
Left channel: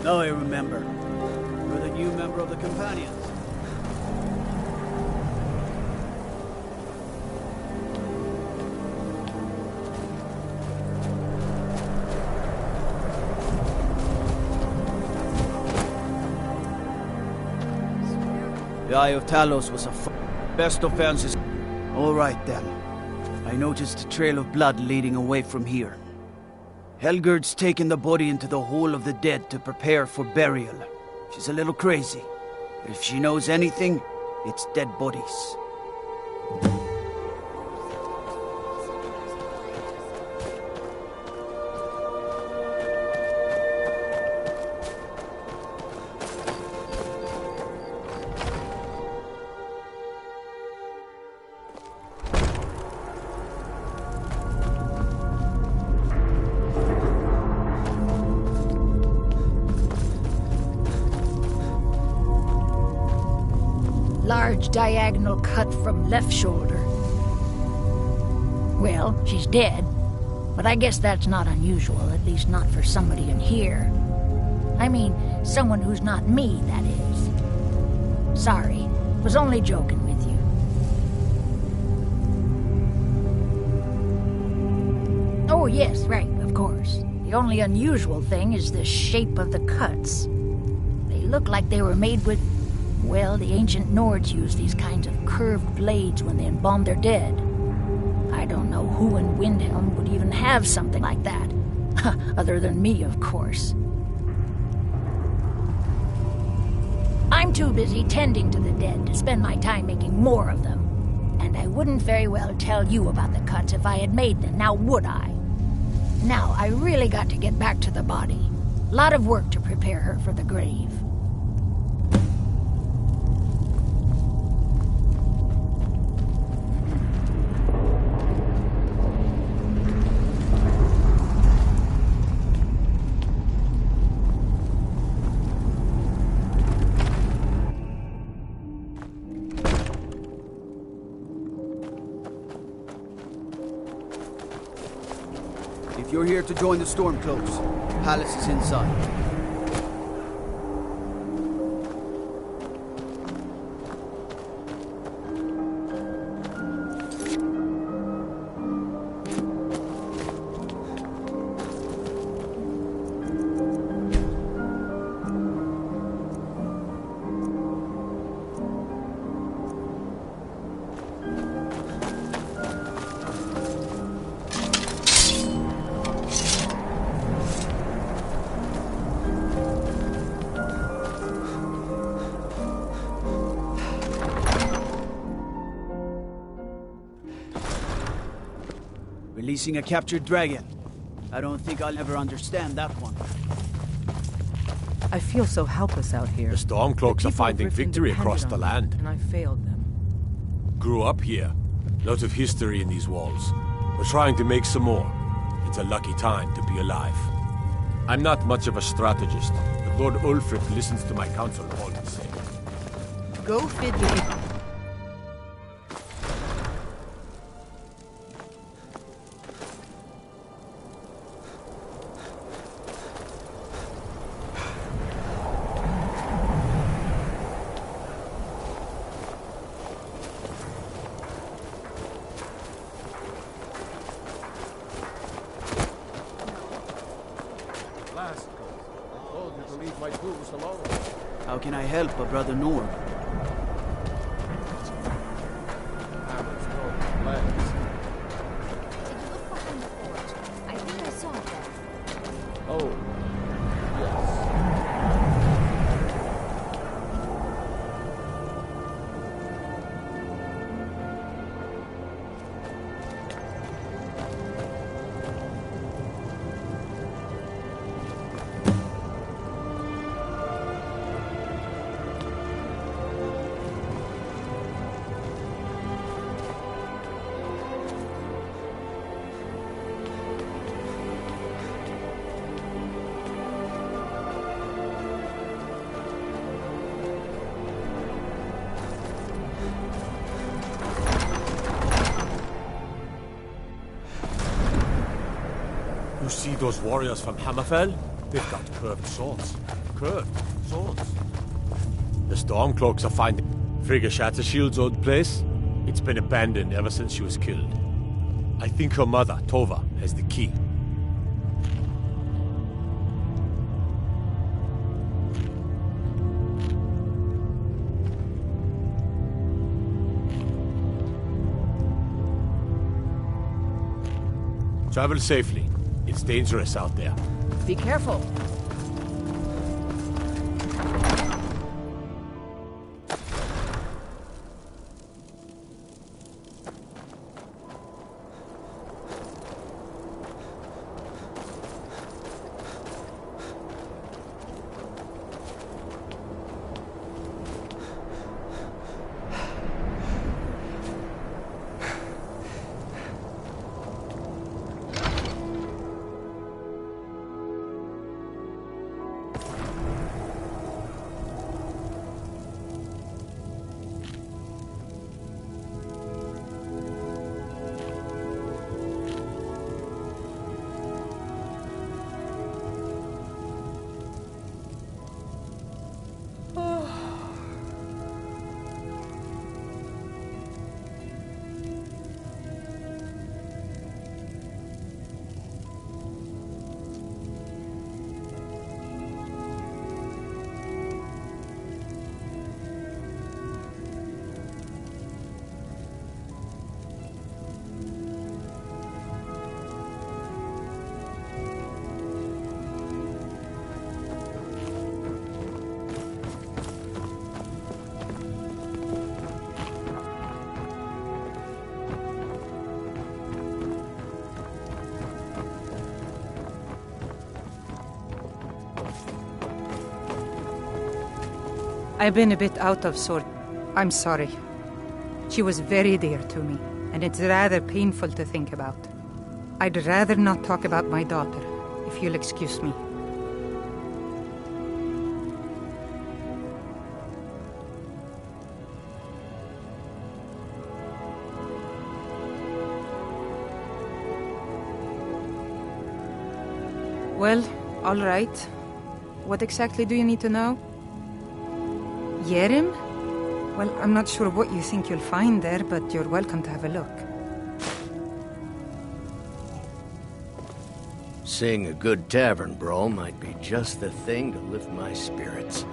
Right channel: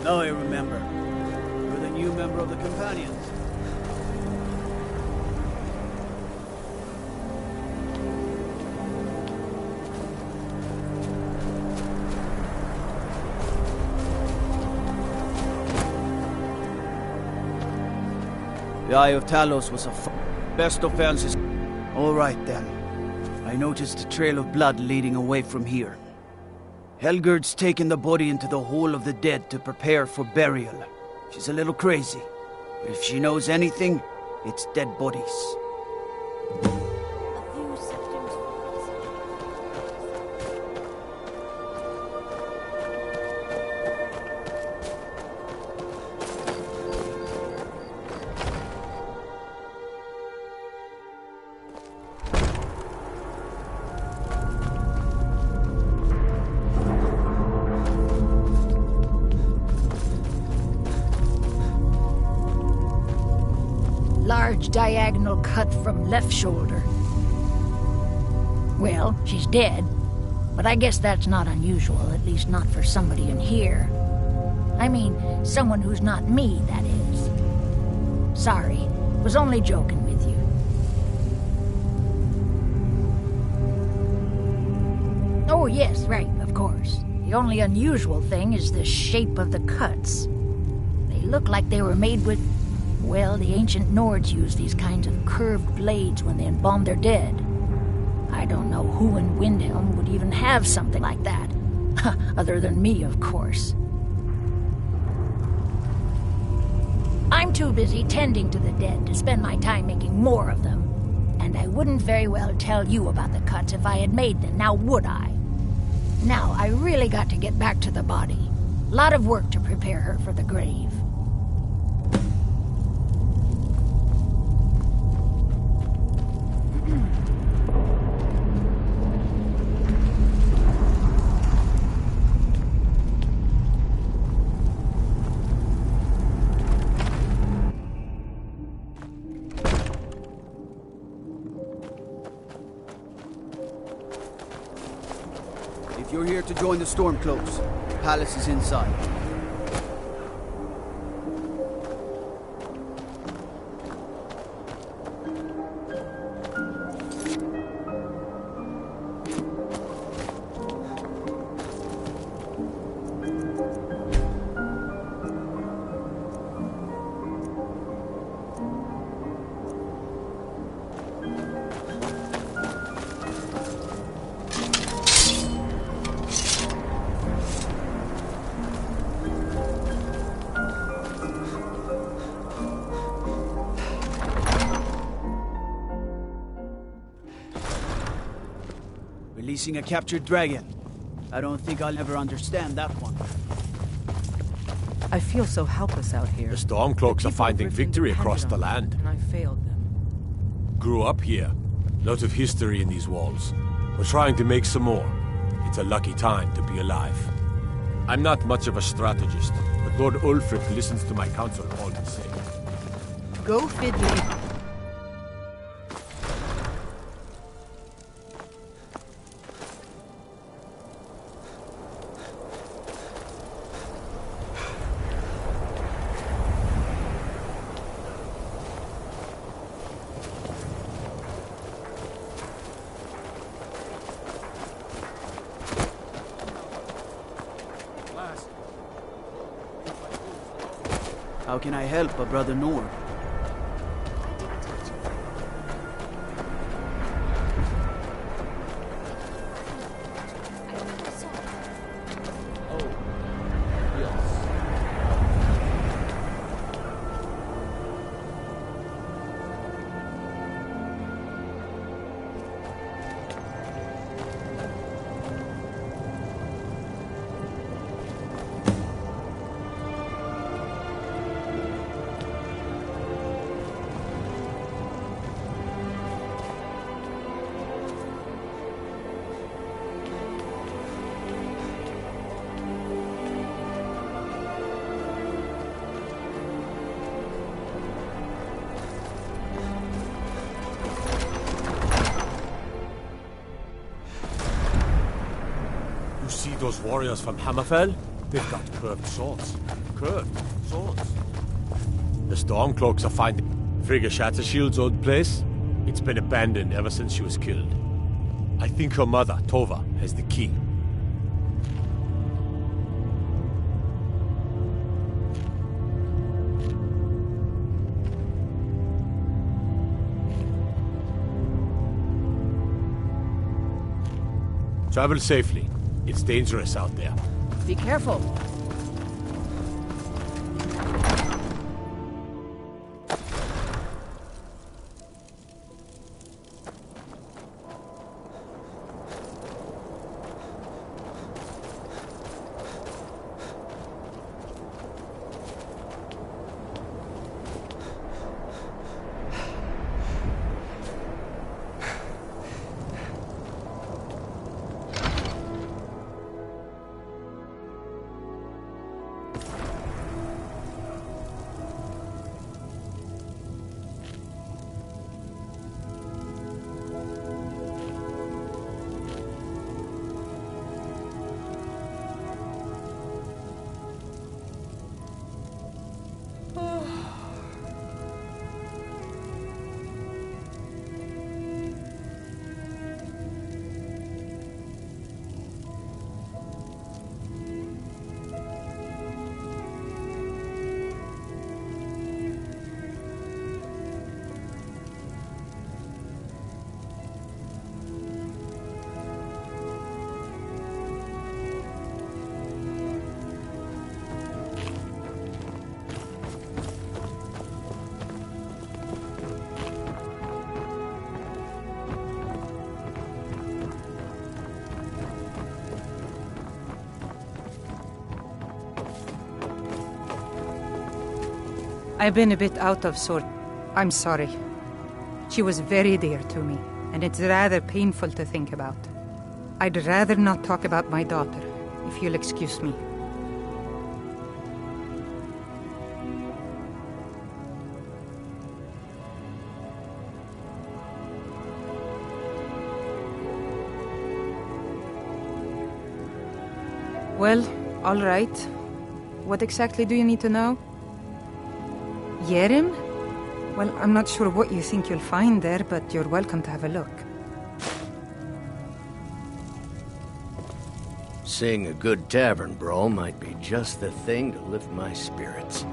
Now I remember. You're the new member of the Companions. The Eye of Talos was best offenses. All right, then. I noticed a trail of blood leading away from here. Helgerd's taken the body into the Hall of the Dead to prepare for burial. She's a little crazy, but if she knows anything, it's dead bodies. Large diagonal cut from left shoulder. Well, she's dead, but I guess that's not unusual, at least not for somebody in here. I mean, someone who's not me, that is. Sorry, was only joking with you. Oh, yes, right, of course. The only unusual thing is the shape of the cuts. They look like they were made with... Well, the ancient Nords used these kinds of curved blades when they embalmed their dead. I don't know who in Windhelm would even have something like that. Other than me, of course. I'm too busy tending to the dead to spend my time making more of them. And I wouldn't very well tell you about the cuts if I had made them, now would I? Now, I really got to get back to the body. Lot of work to prepare her for the grave. If you're here to join the Stormcloaks, the palace is inside. Releasing a captured dragon. I don't think I'll ever understand that one. I feel so helpless out here. The Stormcloaks are finding victory across the land. And I failed them. Grew up here. Lots of history in these walls. We're trying to make some more. It's a lucky time to be alive. I'm not much of a strategist, but Lord Ulfric listens to my counsel all the same. Go fiddly. How can I help a brother Nord? Oh, yes. You see those warriors from Hammerfell? They've got curved swords. Curved swords. The Stormcloaks are finding Frigga Shattershield's old place. It's been abandoned ever since she was killed. I think her mother, Tova, has the key. Travel safely. It's dangerous out there. Be careful. I've been a bit out of sort. I'm sorry. She was very dear to me, and it's rather painful to think about. I'd rather not talk about my daughter, if you'll excuse me. Well, all right. What exactly do you need to know? Yerim? Well, I'm not sure what you think you'll find there, but you're welcome to have a look. Seeing a good tavern brawl might be just the thing to lift my spirits.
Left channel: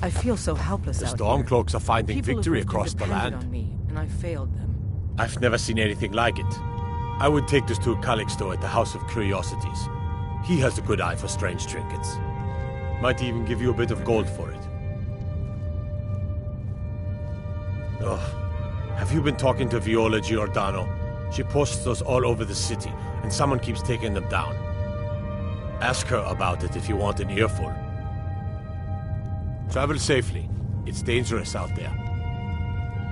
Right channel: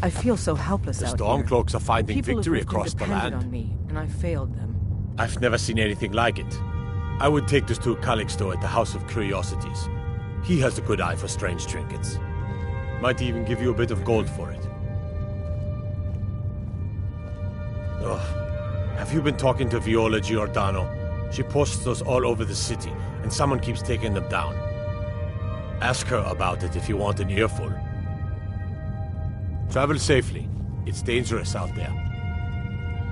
I feel so helpless The out here. Stormcloaks are finding People victory who've been across the dependent land. on me, and I failed them. I've never seen anything like it. I would take this to Calixto at the House of Curiosities. He has a good eye for strange trinkets. Might even give you a bit of gold for it. Ugh. Have you been talking to Viola Giordano? She posts those all over the city, and someone keeps taking them down. Ask her about it if you want an earful. Travel safely. It's dangerous out there.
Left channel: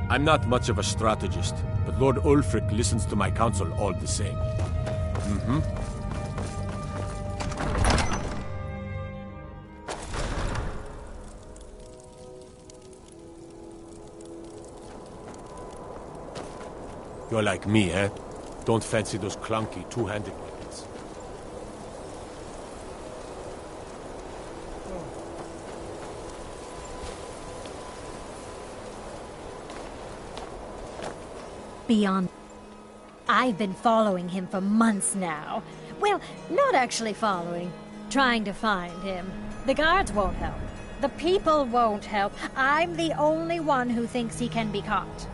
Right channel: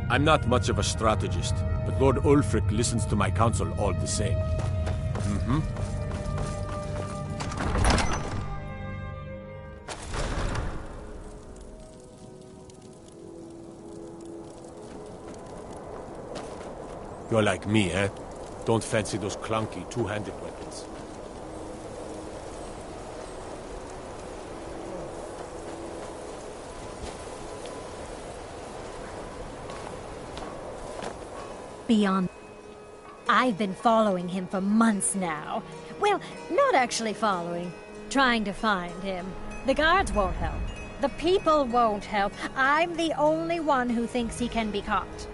I'm not much of a strategist, but Lord Ulfric listens to my counsel all the same. Mm-hmm. You're like me, eh? Don't fancy those clunky, two-handed weapons. Beyond... I've been following him for months now. Well, not actually following. Trying to find him. The guards won't help. The people won't help. I'm the only one who thinks he can be caught.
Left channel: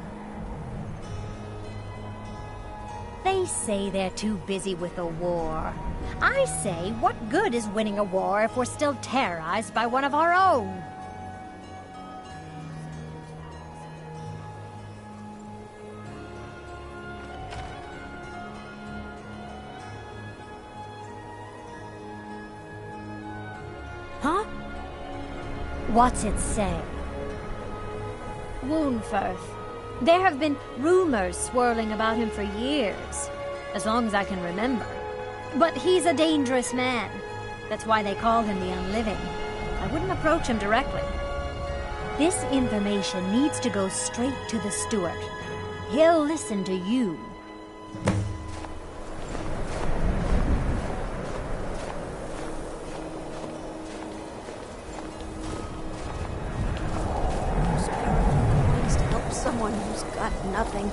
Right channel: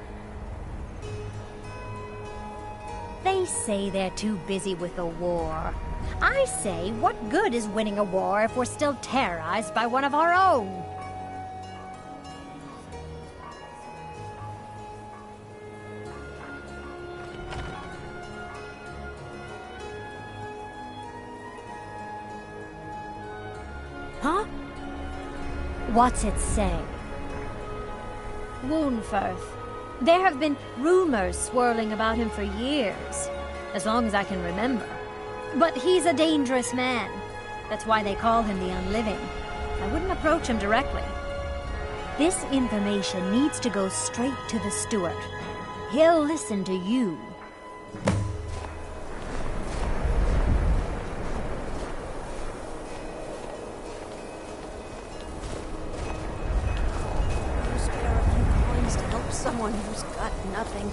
They say they're too busy with the war. I say, what good is winning a war if we're still terrorized by one of our own? Huh? What's it say? Woundfirth. There have been rumors swirling about him for years, as long as I can remember. But he's a dangerous man. That's why they call him the Unliving. I wouldn't approach him directly. This information needs to go straight to the steward. He'll listen to you. Spare a few coins to help someone who's got nothing.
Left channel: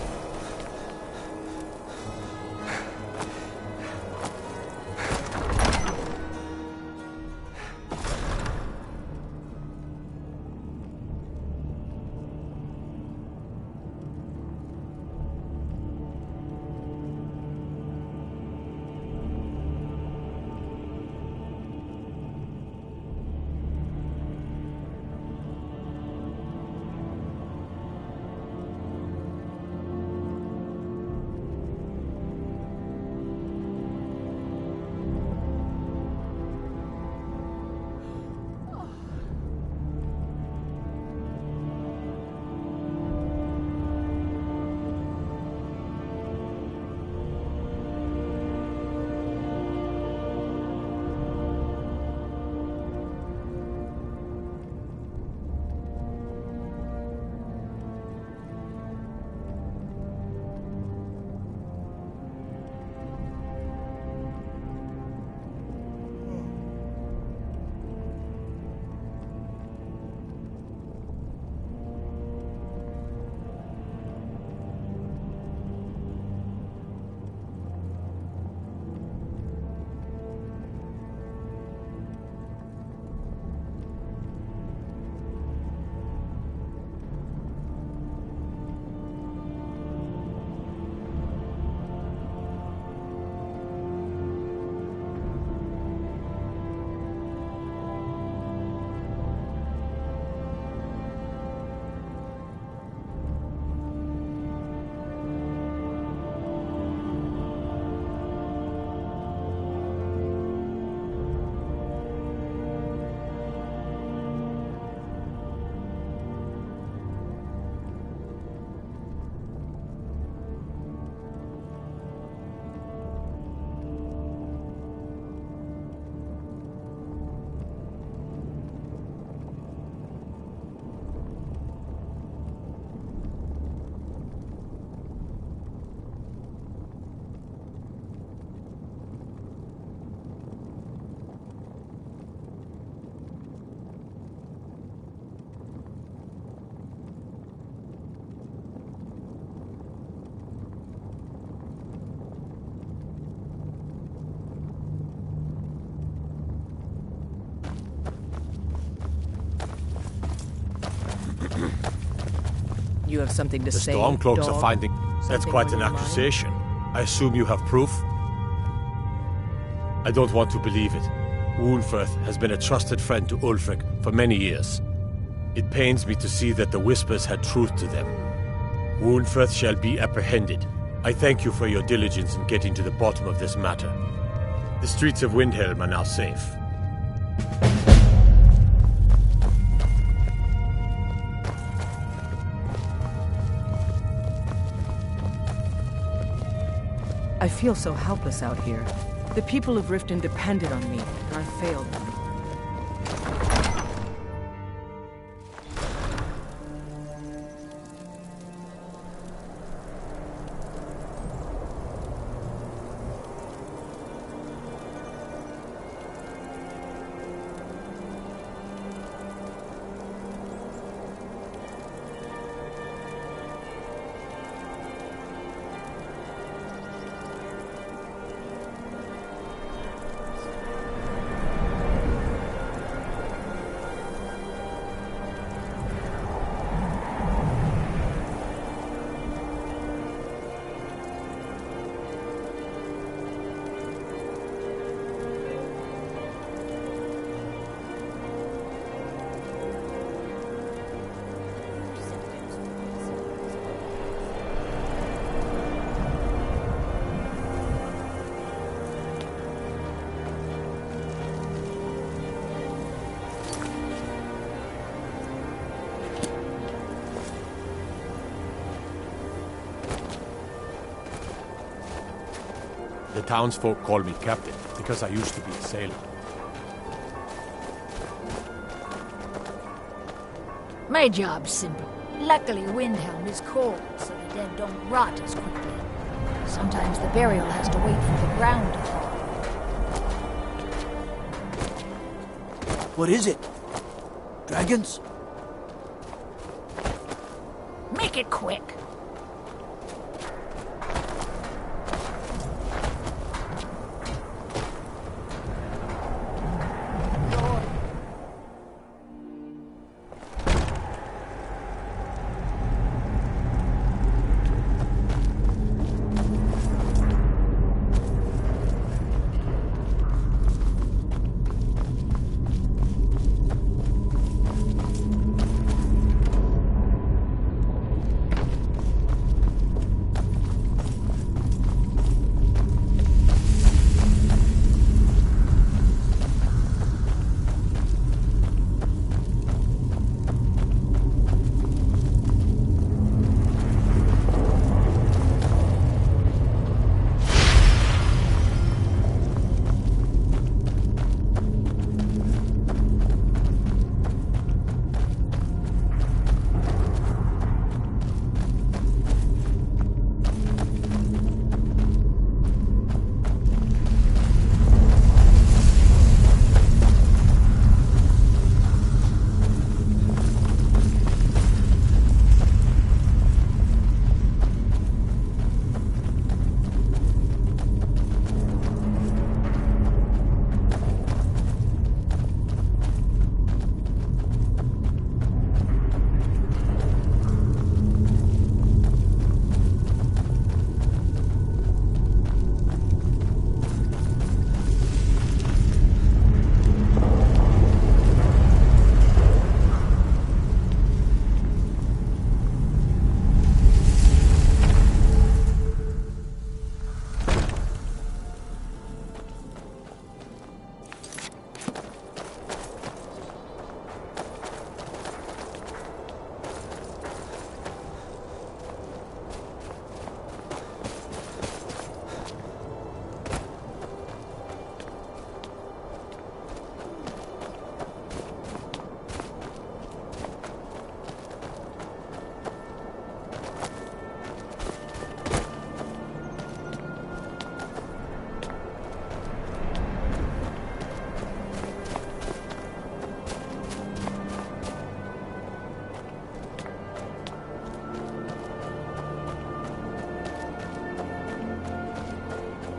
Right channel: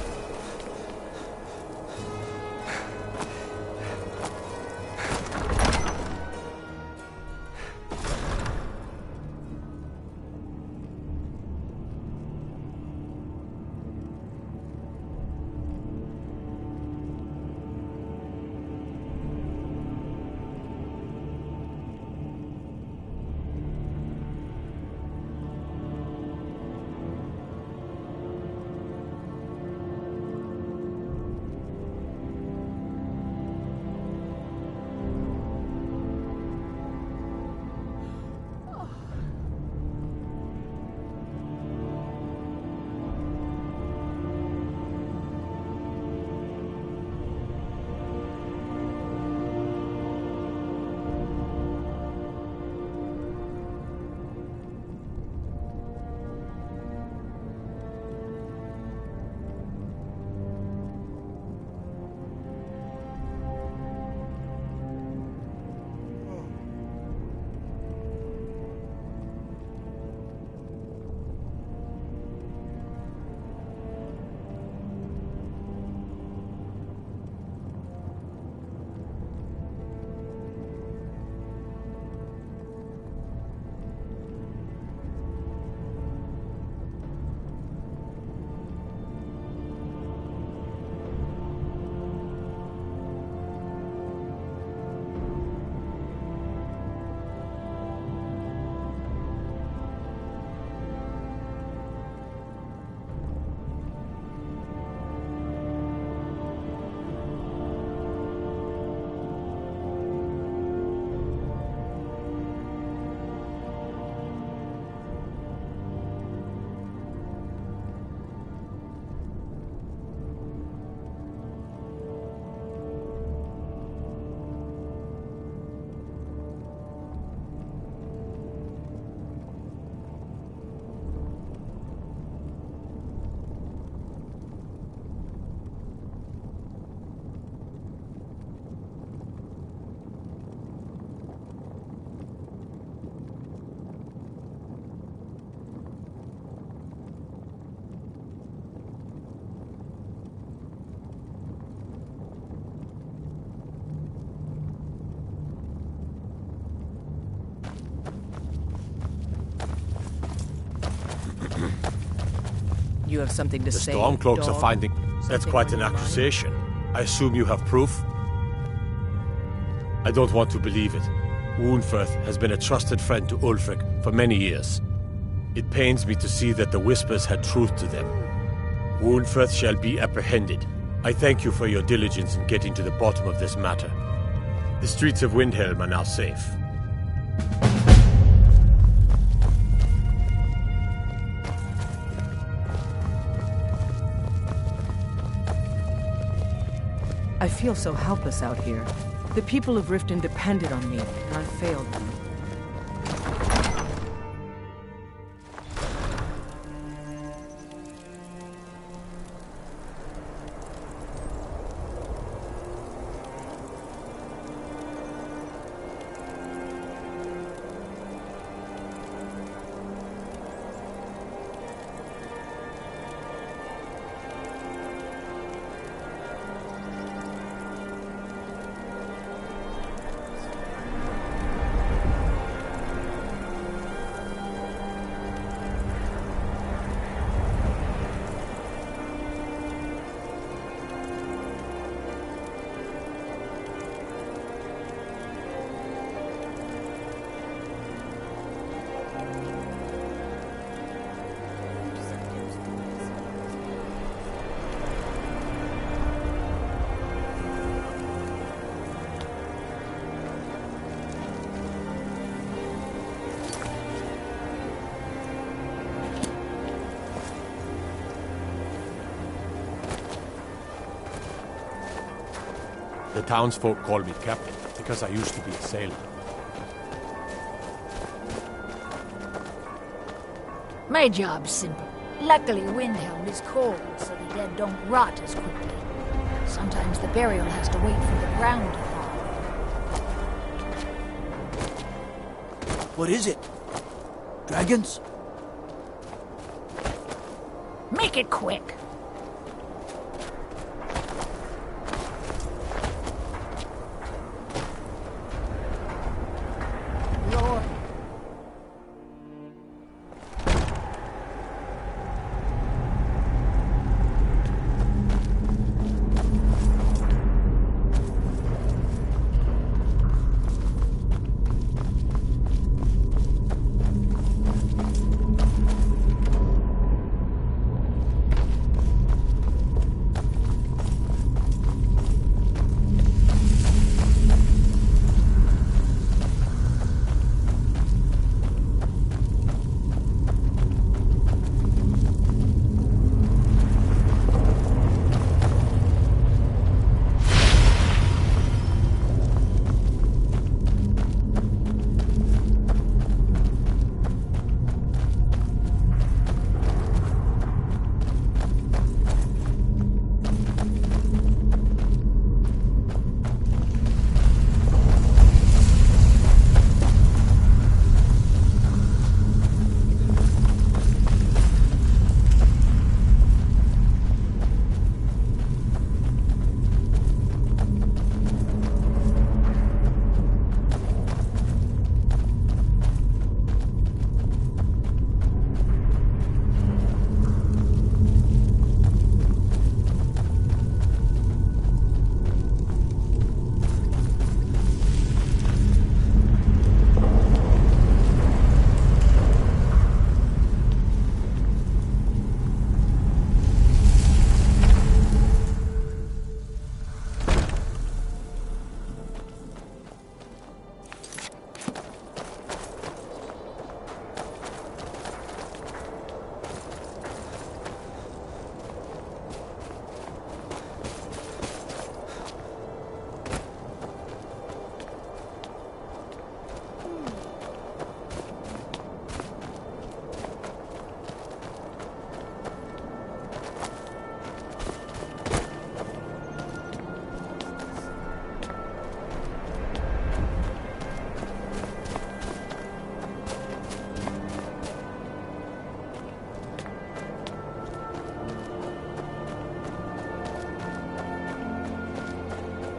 You have something to The say, Stormcloaks are dog? finding... That's Something quite on an your mind? accusation. I assume you have proof? I don't want to believe it. Woundfirth has been a trusted friend to Ulfric for many years. It pains me to see that the Whispers had truth to them. Woundfirth shall be apprehended. I thank you for your diligence in getting to the bottom of this matter. The streets of Windhelm are now safe. I feel so helpless out here. The people of Riften depended on me, and I failed them. The townsfolk call me captain because I used to be a sailor. My job's simple. Luckily, Windhelm is cold, so the dead don't rot as quickly. Sometimes the burial has to wait for the ground to thaw. What is it? Dragons? Make it quick.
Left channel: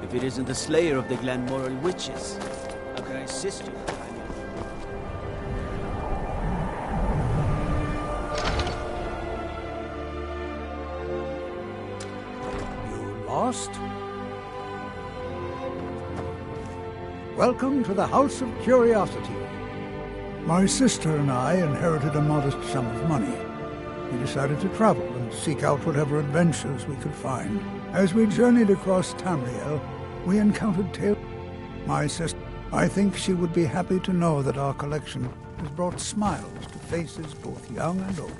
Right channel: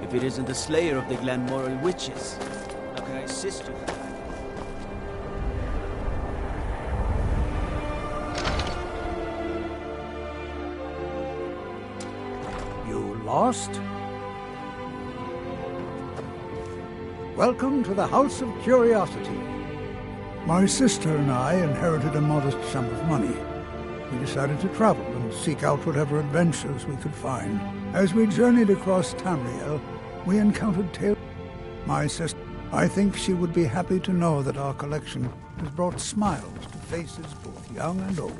If it isn't the slayer of the Glenmoral witches, how can I assist you? Lost? Welcome to the House of Curiosity. My sister and I inherited a modest sum of money. We decided to travel and seek out whatever adventures we could find. As we journeyed across Tamriel, we encountered tales. My sister, I think she would be happy to know that our collection has brought smiles to faces both young and old.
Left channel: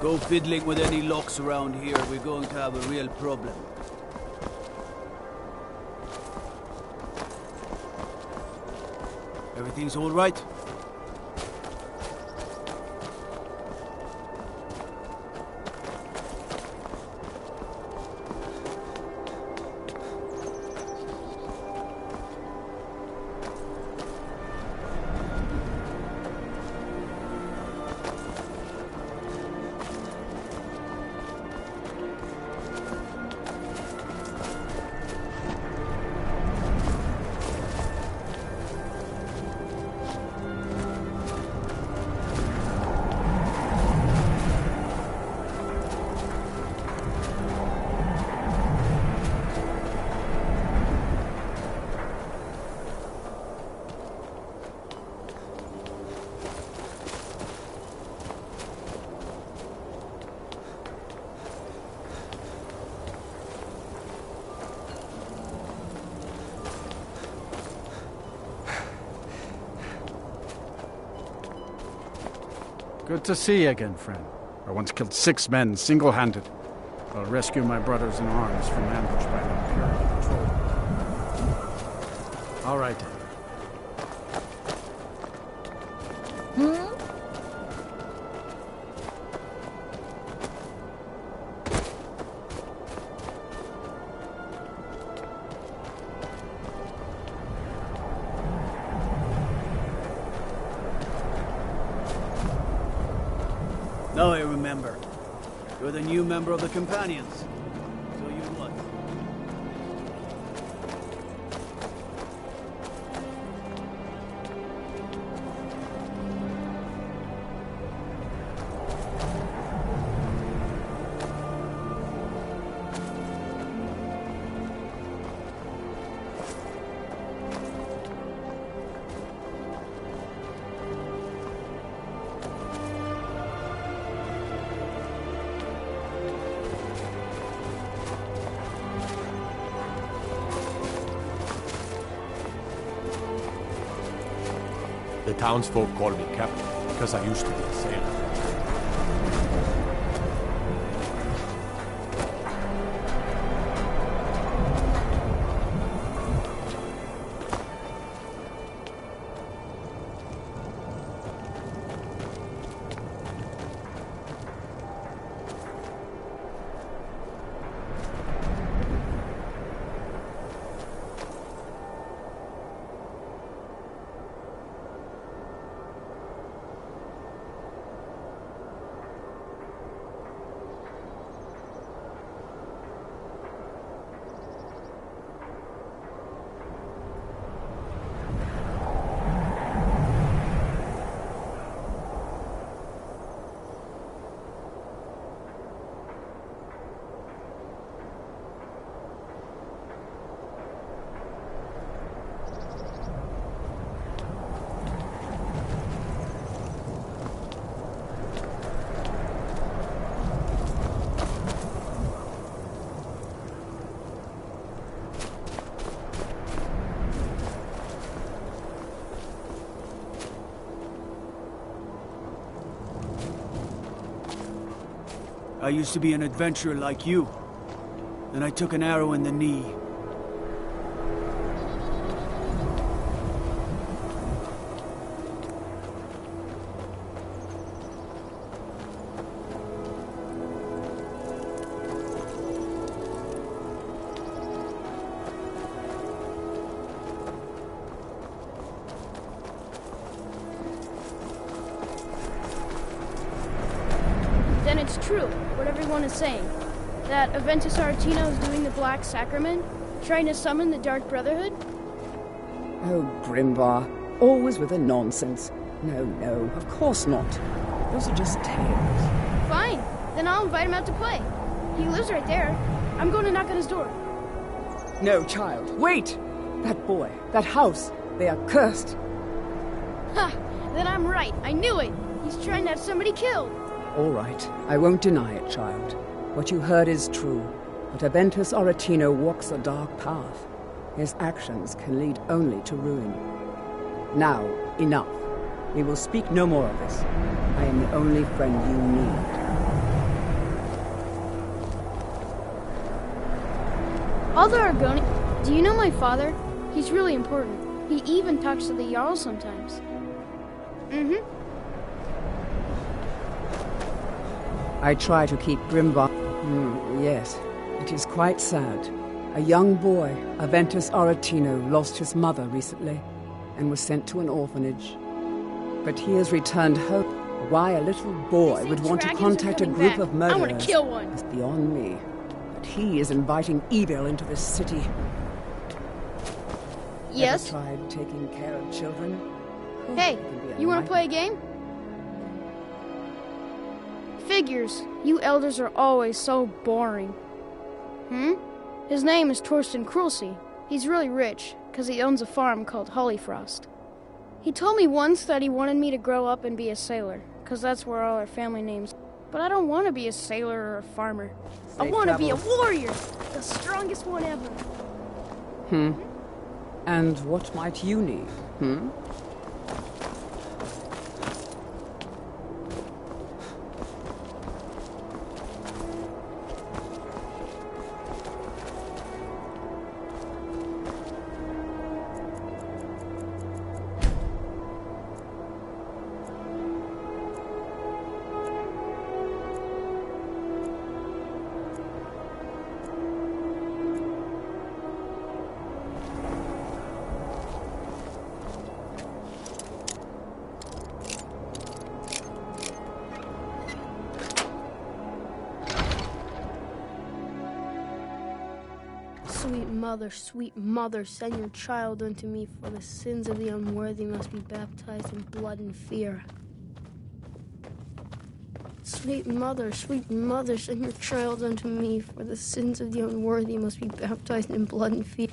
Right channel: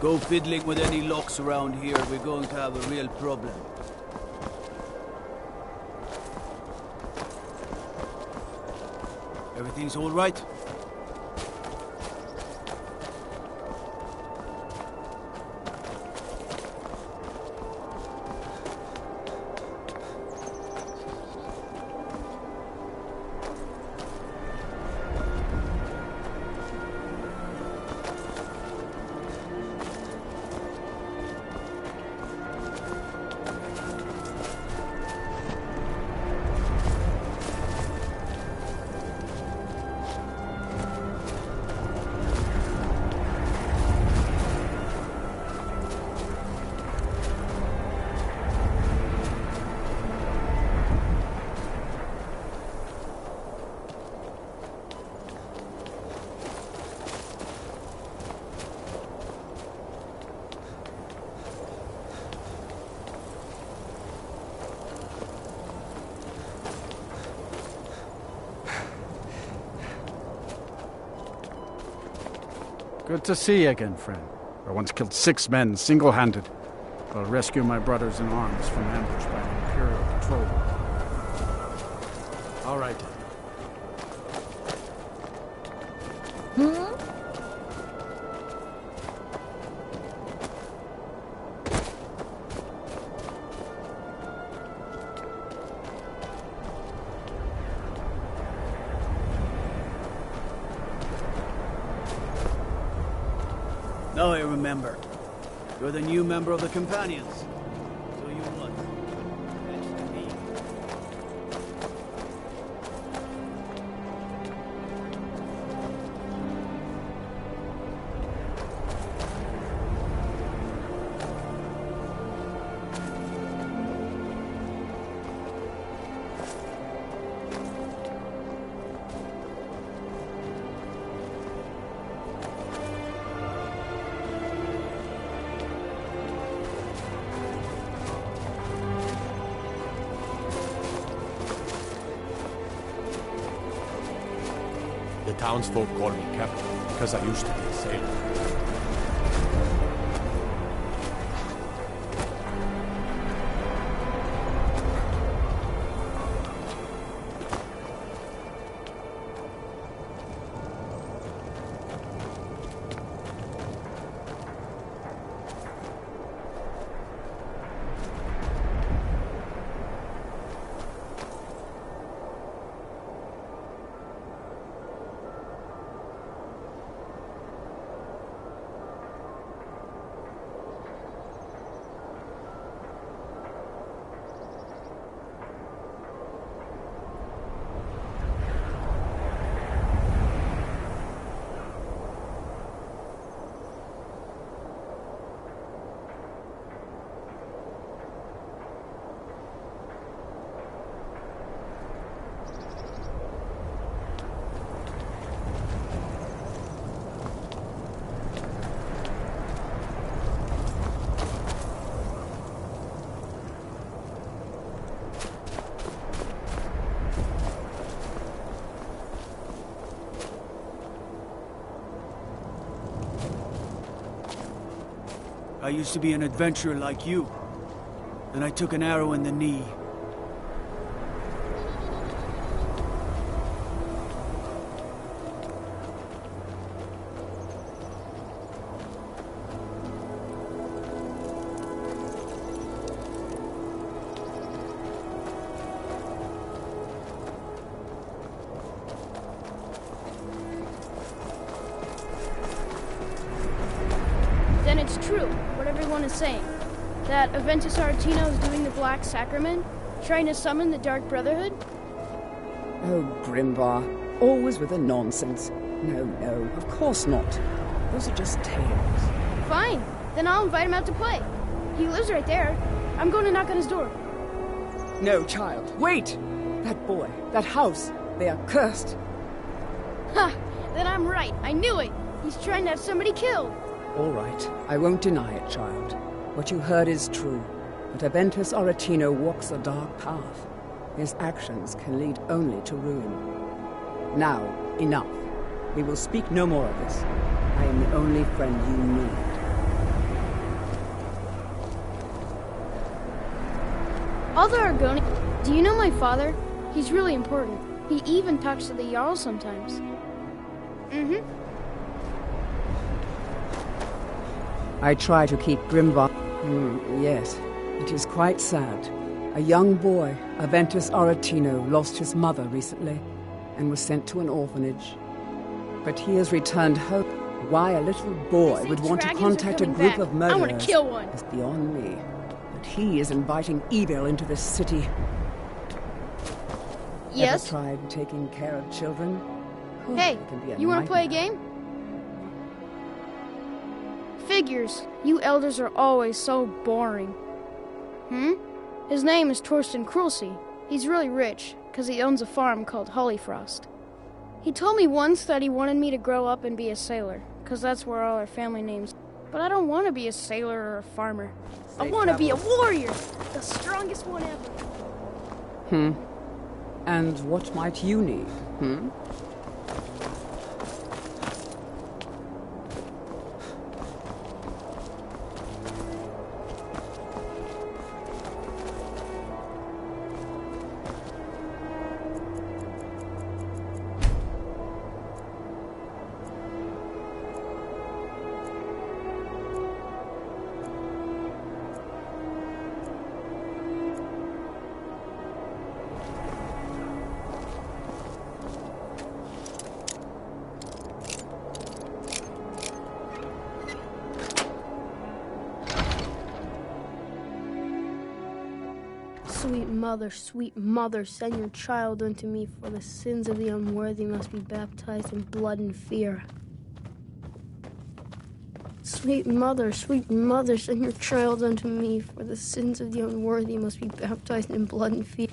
Go fiddling with any locks around here, we're going to have a real problem. Everything's all right? Good to see you again, friend. I once killed 6 men single-handed. I'll rescue my brothers in arms from ambush by an Imperial patrol. All right, then. Now I remember. You're the new member of the Companions. So you what? The townsfolk call me captain because I used to be a sailor. I used to be an adventurer like you. Then I took an arrow in the knee. Then it's true, what everyone is saying. That Aventus Aretino is doing the Black Sacrament, trying to summon the Dark Brotherhood? Oh, Grimvar. Always with the nonsense. No, no, of course not. Those are just tales. Fine. Then I'll invite him out to play. He lives right there. I'm going to knock on his door. No, child. Wait! That boy, that house, they are cursed. Ha! Then I'm right. I knew it. He's trying to have somebody killed. All right. I won't deny it, child. What you heard is true. But Aventus Aretino walks a dark path. His actions can lead only to ruin. Now, enough. We will speak no more of this. I am the only friend you need. Father Argoni, do you know my father? He's really important. He even talks to the Jarl sometimes. Mm-hmm. I try to keep Grimvar... yes, it is quite sad. A young boy, Aventus Aretino, lost his mother recently and was sent to an orphanage. But he has returned home. Why a little boy would want to contact a group of murderers I want to kill one. is beyond me. But he is inviting evil into this city. Yes? Ever tried taking care of children? Hey, you want to play a game? Figures. You elders are always so boring. His name is Torsten Krulsey. He's really rich, because he owns a farm called Hollyfrost. He told me once that he wanted me to grow up and be a sailor, because that's where all our family names. But I don't want to be a sailor or a farmer. I want to be a warrior, the strongest one ever. And what might you need, Sweet mother, send your child unto me, for the sins of the unworthy must be baptized in blood and fear. Sweet mother, send your child unto me, for the sins of the unworthy must be baptized in blood and fear.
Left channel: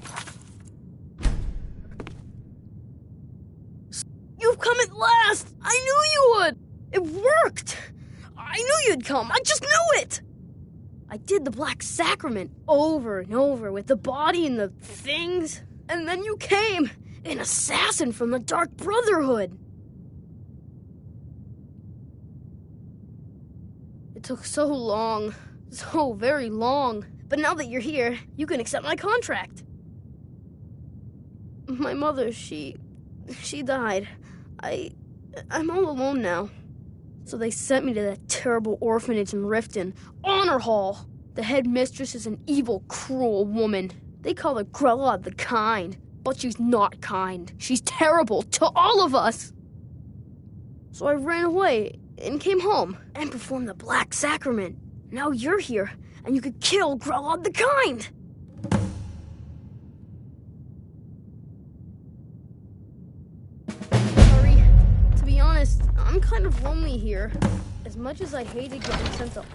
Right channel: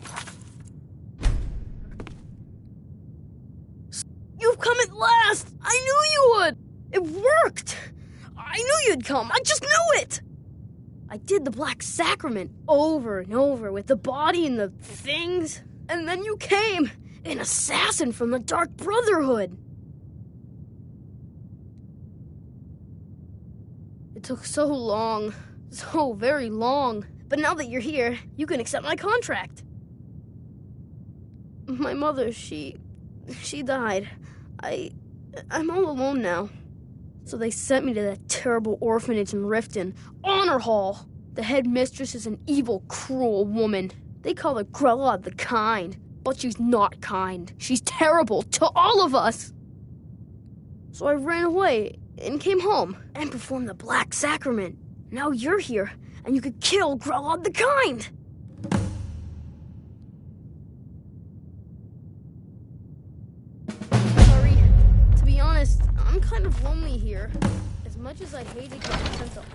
You've come at last! I knew you would! It worked! I knew you'd come! I just knew it! I did the Black Sacrament over and over with the body and the things. And then you came, an assassin from the Dark Brotherhood. It took so long, so very long. But now that you're here, you can accept my contract. My mother, she died. I'm all alone now. So they sent me to that terrible orphanage in Riften, Honor Hall. The headmistress is an evil, cruel woman. They call her Grella the Kind, but she's not kind. She's terrible to all of us. So I ran away and came home and performed the Black Sacrament. Now you're here, and you could kill Grella the Kind. Sorry. To be honest, I'm kind of lonely here. As much as I hated getting sent up.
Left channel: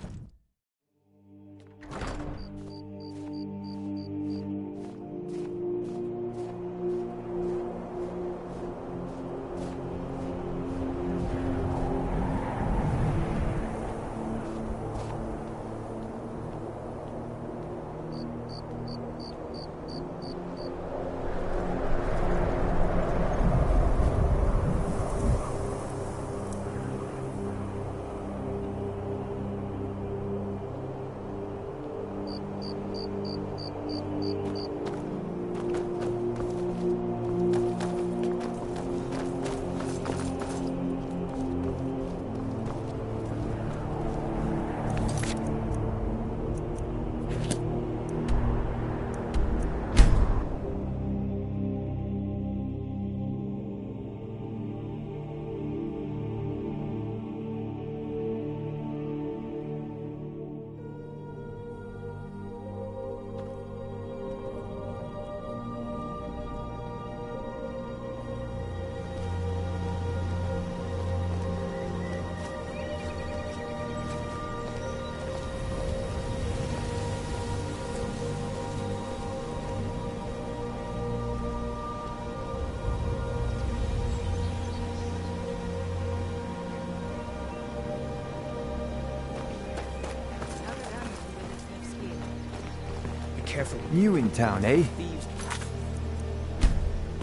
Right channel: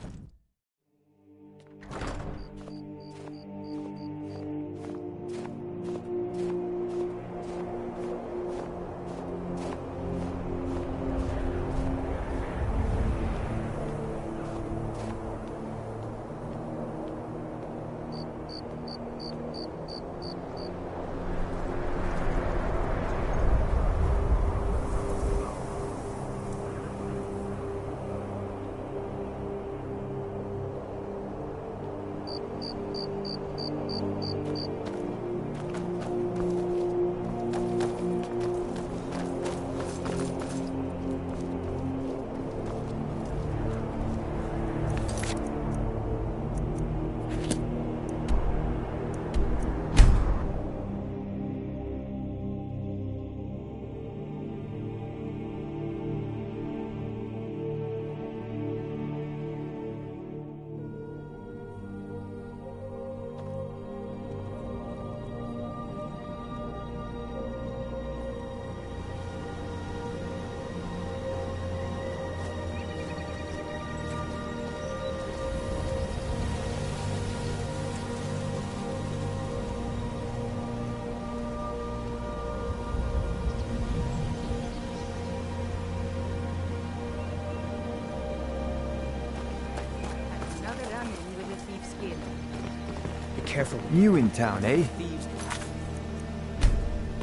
careful. New in town, eh?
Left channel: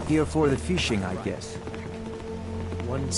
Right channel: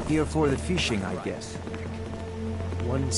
Here for the fishing, I guess. One